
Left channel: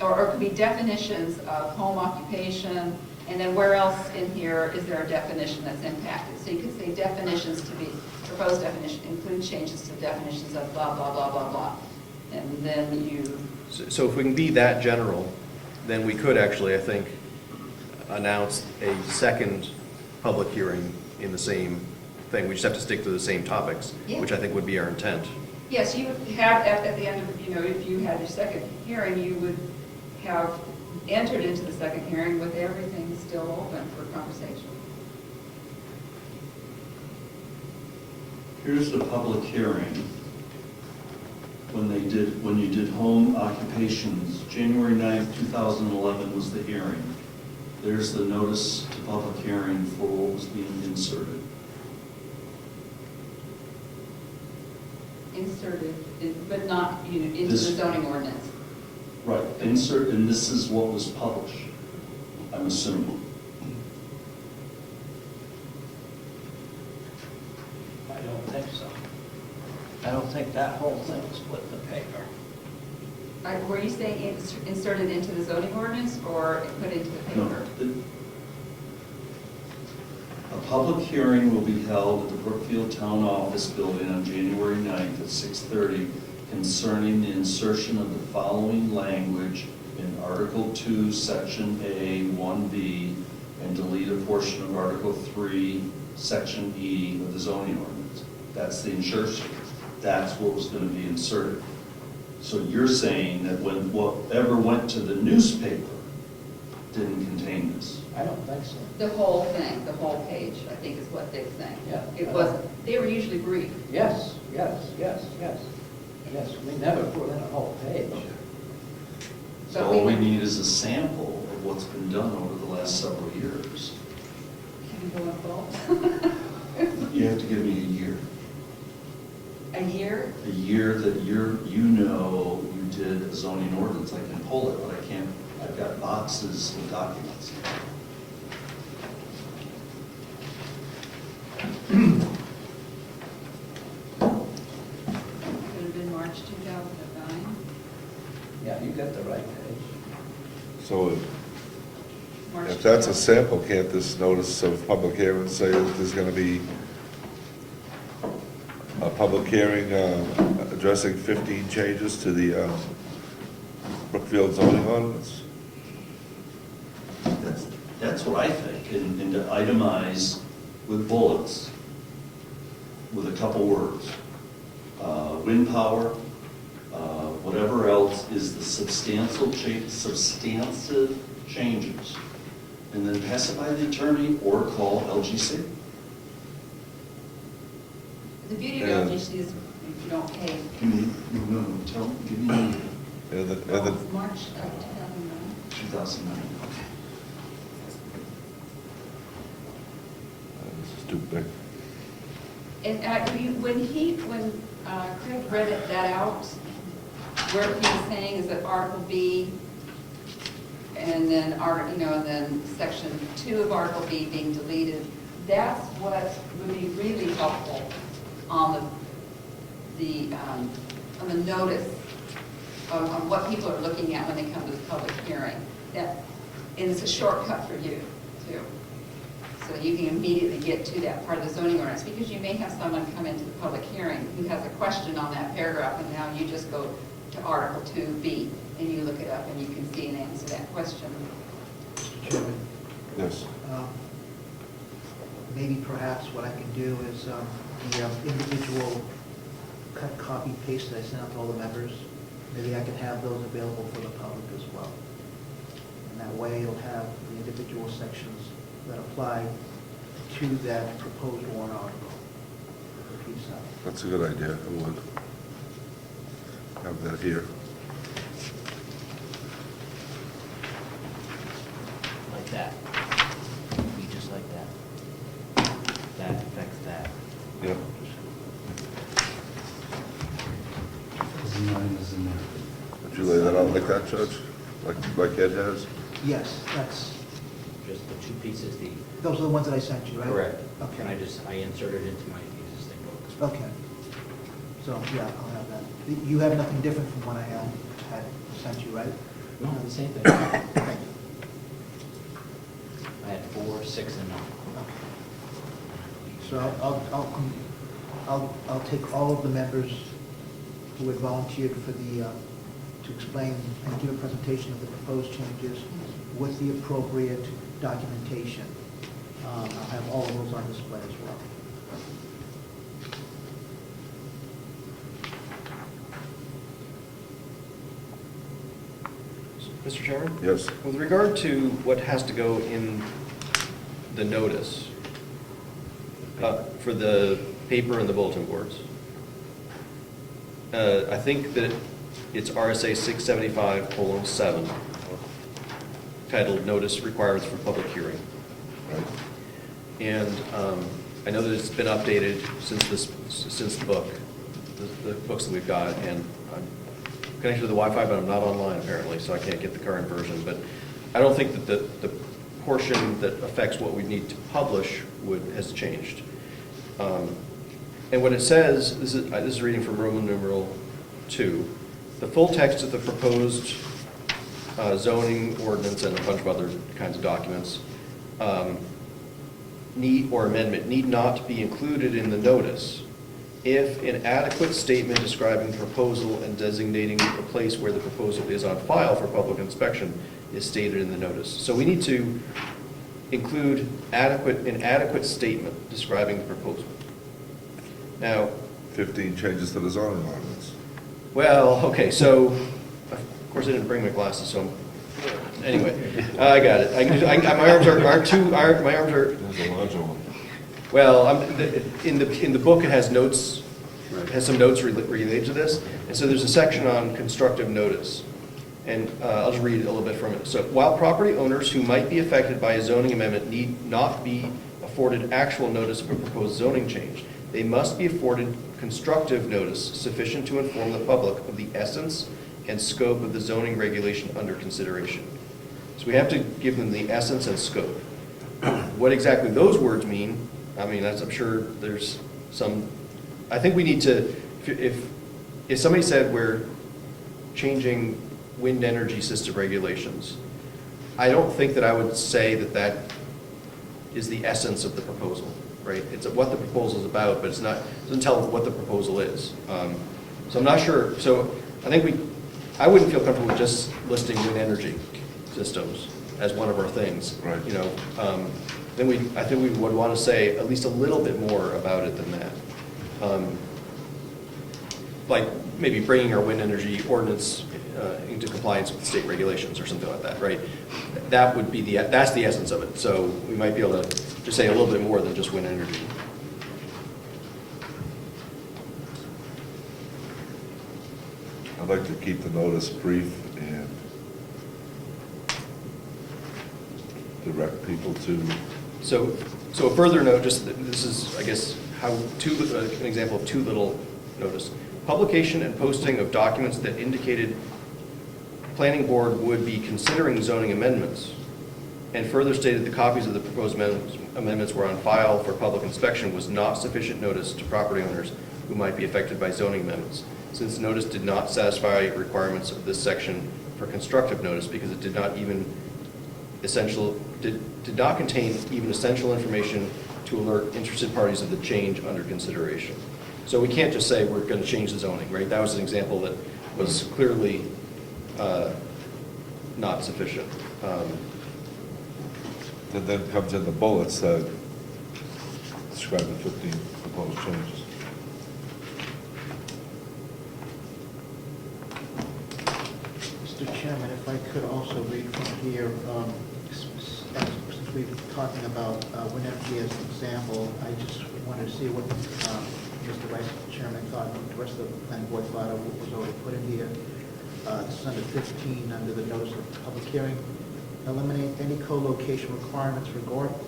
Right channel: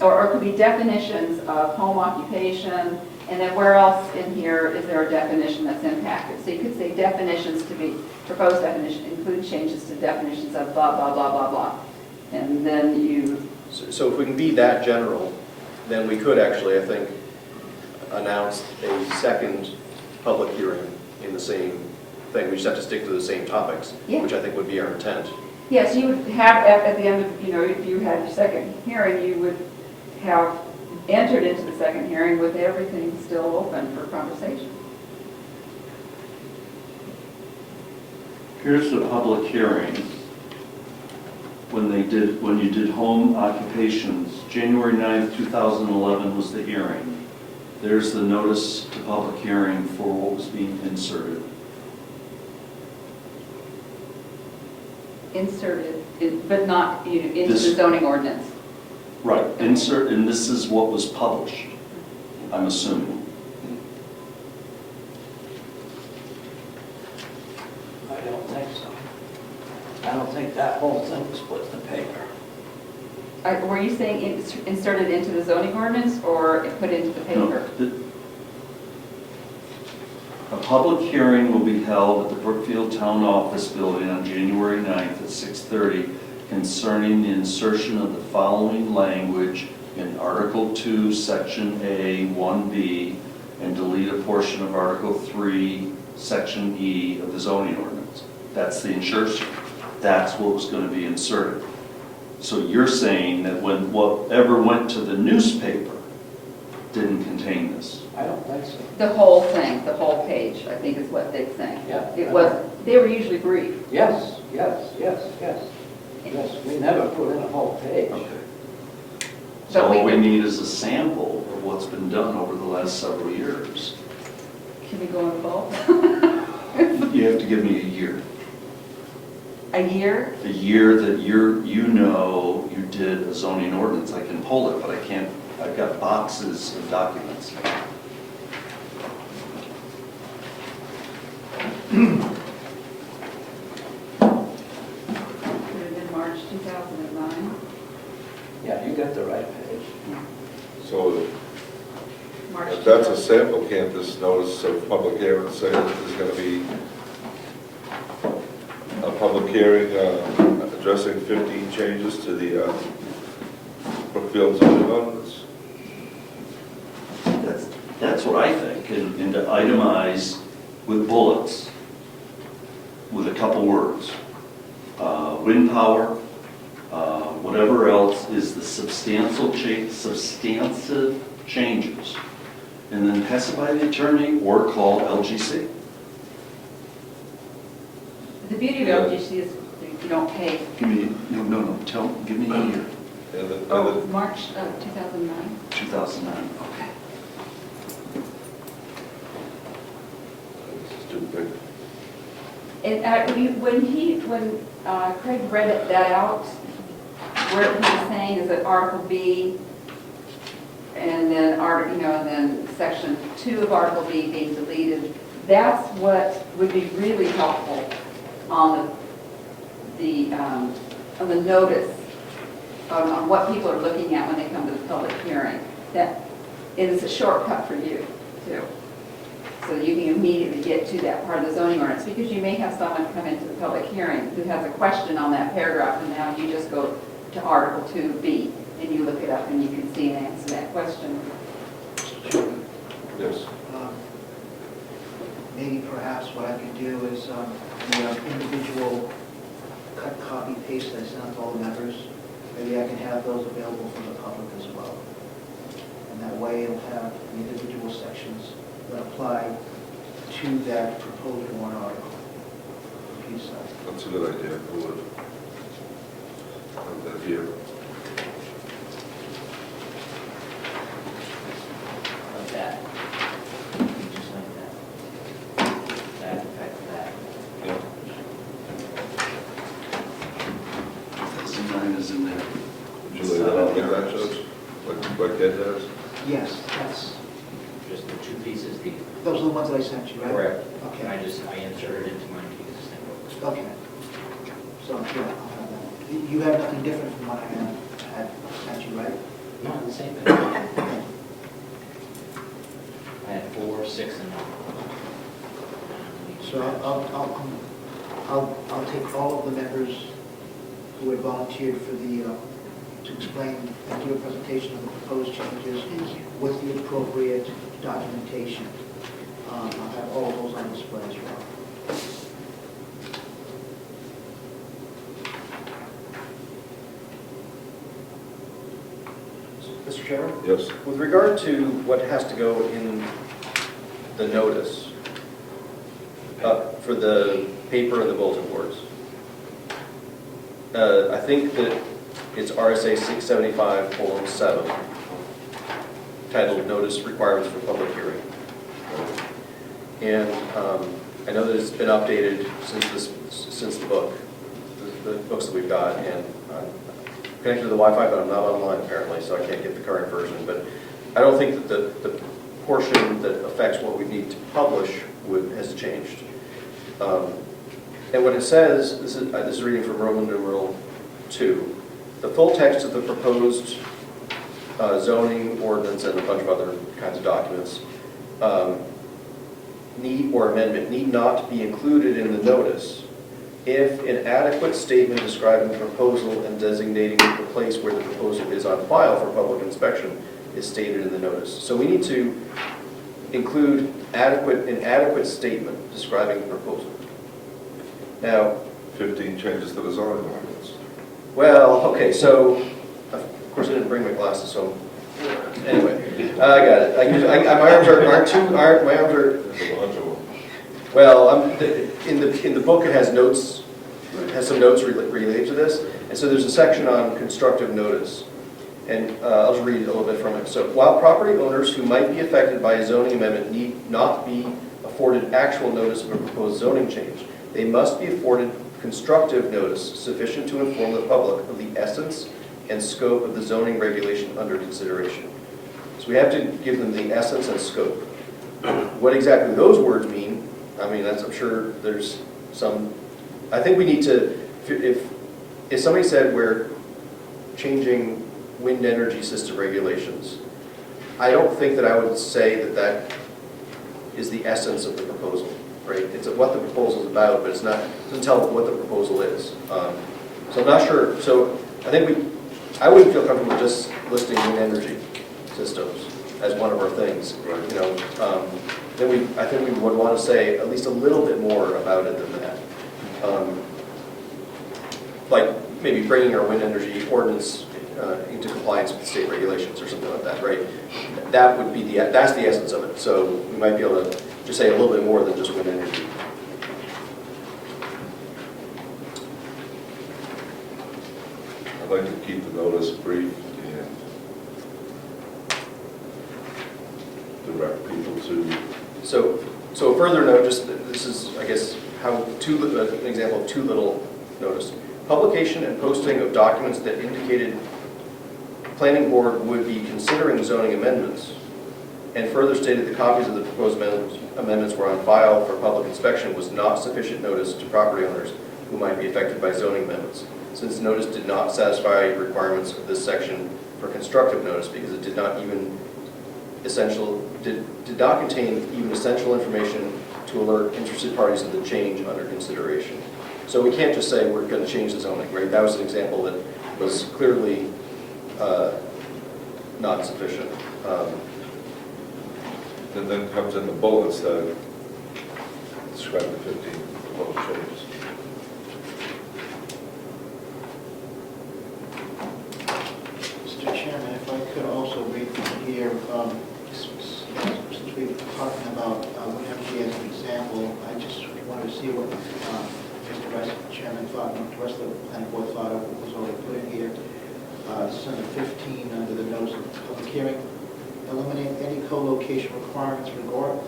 or it could be definitions of home occupation, and then where else in here is there a definition that's impacted? So you could say definitions to be, proposed definition include changes to definitions of blah, blah, blah, blah, blah. And then you... so if we can be that general, then we could actually, I think, announce a second public hearing in the same thing. We just have to stick to the same topics, Yeah. which I think would be our intent. Yes, you would have, at the end of, you know, if you had your second hearing, you would have entered into the second hearing with everything still open for conversation. Here's the public hearing. when you did home occupations, January 9th, 2011 was the hearing. There's the notice to public hearing for what was being inserted. Inserted, but not, into the This- zoning ordinance. Right, insert, and this is what was published, I'm assuming. I don't think so. I don't think that whole thing was put in the paper. Were you saying inserted into the zoning ordinance or put into the No, paper? A public hearing will be held at the Brookfield Town Office Building on January 9th at 6:30 concerning the insertion of the following language in Article 2, Section A, 1B, and delete a portion of Article 3, Section E of the zoning ordinance. That's the insertion. That's what was going to be inserted. So you're saying that when whatever went to the newspaper didn't contain this? I don't think so. The whole thing, the whole page, I think is what they're saying. Yeah. It was, they were usually brief. Yes, yes, yes, yes. Yes, we never put in a whole page. Okay. So But we all we would- need is a sample of what's been done over the last several years. Can we go in bulk? You have to give me a year. A year? A year that you know you did a zoning ordinance. I can pull it, but I can't, I've got boxes of documents. Could have been March 2009. Yeah, you got the right page. So March if that's a 2009. sample, can't this notice of public hearing say that there's going to be a public hearing addressing 15 changes to the Brookfield zoning ordinance? That's what I think, and to itemize with bullets, with a couple words. Wind power, whatever else is the substantive changes. And then pass it by the attorney or call LGC. The beauty of Yeah. LGC is you don't pay. Give me, give me a year, And the, Oh, March of 2009. 2009, okay. this is too big. And when Craig read that out, where he was saying is that Article B, and then, and then Section 2 of Article B being deleted, that's what would be really helpful on the notice, on what people are looking at when they come to the public hearing. That it is a shortcut for you, too. So you can immediately get to that part of the zoning ordinance, because you may have someone come into the public hearing who has a question on that paragraph, and now you just go to Article 2B, and you look it up, and you can see and answer that question. Mr. Chairman, Yes. maybe perhaps what I can do is the individual cut, copy, paste that I sent out to all the members, maybe I can have those available for the public as well. And that way it'll have the individual sections that apply to that proposed warrant article. Piece of- That's a good idea. I would have that here. Like that. Just like that. That affects that. Yep. 2009 is in there. Would you lay that out like that, Judge? Like Ed has? Yes, that's, Just the two pieces, the, those are the ones that I sent you, right? correct. And Okay, I inserted it into my existing book. okay. So, yeah, I'll have that. You had nothing different from what I had sent you, right? No, the same thing. Okay. I had 4, 6, and. So I'll take all of the members who had volunteered for to explain and do a presentation of the proposed changes with the appropriate documentation. I'll have all of those on display as well. Mr. Chairman? Yes. With regard to what has to go in the notice for the paper and the bulletin boards, I think that it's RSA 675:7, titled Notice Requirements for Public Hearing. And I know that it's been updated since the books that we've got, and I'm connected to the Wi-Fi, but I'm not online apparently, so I can't get the current version. But I don't think that the portion that affects what we need to publish has changed. And what it says, this is reading from Roman numeral 2, the full text of the proposed zoning ordinance and a bunch of other kinds of documents amendment need not be included in the notice if an adequate statement describing the proposal and designating the place where the proposal is on file for public inspection is stated in the notice. So we need to include an adequate statement describing the proposal. Now, 15 changes to the zoning ordinance. well, okay, so, of course I didn't bring my glasses, so, anyway, I got it. My arms are, There's a larger one. well, in the book it has notes, it has some notes related to this, and so there's a section on constructive notice. And I'll just read a little bit from it. So, while property owners who might be affected by a zoning amendment need not be afforded actual notice of a proposed zoning change, they must be afforded constructive notice sufficient to inform the public of the essence and scope of the zoning regulation under consideration. So we have to give them the essence and scope. What exactly those words mean, I mean, I'm sure there's some, I think we need to, if somebody said we're changing wind energy system regulations, I don't think that I would say that that is the essence of the proposal, right? It's what the proposal is about, but it doesn't tell what the proposal is. So I'm not sure. So I think I wouldn't feel comfortable with just listing wind energy systems as one of our things. Right. You know, I think we would want to say at least a little bit more about it than that. Like maybe bringing our wind energy ordinance into compliance with state regulations or something like that, right? That would be that's the essence of it. So we might be able to just say a little bit more than just wind energy. I'd like to keep the notice brief and direct people to, So a further note, just this is, I guess, an example of too little notice. Publication and posting of documents that indicated planning board would be considering zoning amendments, and further stated the copies of the proposed amendments were on file for public inspection was not sufficient notice to property owners who might be affected by zoning amendments, since notice did not satisfy requirements of this section for constructive notice because it did not contain even essential information to alert interested parties of the change under consideration. So we can't just say we're going to change the zoning, right? That was an example that was clearly not sufficient. that then comes in the bullets that describe the 15 proposed changes. Mr. Chairman, if I could also read here, since we were talking about wind energy as an example, I just wanted to see what Mr. Chairman thought, and the rest of the planning board thought of what was already put in here. This is under 15, under the notice of public hearing. Eliminate any co-location requirements regarding,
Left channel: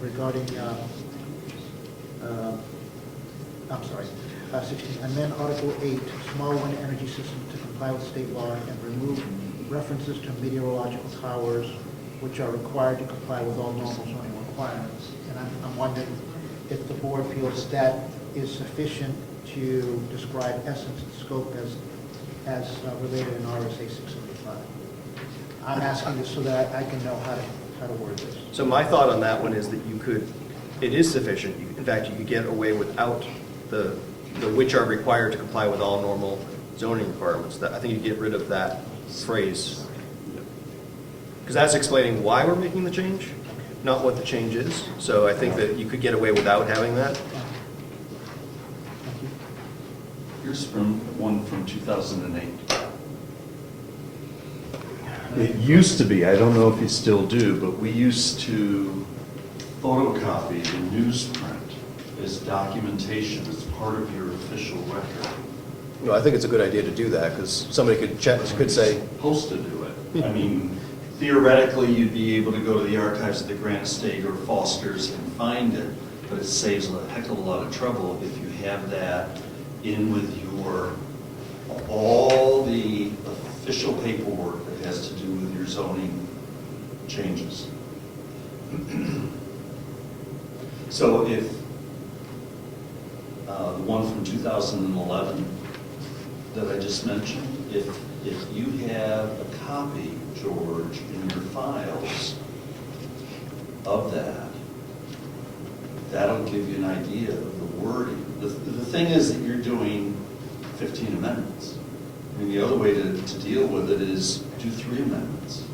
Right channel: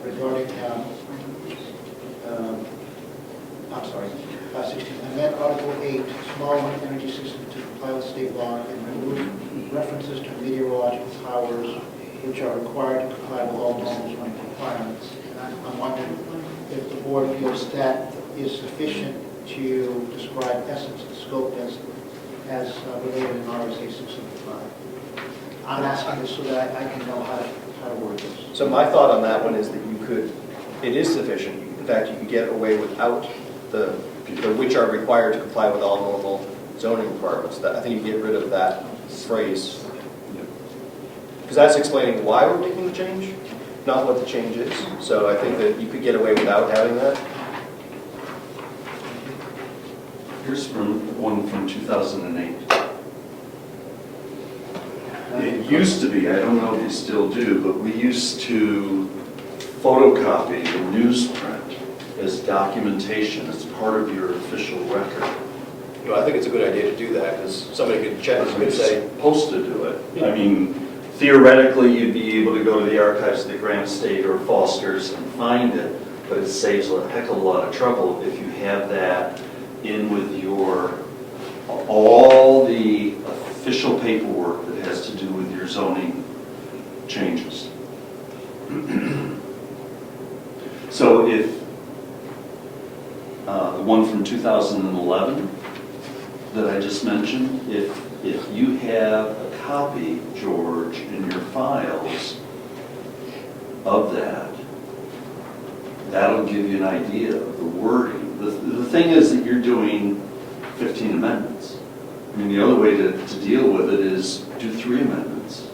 16, amend Article 8, small wind energy system to comply with state law and remove references to meteorological towers which are required to comply with all normal zoning requirements. And I'm wondering if the board feels that is sufficient to describe essence and scope as related in RSA 675. I'm asking this so that I can know how to word this. So my thought on that one is that it is sufficient. In fact, you can get away without the which are required to comply with all normal zoning requirements. I think you get rid of that phrase. Because that's explaining why we're making the change, not what the change is. So I think that you could get away without having that. Here's one from 2008. It used to be, I don't know if you still do, but we used to photocopy the newsprint as documentation, as part of your official record. No, I think it's a good idea to do that, because somebody could check, could say, Supposed to do it. I mean, theoretically, you'd be able to go to the archives of the Grant Estate or Foster's and find it, but it saves a heck of a lot of trouble if you have that in with all the official paperwork that has to do with your zoning changes. So if the one from 2011 that I just mentioned, if you have a copy, George, in your files of that, that'll give you an idea of the wording. The thing is that you're doing 15 amendments. I mean, the other way to deal with it is do 3 amendments.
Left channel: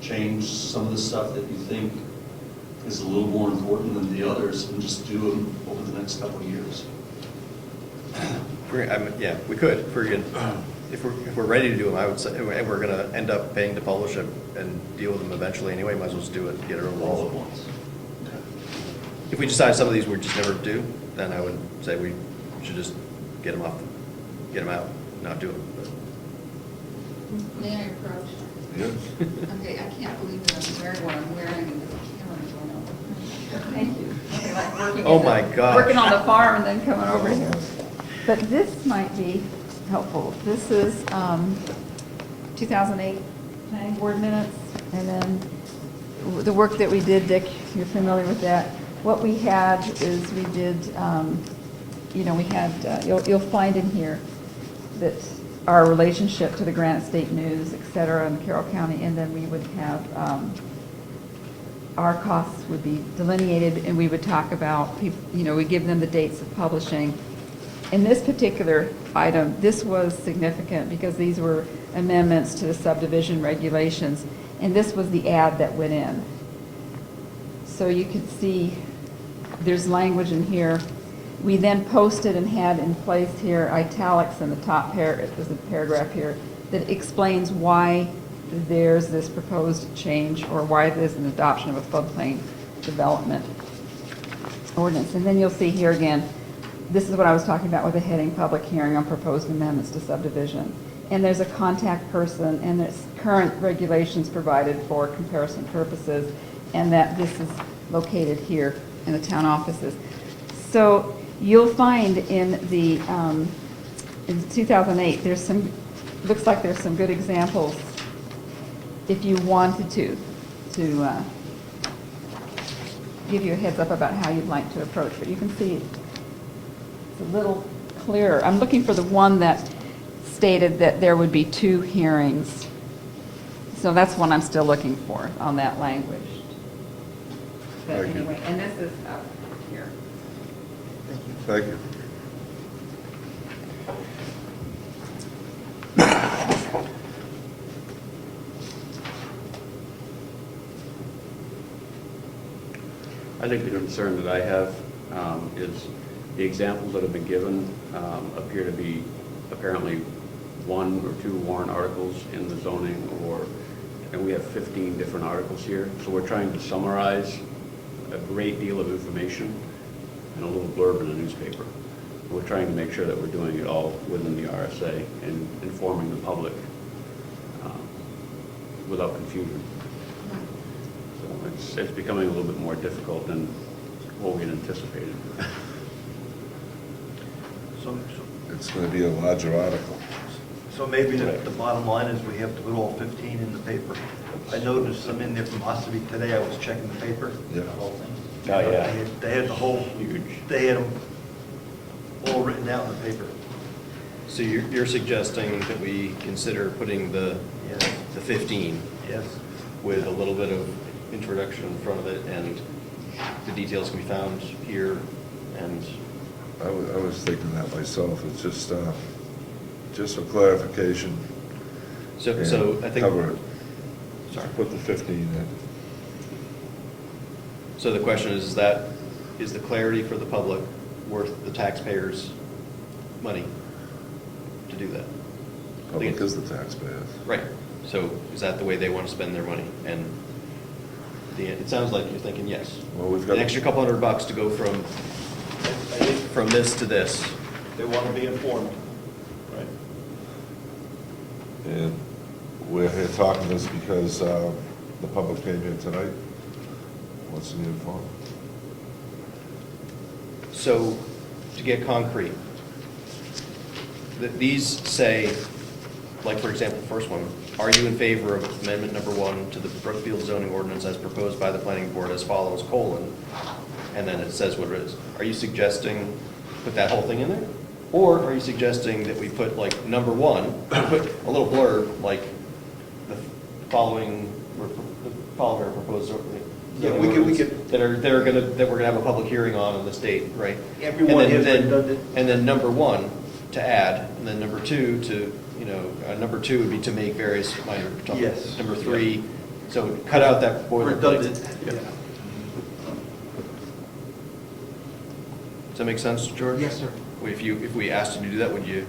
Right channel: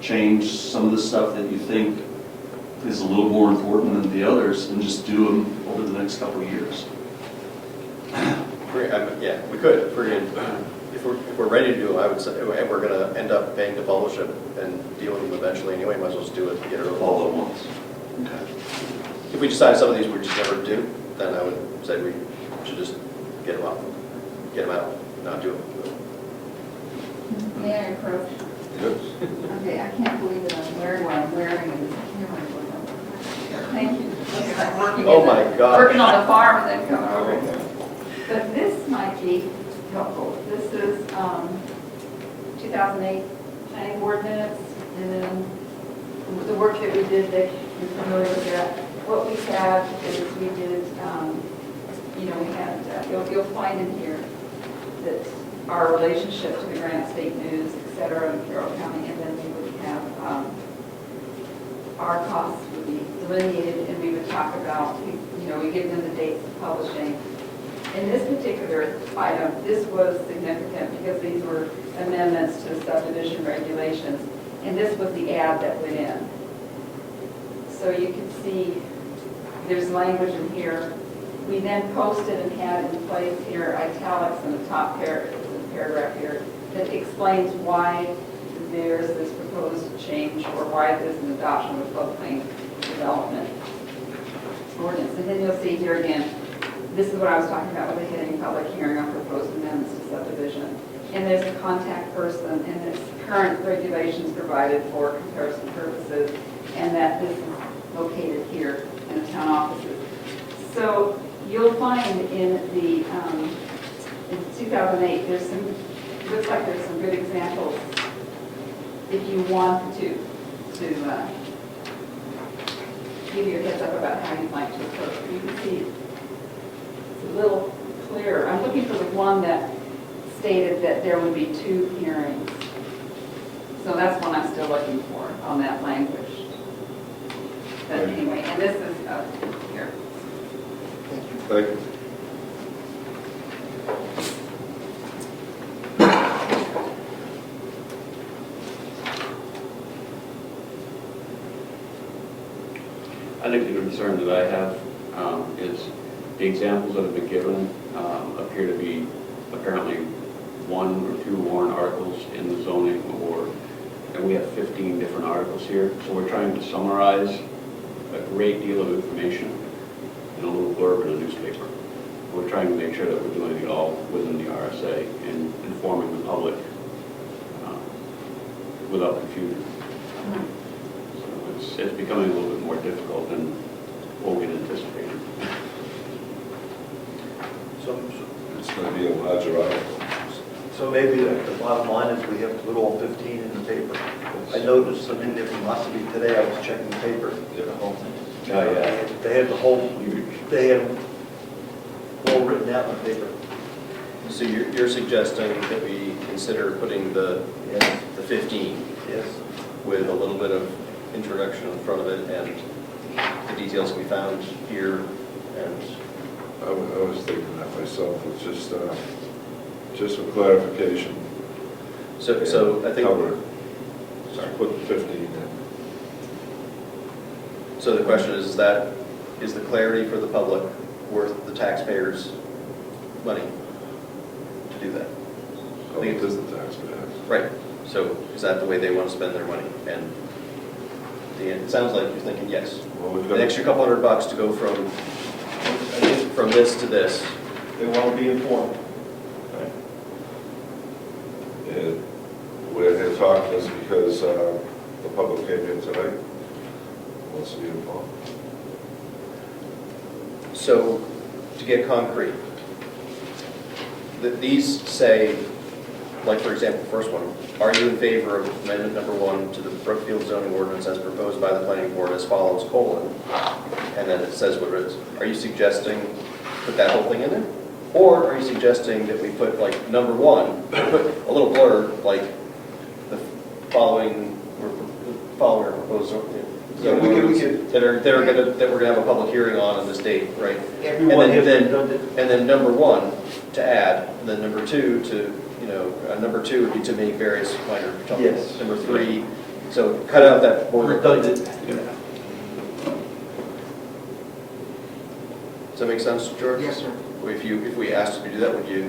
Change some of the stuff that you think is a little more important than the others, and just do them over the next couple of years. yeah, we could, if we're ready to do them, I would say, and we're gonna end up paying to publish it and deal with them eventually anyway, might as well just do it, and get it All all at once. If we decide some of these we're just never do, then I would say we should just get them out, not do them. May I approach? Yes. Okay, I can't believe that I'm wearing what I'm wearing and this camera going over. Thank you. Okay, like working Oh in my gosh. Working on the farm and then coming over. But this might be helpful. This is 2008 planning board minutes, and then the work that we did, Dick, you're familiar with that. What we have is we did, we had, you'll find in here that our relationship to the Granite State News, et cetera, in Carroll County, and then we would have, our costs would be delineated, and we would talk about, we give them the dates of publishing. In this particular item, this was significant because these were amendments to the subdivision regulations, and this was the ad that went in. So you can see there's language in here. We then posted and had in place here italics in the top paragraph here that explains why there's this proposed change, or why there's an adoption of a floodplain development ordinance. And then you'll see here again, this is what I was talking about with the heading public hearing on proposed amendments to subdivision. And there's a contact person, and there's current regulations provided for comparison purposes, and that this is located here in the town offices. So you'll find in the in 2008, there's some, looks like there's some good examples if you wanted to give you a heads up about how you'd like to approach it. You can see it's a little clearer. I'm looking for the one that stated that there would be 2 hearings. So that's one I'm still looking for on that language. But anyway, and this is up here. Thank you. Thank you. I think the concern that I have is the examples that have been given appear to be apparently 1 or 2 warrant articles in the zoning, and we have 15 different articles here. So we're trying to summarize a great deal of information in a little blurb in a newspaper. We're trying to make sure that we're doing it all within the RSA and informing the public without confusion. So it's becoming a little bit more difficult than what we had anticipated. So It's going to be a larger article. maybe the bottom line is we have to put all 15 in the paper. I noticed some in there from Ossipee today, I was checking the paper. Yeah. They had the whole, they had them all written out in the paper. So you're suggesting that we consider putting the 15 Yes. with a little bit of introduction in front of it, and the details can be found here, and I was thinking that myself. It's just for clarification. so I think. Cover it. Sorry. Put the 15 in. So the question is the clarity for the public worth the taxpayers' money to do that? Public is the taxpayer. Right. So is that the way they want to spend their money? And it sounds like you're thinking yes. Well, we've got An extra couple $100 to go from this to this. They want to be informed. And we're here talking this because the public came here tonight, wants to be involved. So, to get concrete, that these say, like for example, first one, are you in favor of amendment number 1 to the Brookfield zoning ordinance as proposed by the planning board as follows, colon, and then it says what it is. Are you suggesting put that whole thing in there? Or are you suggesting that we put like number 1, put a little blurb like the following proposed Yeah, we could- that we're gonna have a public hearing on this date, right? Everyone And has then- redundant. And then number 1 to add, and then number 2 to, number 2 would be to make various minor adjustments. Yes. Number 3, so cut out that boilerplate. Redundant. Does that make sense, George? Yes, sir. If we asked you to do that, would you?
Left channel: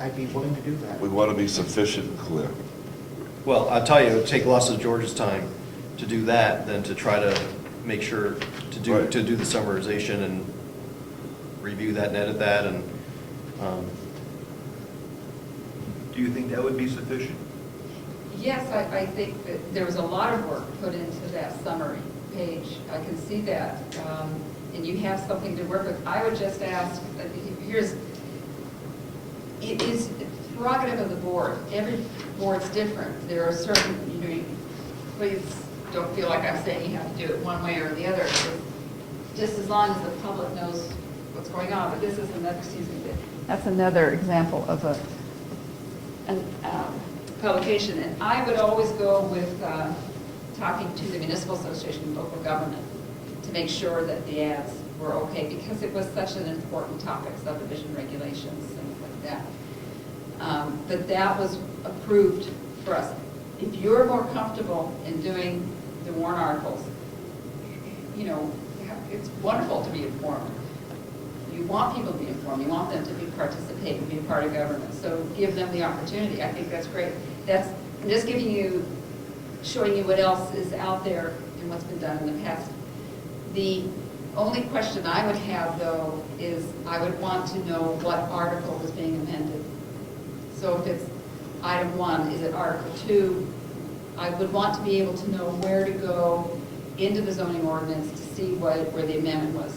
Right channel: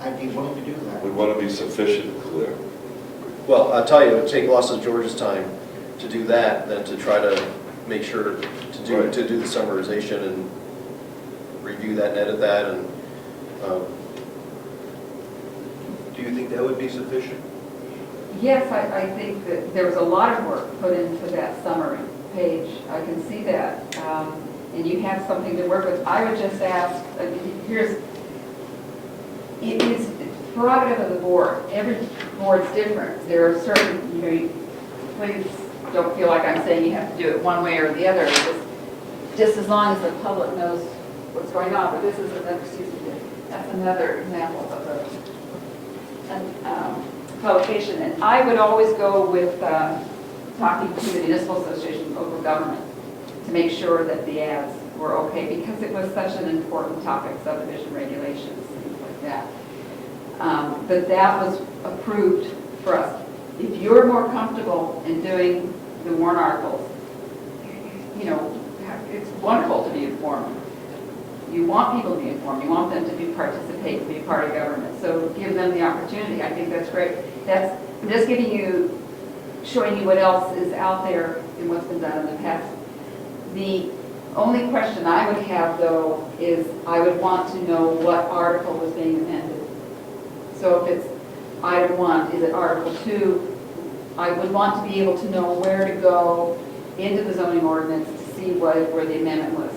I'd be willing to do that. We want to be sufficient and clear. Well, I'll tell you, it would take lots of George's time to do that than to try to make sure Right. to do the summarization and review that and edit that and, Do you think that would be sufficient? Yes, I think that there was a lot of work put into that summary page. I can see that. And you have something to work with. I would just ask, it is prerogative of the board. Every board's different. There are certain, please don't feel like I'm saying you have to do it one way or the other. Just as long as the public knows what's going on. But this is another, that's another example of a publication. And I would always go with talking to the Municipal Association of Local Government to make sure that the ads were okay, because it was such an important topic, subdivision regulations, things like that. But that was approved for us. If you're more comfortable in doing the warrant articles, it's wonderful to be informed. You want people to be informed. You want them to participate and be a part of government. So give them the opportunity. I think that's great. I'm just showing you what else is out there and what's been done in the past. The only question I would have, though, is I would want to know what article was being amended. So if it's item 1, is it article 2? I would want to be able to know where to go into the zoning ordinance to see where the amendment was.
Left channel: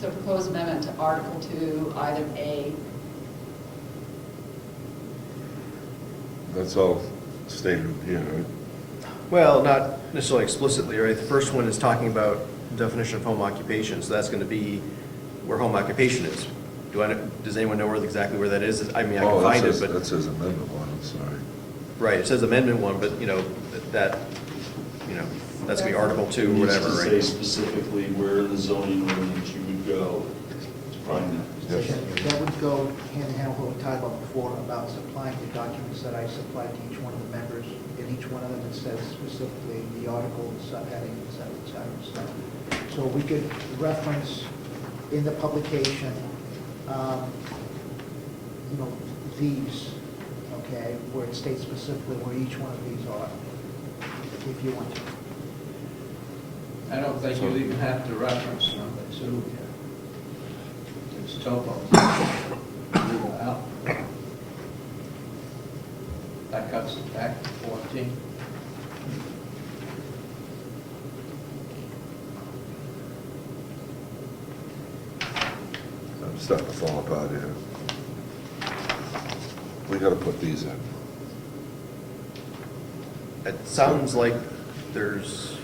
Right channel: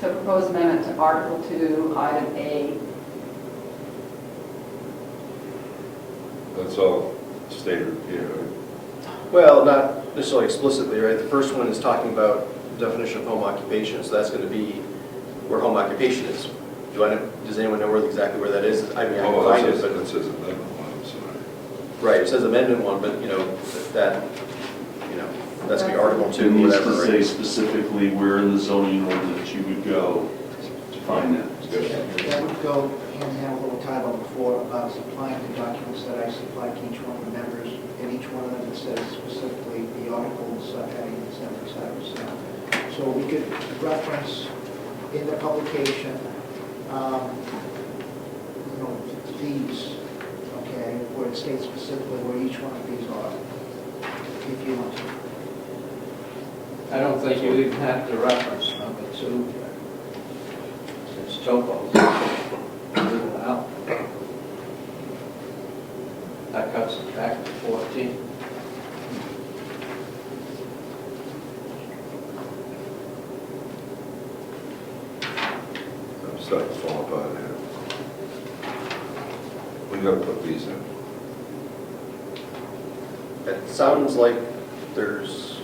So proposed amendment to article 2, item A. That's all stated here, right? Well, not necessarily explicitly, right? The first one is talking about the definition of home occupation, so that's going to be where home occupation is. Does anyone know exactly where that is? I mean, I can find it, but... That says amendment 1, I'm sorry. Right, it says amendment 1, but, that's going to be article 2, It needs whatever, to say right? specifically where in the zoning ordinance you would go to find that. That would go hand in hand with what Tyler before about supplying the documents that I supplied to each one of the members, and each one of them says specifically the article, subheading, et cetera, et cetera. So we could reference in the publication, these, okay, where it states specifically where each one of these are, if you want to. I don't think you even have to reference number 2. It's topo. Well, that cuts it back to 14. I'm starting to fall apart here. We gotta put these in. It sounds like there's,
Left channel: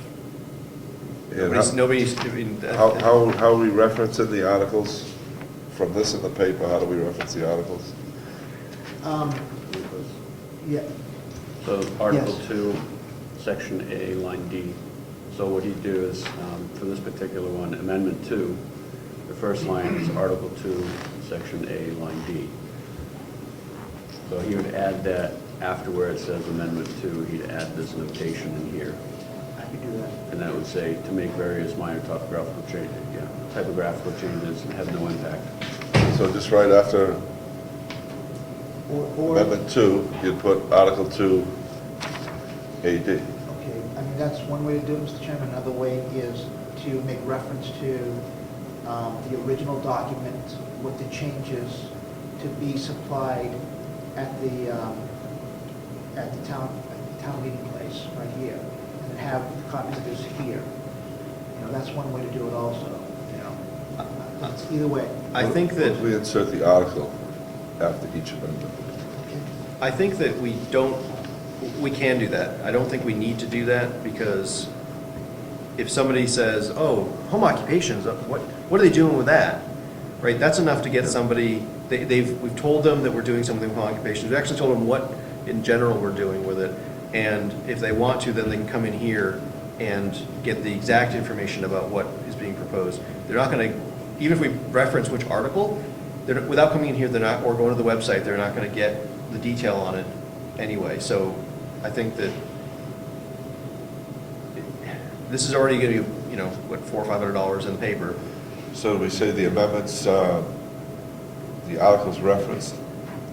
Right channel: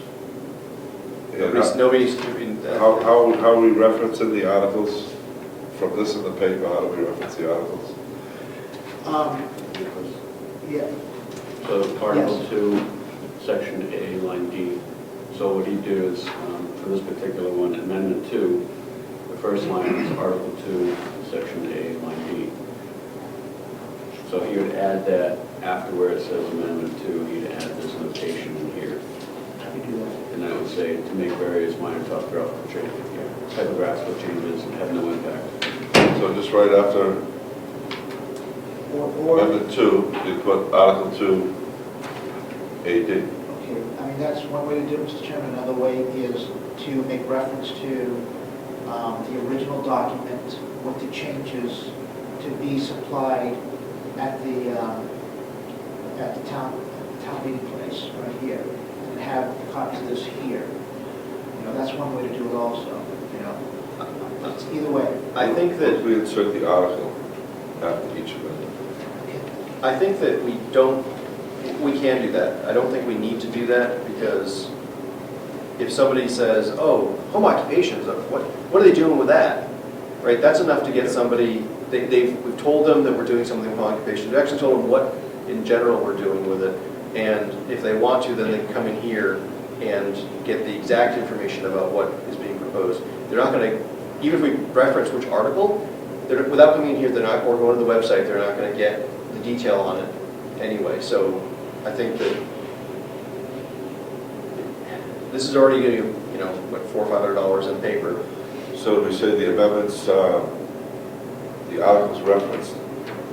Yeah, nobody's doing that. How are we referencing the articles from this in the paper? How do we reference the articles? Yeah, So Article Yes. 2, Section A, line D. So what you do is, for this particular one, Amendment 2, the first line is Article 2, Section A, line D. So he would add that after where it says Amendment 2, he'd add this notation in here. I can do that. And then it would say, to make various minor typographical changes have no impact. So just right after Or, Amendment 2, you'd put Article 2, AD. okay, I mean, that's one way to do it, Mr. Chairman. Another way is to make reference to the original document with the changes to be supplied at the at the town meeting place, right here, and have copies of this here. You know, that's one way to do it also, you know. It's either way. I think that, We insert the article after each amendment. I think that we can do that. I don't think we need to do that, because if somebody says, oh, home occupations, what are they doing with that? Right, that's enough to get somebody, we've told them that we're doing something with home occupations. We've actually told them what, in general, we're doing with it. And if they want to, then they can come in here and get the exact information about what is being proposed. They're not going to, even if we reference which article, without coming in here, they're not, or going to the website, they're not going to get the detail on it anyway. So I think that this is already going to be, you know, what, $400 or $500 in paper. So we say the amendments, the articles referenced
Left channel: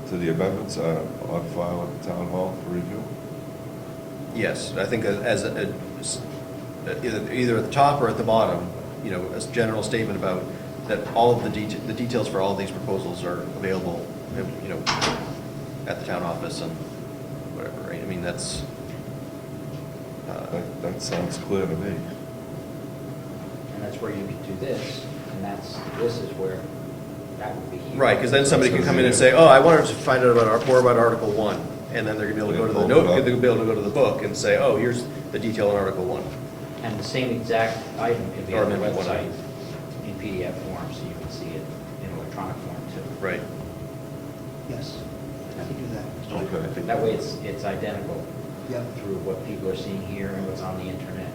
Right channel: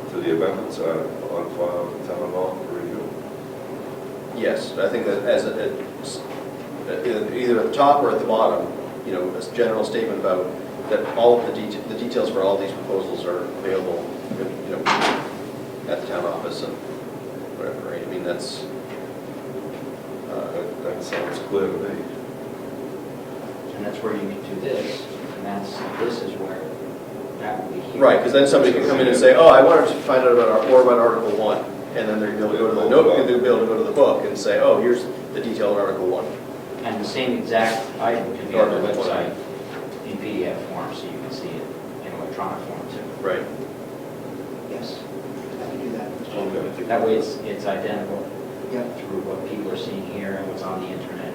to the amendments are on file at the town hall for review? Yes, I think that as either at the top or at the bottom, you know, a general statement about that all of the details for all of these proposals are available, you know, at the town office and whatever, right? I mean, that's, That sounds clear to me. And that's where you can do this, and this is where that would be here. right, because then somebody can come in and say, oh, I wanted to find out more about Article 1, and then they're going to be able to go to the note, they'll be able to go to the book and say, oh, here's the detail of Article 1. And the same exact item can be on the website in PDF form, so you can see it in electronic form too. Right. Yes, I can do that. Mr. Chairman. Okay. That way it's identical Yep. through what people are seeing here and what's on the internet.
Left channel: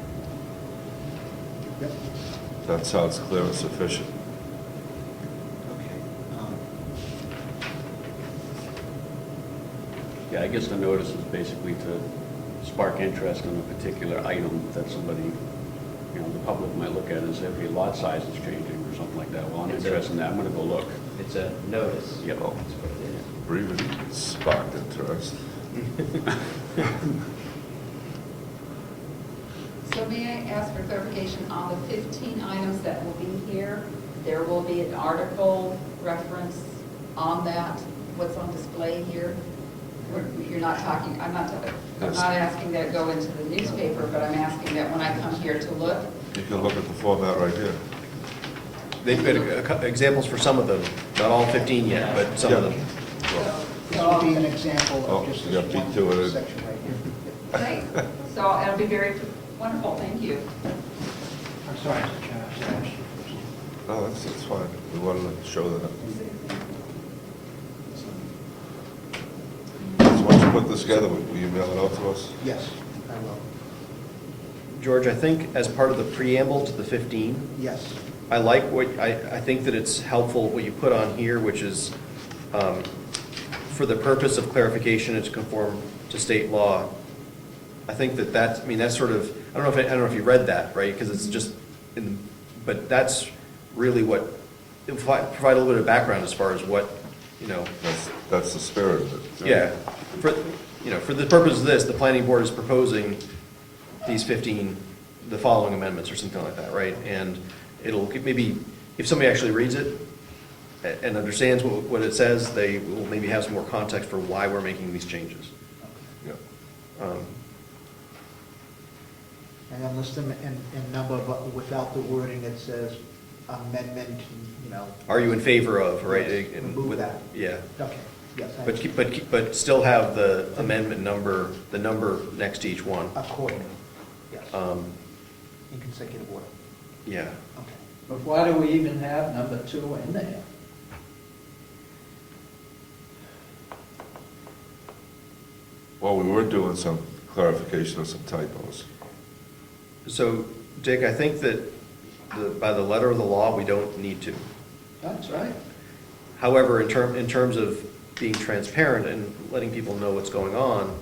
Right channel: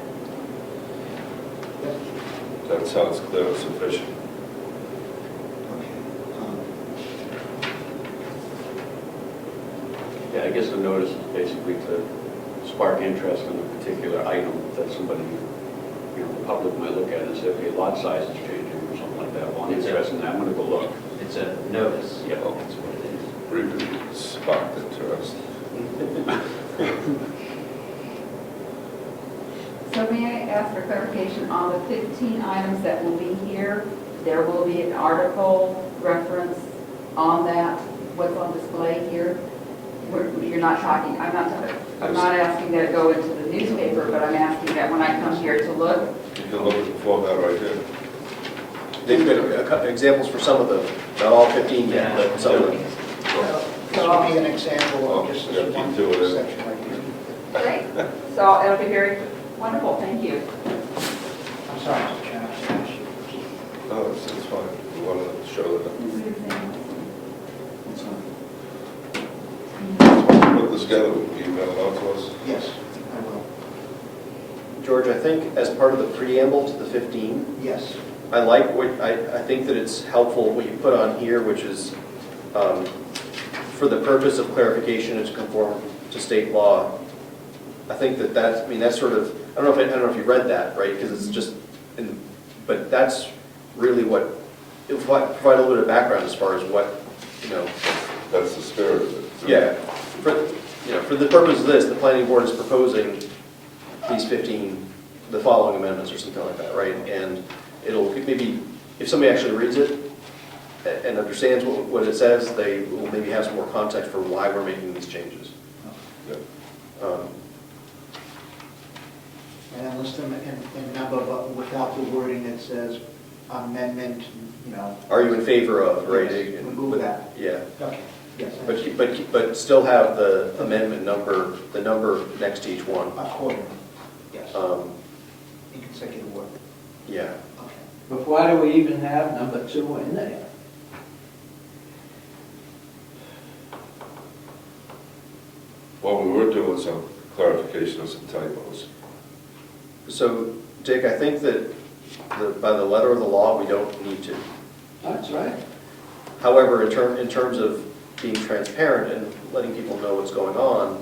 Yep. That sounds clear and sufficient. Okay. Yeah, I guess the notice is basically to spark interest in a particular item that somebody, you know, the public might look at and say, okay, lot size is changing or something like that. Well, I'm interested in that, I'm gonna go look. It's a notice. Yeah. That's what it is. Really sparked interest. So may I ask for clarification on the 15 items that will be here? There will be an article reference on that, what's on display here? You're not talking, I'm not asking that it go into the newspaper, but I'm asking that when I come here to look, You can look at the format right here. They've got examples for some of them, not all 15 yet, but some of them. This will be an example Oh, of just yeah, this one detail it in. section right here. great. So it'll be very wonderful, thank you. I'm sorry, Mr. Chairman, I should ask you first. No, it's fine. We wanted to show that. So once you put this together, will you email it out to us? Yes, I will. George, I think as part of the preamble to the 15, Yes. I like I think that it's helpful what you put on here, which is for the purpose of clarification and to conform to state law. I think that's sort of, I don't know if you read that, right? Because it's just, but that's really what, it'll provide a little bit of background as far as what, you know. That's the spirit of it. Yeah, for the purpose of this, the planning board is proposing these 15, the following amendments or something like that, right? And it'll, maybe, if somebody actually reads it and understands what it says, they will maybe have some more context for why we're making these changes. Yeah. And then list them in number, but without the wording that says amendment, you know. Are you in favor of, right? Yes, remove that. Yeah, Okay, yes. but still have the amendment number, the number next to each one. Accordingly, yes, in consecutive order. Yeah. Okay. But why do we even have number 2 in there? Well, we were doing some clarification of some typos. So, Dick, I think that by the letter of the law, we don't need to. That's right. However, in terms of being transparent and letting people know what's going on,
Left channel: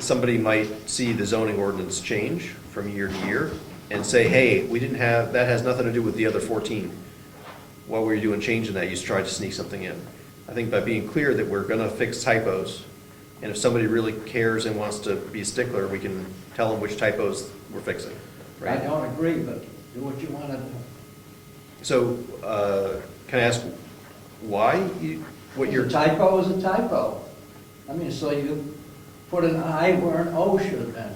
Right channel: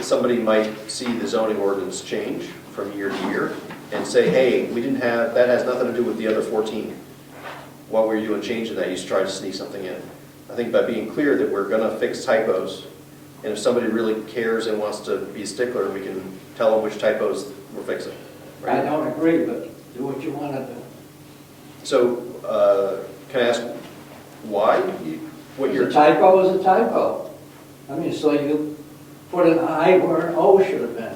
somebody might see the zoning ordinance change from year to year and say, hey, we didn't have, that has nothing to do with the other 14. What were you doing changing that? You just tried to sneak something in. I think by being clear that we're going to fix typos, and if somebody really cares and wants to be a stickler, we can tell them which typos we're fixing. I don't agree, but do what you want to do. So, can I ask why? What A your typo is a typo. I mean, so put an I where an O should have been.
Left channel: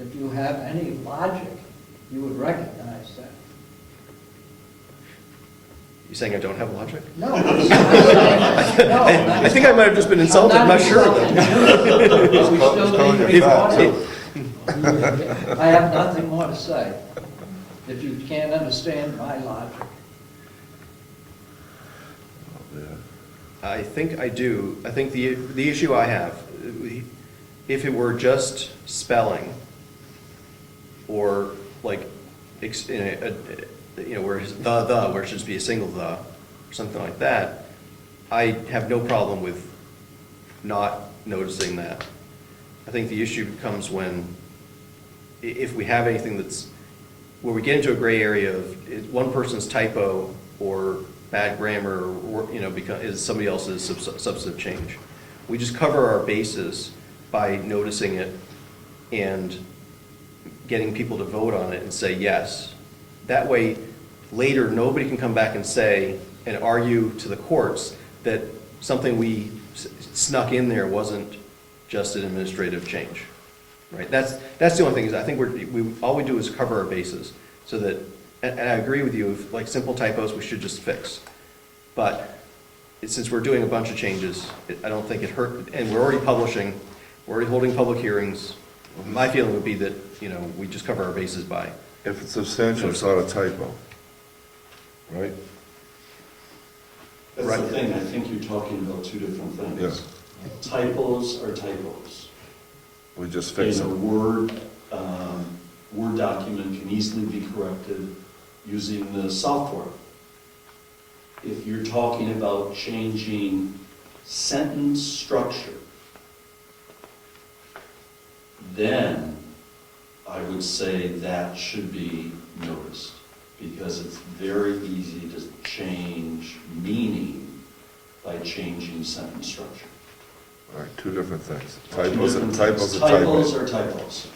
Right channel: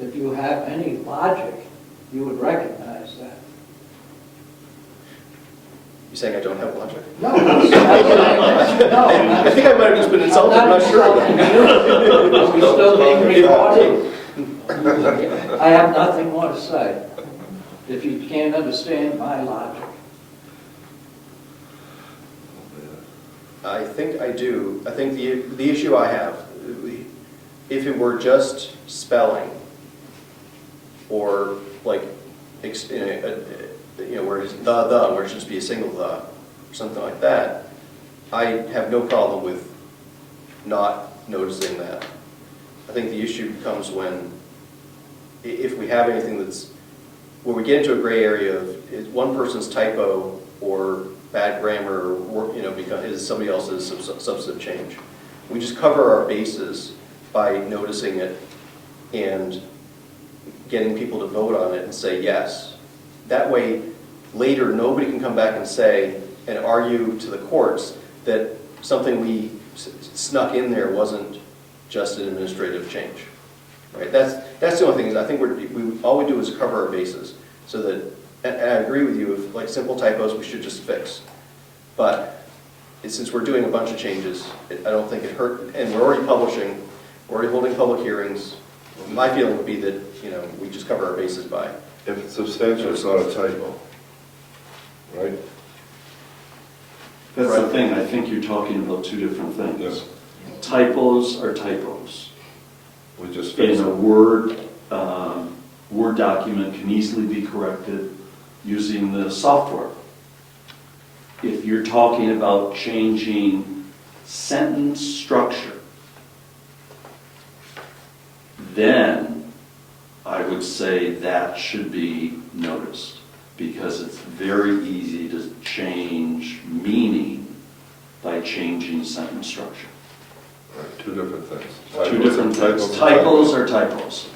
If you have any logic, you would recognize that. You saying I don't have logic? No, I'm saying, no. I think I might have just been insulted, I'm not sure. We still need to be voting. I have nothing more to say. If you can't understand my logic. I think I do. I think the issue I have, if it were just spelling, or like, where it's where it should just be a single the, or something like that, I have no problem with not noticing that. I think the issue comes when, if we have anything that's, where we get into a gray area of it's one person's typo or bad grammar, or, because is somebody else's substantive change. We just cover our bases by noticing it and getting people to vote on it and say yes. That way, later, nobody can come back and say, and argue to the courts that something we snuck in there wasn't just an administrative change, right? That's the only thing, is I think all we do is cover our bases, so that, and I agree with you, if like simple typos, we should just fix. But since we're doing a bunch of changes, I don't think it hurt, and we're already publishing, we're already holding public hearings. My feeling would be that, we just cover our bases by. If it's substantial, it's not a typo, right? That's the thing, I think you're talking about two different things. Yes. Typos are typos. We just fix In a it. Word document can easily be corrected using the software. If you're talking about changing sentence structure, then I would say that should be noticed, because it's very easy to change meaning by changing sentence structure. All right, two different things. Two different things. are Typos are typos.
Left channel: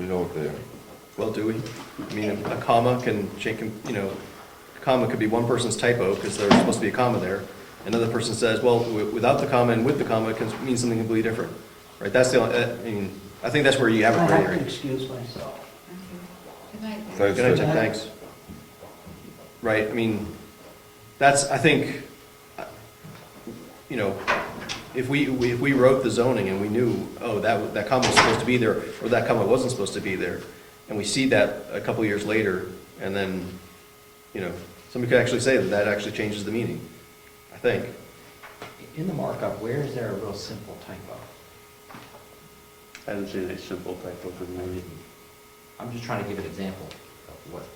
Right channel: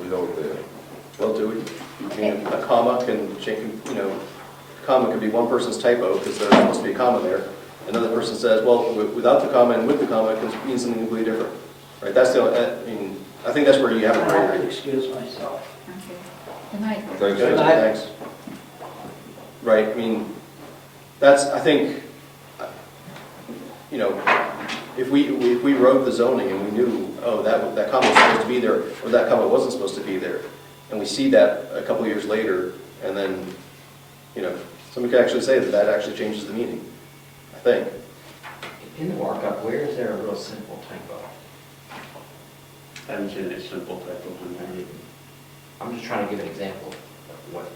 We know what they are. Well, do we? I mean, a comma can change, comma could be one person's typo, because there's supposed to be a comma there. Another person says, well, without the comma and with the comma, it can mean something completely different. Right, I think that's where you have a I gray have to area. excuse myself. Okay. Good night. Thanks, Good Jim. idea, thanks. Right, I think, if we wrote the zoning and we knew, oh, that comma was supposed to be there, or that comma wasn't supposed to be there, and we see that a couple years later, and then, somebody could actually say that actually changes the meaning, I think. In the markup, where is there a real simple typo? I haven't seen any simple typos in there. I'm just trying to give an example of what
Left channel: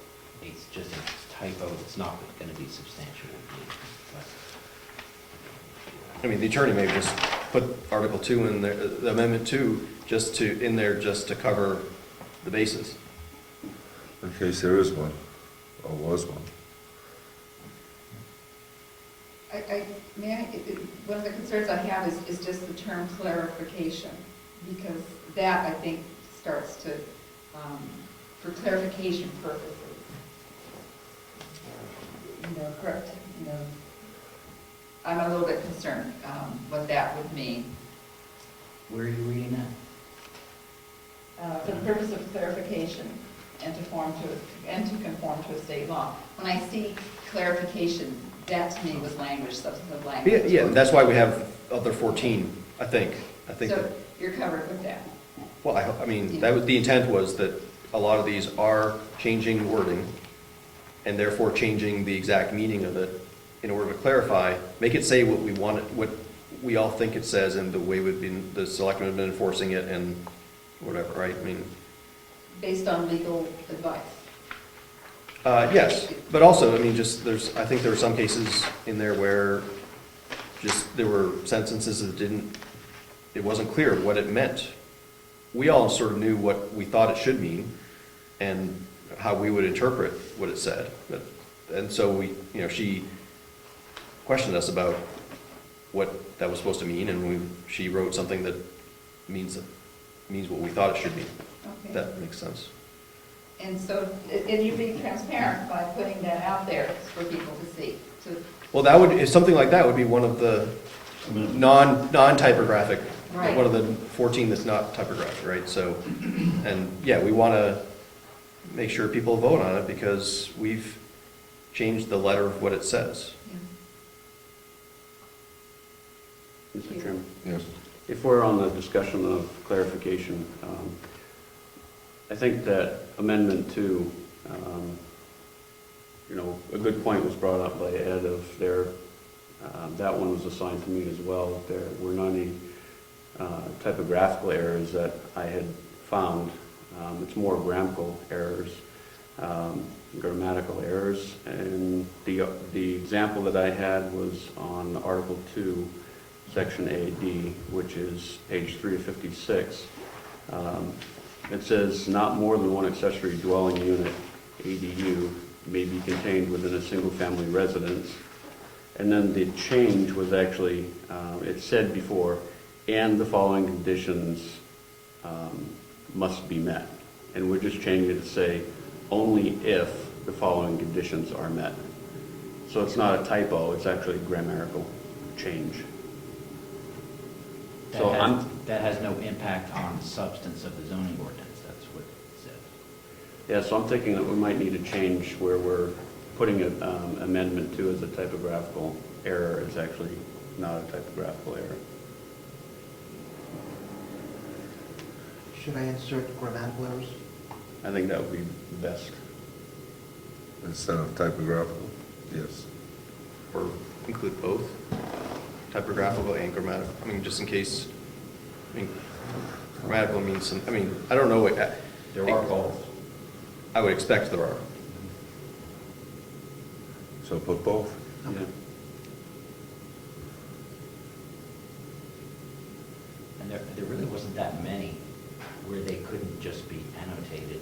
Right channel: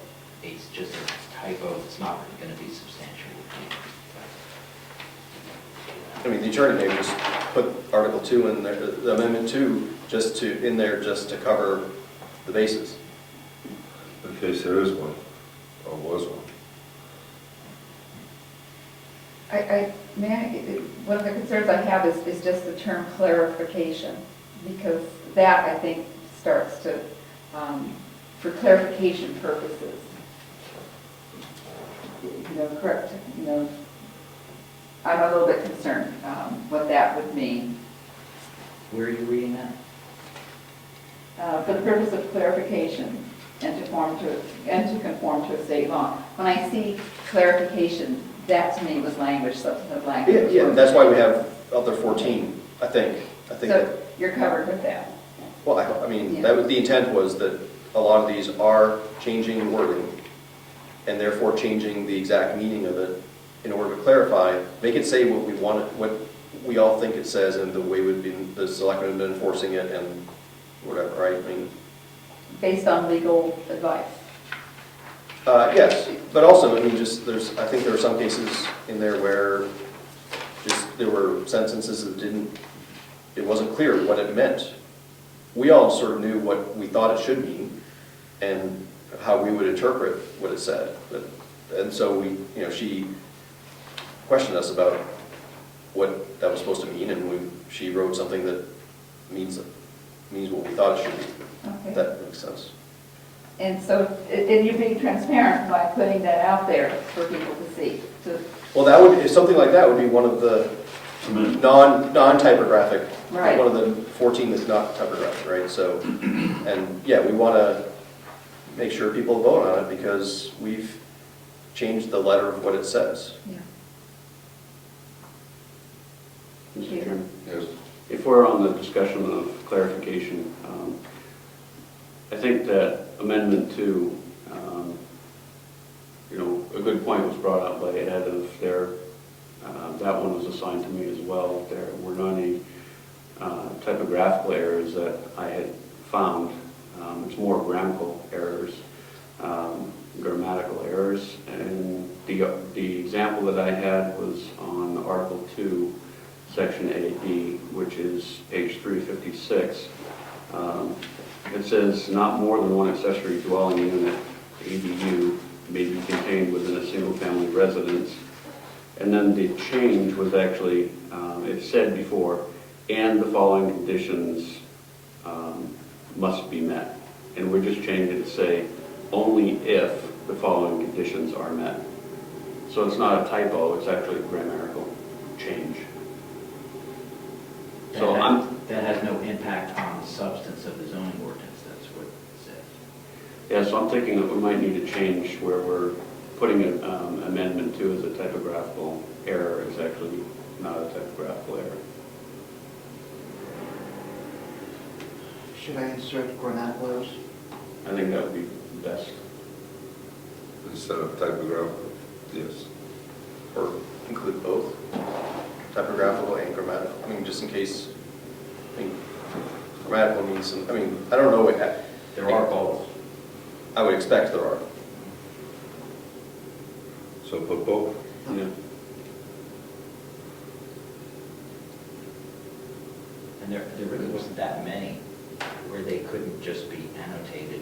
it's just a typo, it's not going to be substantial. The attorney may just put Article 2 in there, Amendment 2, in there just to cover the bases. In case there is one, or was one. One of the concerns I have is just the term clarification, because that, I think, starts to, for clarification purposes, correct, I'm a little bit concerned what that would mean. Where are you reading that? For the purpose of clarification and to conform to a state law. When I see clarification, that to me was language, substantive language. Yeah, that's why we have other 14, I think. So you're covered with that. Well, that was, the intent was that a lot of these are changing the wording, and therefore changing the exact meaning of it in order to clarify, make it say what we want, what we all think it says, and the way the selectmen have been enforcing it, and whatever, right? Based on legal advice. Yes, but also, I think there are some cases in there where there were sentences that it wasn't clear what it meant. We all sort of knew what we thought it should mean, and how we would interpret what it said. And so she questioned us about what that was supposed to mean, and she wrote something that means what we thought it should be. Okay. That makes sense. And so, and you're being transparent by putting that out there for people to see. Well, something like that would be one of the amendment. non-typographic. Right. One of the 14 that's not typographic, right? So, and yeah, we want to make sure people vote on it because we've changed the letter of what it says. Yeah. Mr. Chairman, Yes. if we're on the discussion of clarification, I think that Amendment 2, a good point was brought up by Ed of that one was assigned to me as well. There were not any typographical errors that I had found. It's more grammatical errors, grammatical errors. And the example that I had was on Article 2, Section AD, which is page 356. It says, not more than one accessory dwelling unit, ADU, may be contained within a single-family residence. And then the change was actually, it said before, and the following conditions must be met. And we're just changing it to say, only if the following conditions are met. So it's not a typo, it's actually a grammatical change. So That has no impact on the substance of the zoning ordinance, that's what it says. Yeah, so I'm thinking that we might need to change where we're putting an amendment 2 as a typographical error. It's actually not a typographical error. Should I insert grammatical errors? I think that would be best. Instead of typographical, yes. Or include both, typographical and grammatical. I mean, just in case, grammatical means some, I don't know what, There are both. I would expect there are. So put both. Yeah. And there really wasn't that many where they couldn't just be annotated.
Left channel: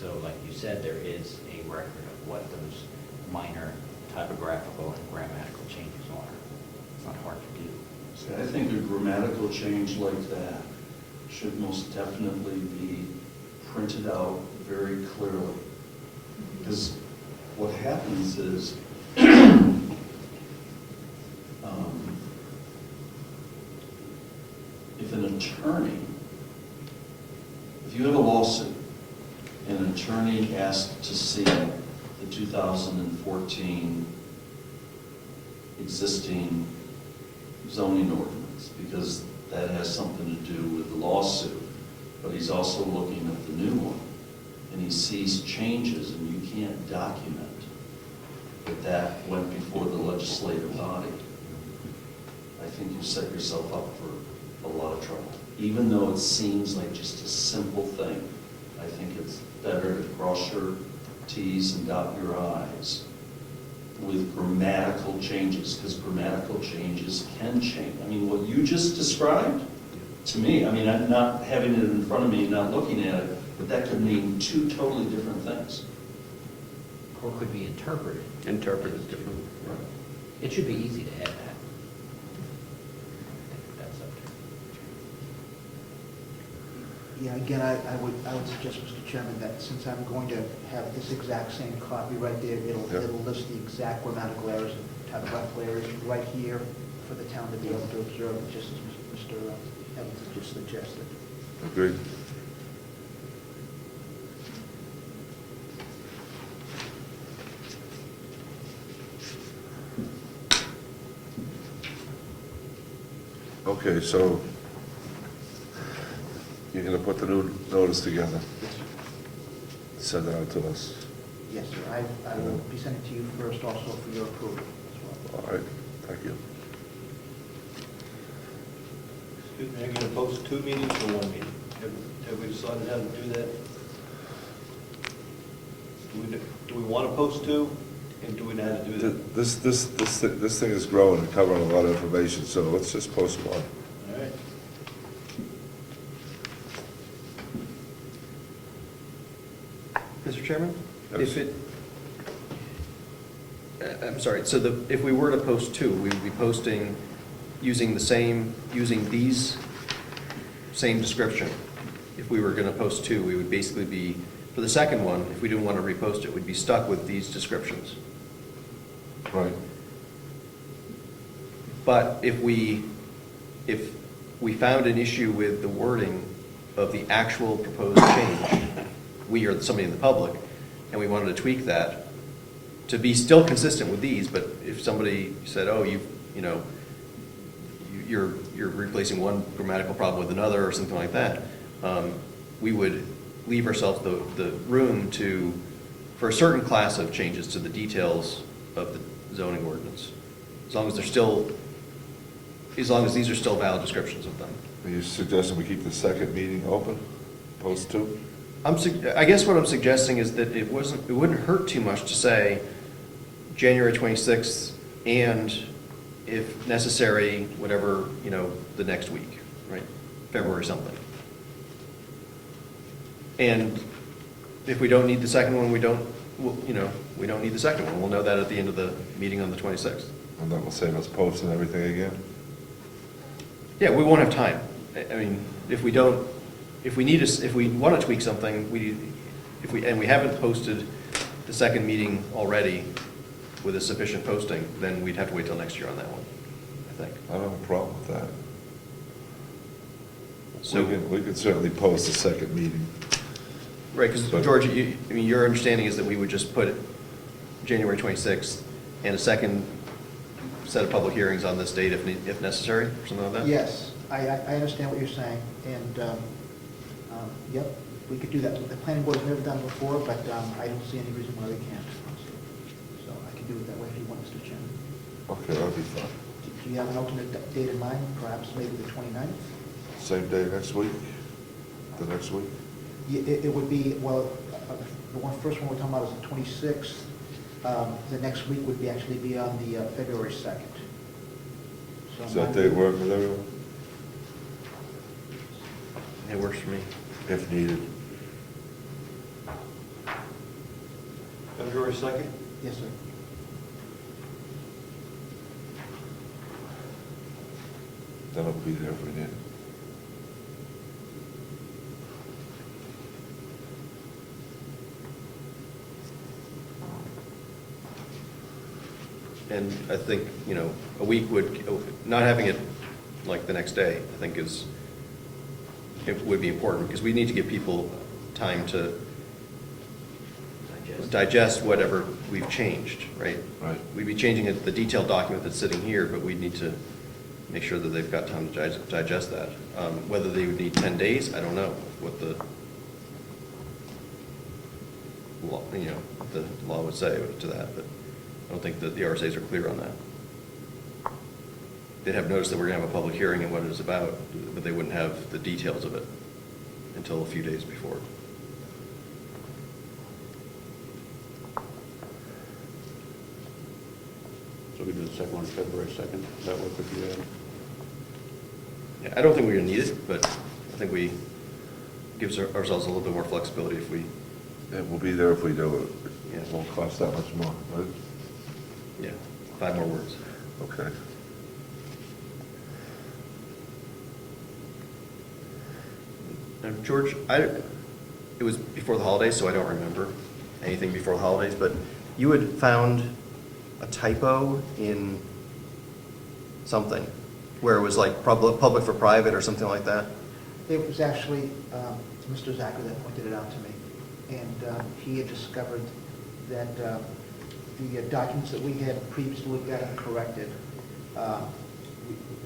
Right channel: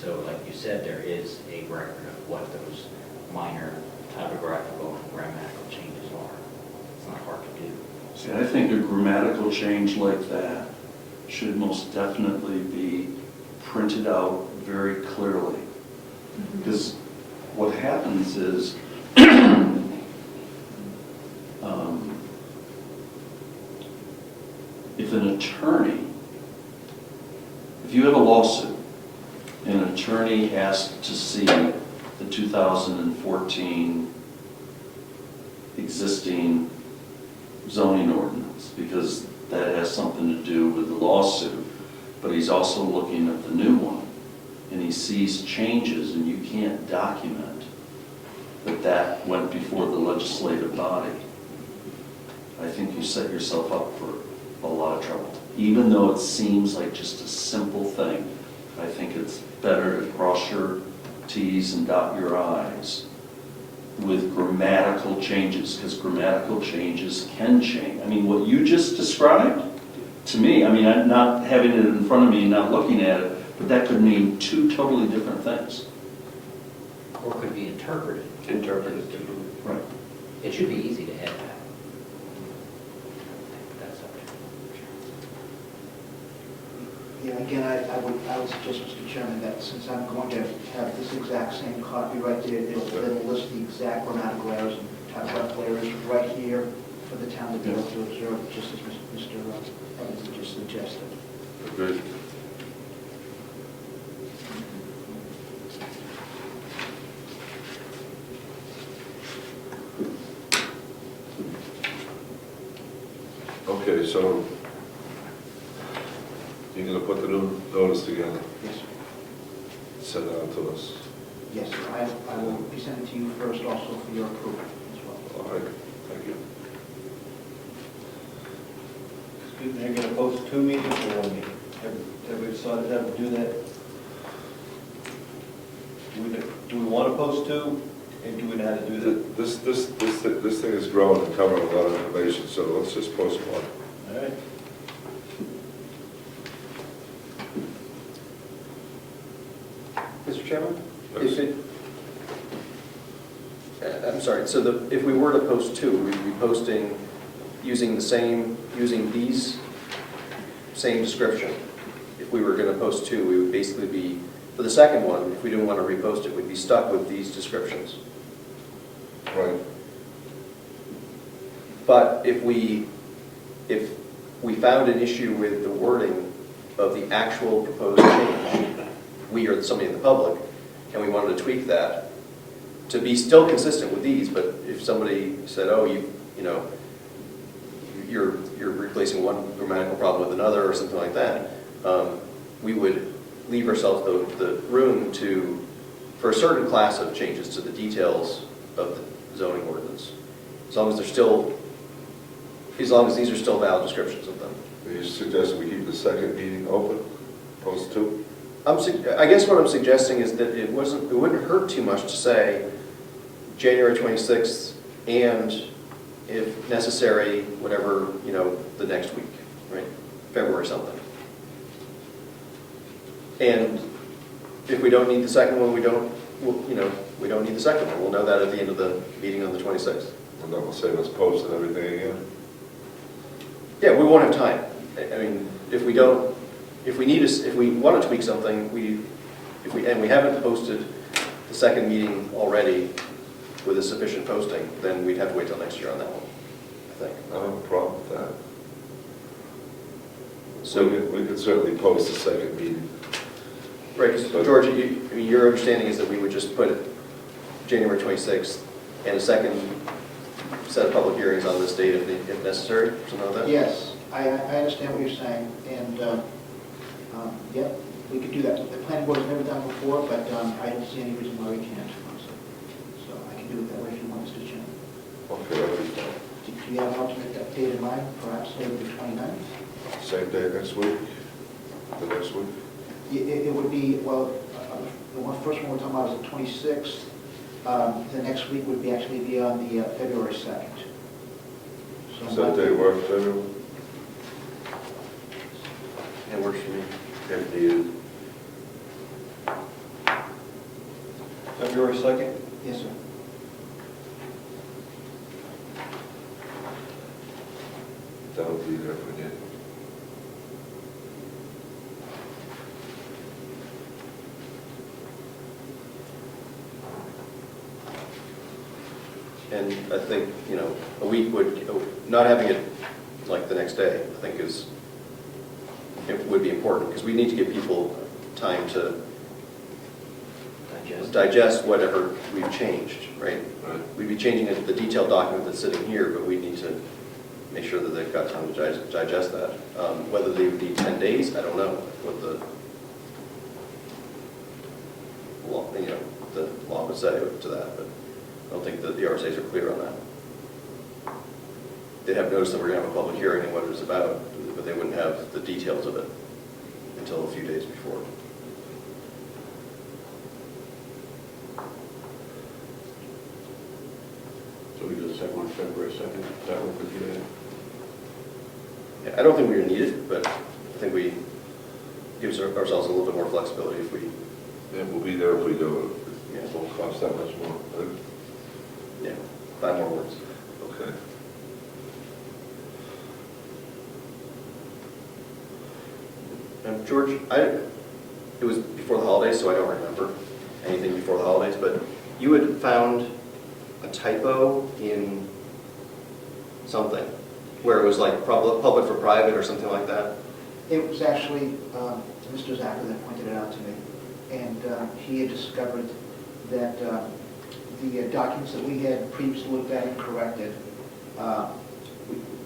So like you said, there is a record of what those minor typographical and grammatical changes are. It's not hard to do. See, I think a grammatical change like that should most definitely be printed out very clearly. Because what happens is, if an attorney, if you have a lawsuit, and an attorney asked to see the 2014 existing zoning ordinance, because that has something to do with the lawsuit, but he's also looking at the new one, and he sees changes, and you can't document that that went before the legislative body, I think you set yourself up for a lot of trouble. Even though it seems like just a simple thing, I think it's better to cross your T's and dot your I's with grammatical changes, because grammatical changes can change. I mean, what you just described, to me, I'm not having it in front of me and not looking at it, but that could mean two totally different things. Or could be interpreted. Interpreted differently. Right. It should be easy to add that. That's up to you. Yeah, again, I would suggest, Mr. Chairman, that since I'm going to have this exact same copy right there, it'll list the exact grammatical errors and typographical errors right here for the town to be able to observe, just as Mr. Evans just suggested. Agreed. Okay, so you're gonna put the new notice together, Yes, send it out to us. yes, I will be sending to you first also for your approval as well. All right, thank you. Excuse me, are you going to post 2 meetings or 1 meeting? Have we decided how to do that? Do we want to post 2, and do we know how to do that? This thing is growing and covering a lot of information, so let's just post one. All right. Mr. Chairman? Yes. I'm sorry, so if we were to post 2, we'd be posting using these same description. If we were going to post 2, we would basically be, for the second one, if we didn't want to repost it, we'd be stuck with these descriptions. Right. But if we found an issue with the wording of the actual proposed change, we or somebody in the public, and we wanted to tweak that to be still consistent with these, but if somebody said, oh, you're replacing one grammatical problem with another or something like that, we would leave ourselves the room for a certain class of changes to the details of the zoning ordinance, as long as these are still valid descriptions of them. Are you suggesting we keep the second meeting open, post two? I guess what I'm suggesting is that it wouldn't hurt too much to say January 26th and, if necessary, whatever, the next week, right? February something. And if we don't need the second one, we don't need the second one. We'll know that at the end of the meeting on the 26th. And that will save us posting everything again? Yeah, we won't have time. I mean, if we want to tweak something, and we haven't posted the second meeting already with a sufficient posting, then we'd have to wait till next year on that one, I think. I don't have a problem with that. So we could certainly post the second meeting. right, because George, your understanding is that we would just put January 26th and a second set of public hearings on this date if necessary, or something like that? Yes, I understand what you're saying, and, yep, we could do that. The planning board has never done it before, but I don't see any reason why we can't. So I can do it that way if you want, Mr. Chairman. Okay, that'll be fine. Do you have an alternate date in mind, perhaps maybe the 29th? Same day next week? The next week? It would be, well, the first one we're talking about is the 26th. The next week would actually be on the February 2nd. So Does that day work for everyone? It works for me. If needed. February 2nd? Yes, sir. That'll be there if we need. And I think, a week not having it like the next day, I think it would be important, because we need to give people time to digest whatever we've changed, right? Right. We'd be changing the detailed document that's sitting here, but we need to make sure that they've got time to digest that. Whether they would need 10 days, I don't know what the law, the law would say to that, but I don't think that the RSAs are clear on that. They'd have noticed that we're going to have a public hearing and what it was about, but they wouldn't have the details of it until a few days before. So we do the second one, February 2nd, does that work with you guys? Yeah, I don't think we're going to need it, but I think we gives ourselves a little bit more flexibility if we, It will be there if we do it. yeah, It won't cost that much more, right? yeah, 5 more words. Okay. George, it was before the holidays, so I don't remember anything before the holidays, but you had found a typo in something, where it was like public for private or something like that? It was actually Mr. Zacher that pointed it out to me, and he had discovered that the documents that we had previously looked at and corrected,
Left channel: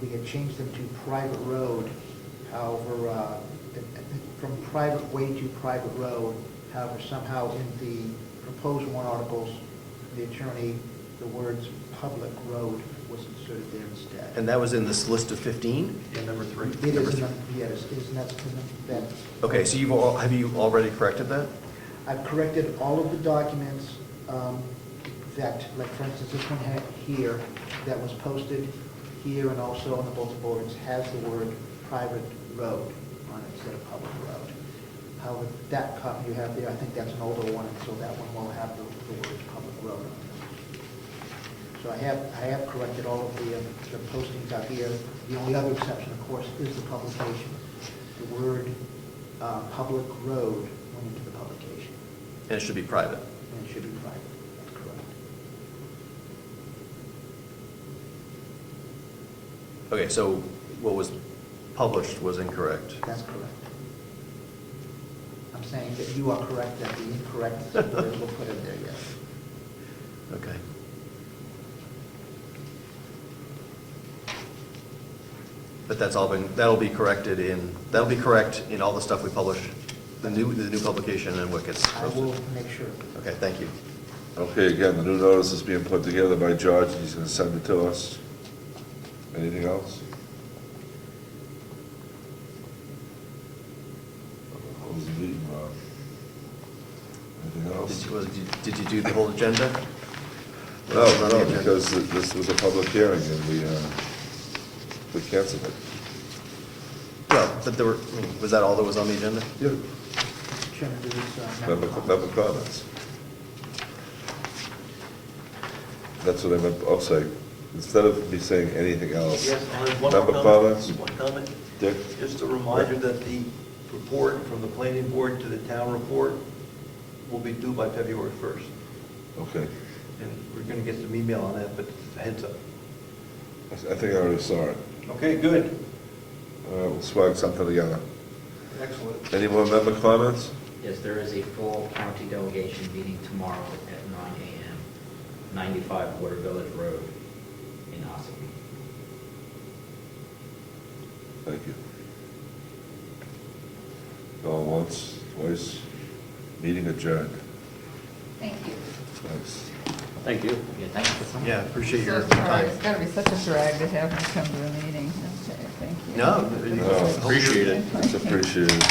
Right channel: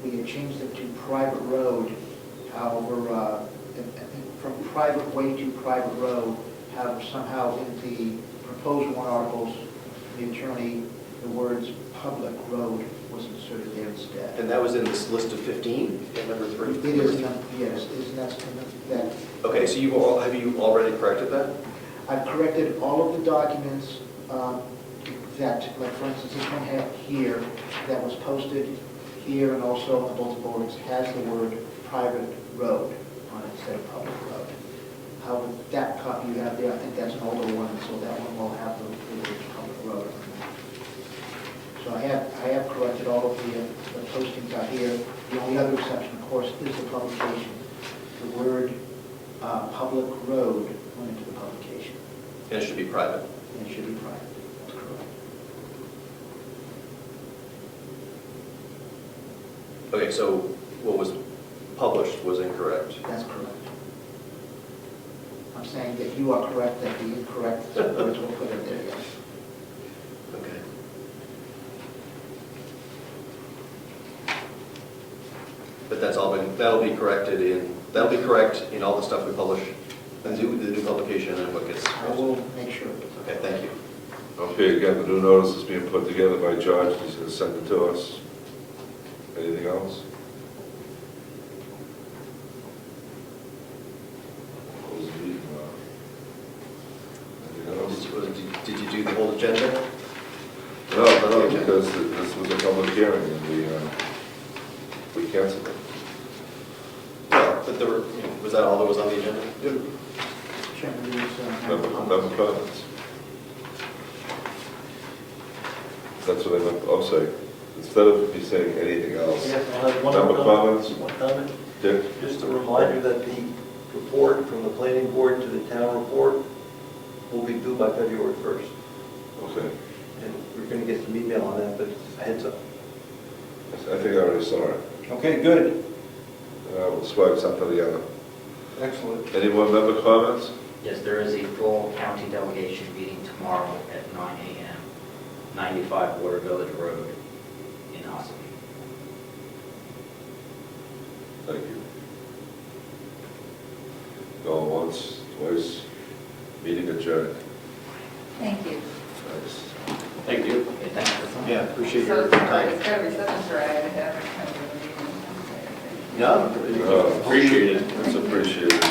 we had changed them to private road, however, from private way to private road, however, somehow in the proposed warrant articles, the attorney, the words public road was inserted there instead. And that was in this list of 15, in number 3? It is, yes, that's in that. Okay, so have you already corrected that? I've corrected all of the documents that, like for instance, this one had here, that was posted here and also on the bulletin boards, has the word private road on it instead of public road. However, that copy you have there, I think that's an older one, so that one will have the word public road. So I have corrected all of the postings out here. The only other exception, of course, is the publication. The word public road went into the publication. And it should be private. And it should be private. That's correct. Okay, so what was published was incorrect. That's correct. I'm saying that you are correct, that the incorrect words were put in there, yes. Okay. But that'll be correct in all the stuff we publish, the new publication and what gets I posted. will make sure. Okay, thank you. Okay, again, the new notice is being put together by George, he's gonna send it to us. Anything else? Close the meeting, Bob. Anything else? Did you do the whole agenda? No, because this was a public hearing and we canceled it. No, but was that all that was on the agenda? Chairman, these, Member comments. That's what I'll say. Instead of me saying anything else. Yes, I have one Member comment. comments? One comment. Dick? Just a reminder that the report from the planning board to the town report will be due by February 1st. Okay. And we're going to get some email on that, but heads up. I think I already saw it. Okay, good. We'll swag something together. Excellent. Any more member comments? Yes, there is a full county delegation meeting tomorrow at 9 a.m., 95 Water Village Road in Ossipee. Thank you. Going once, twice, meeting adjourned. Thank you. Thanks. Thank you. Yeah, thanks. Yeah, appreciate So your sorry, time. it's gotta be such a drag to have to come to a meeting. No, No, appreciate it. It's appreciated.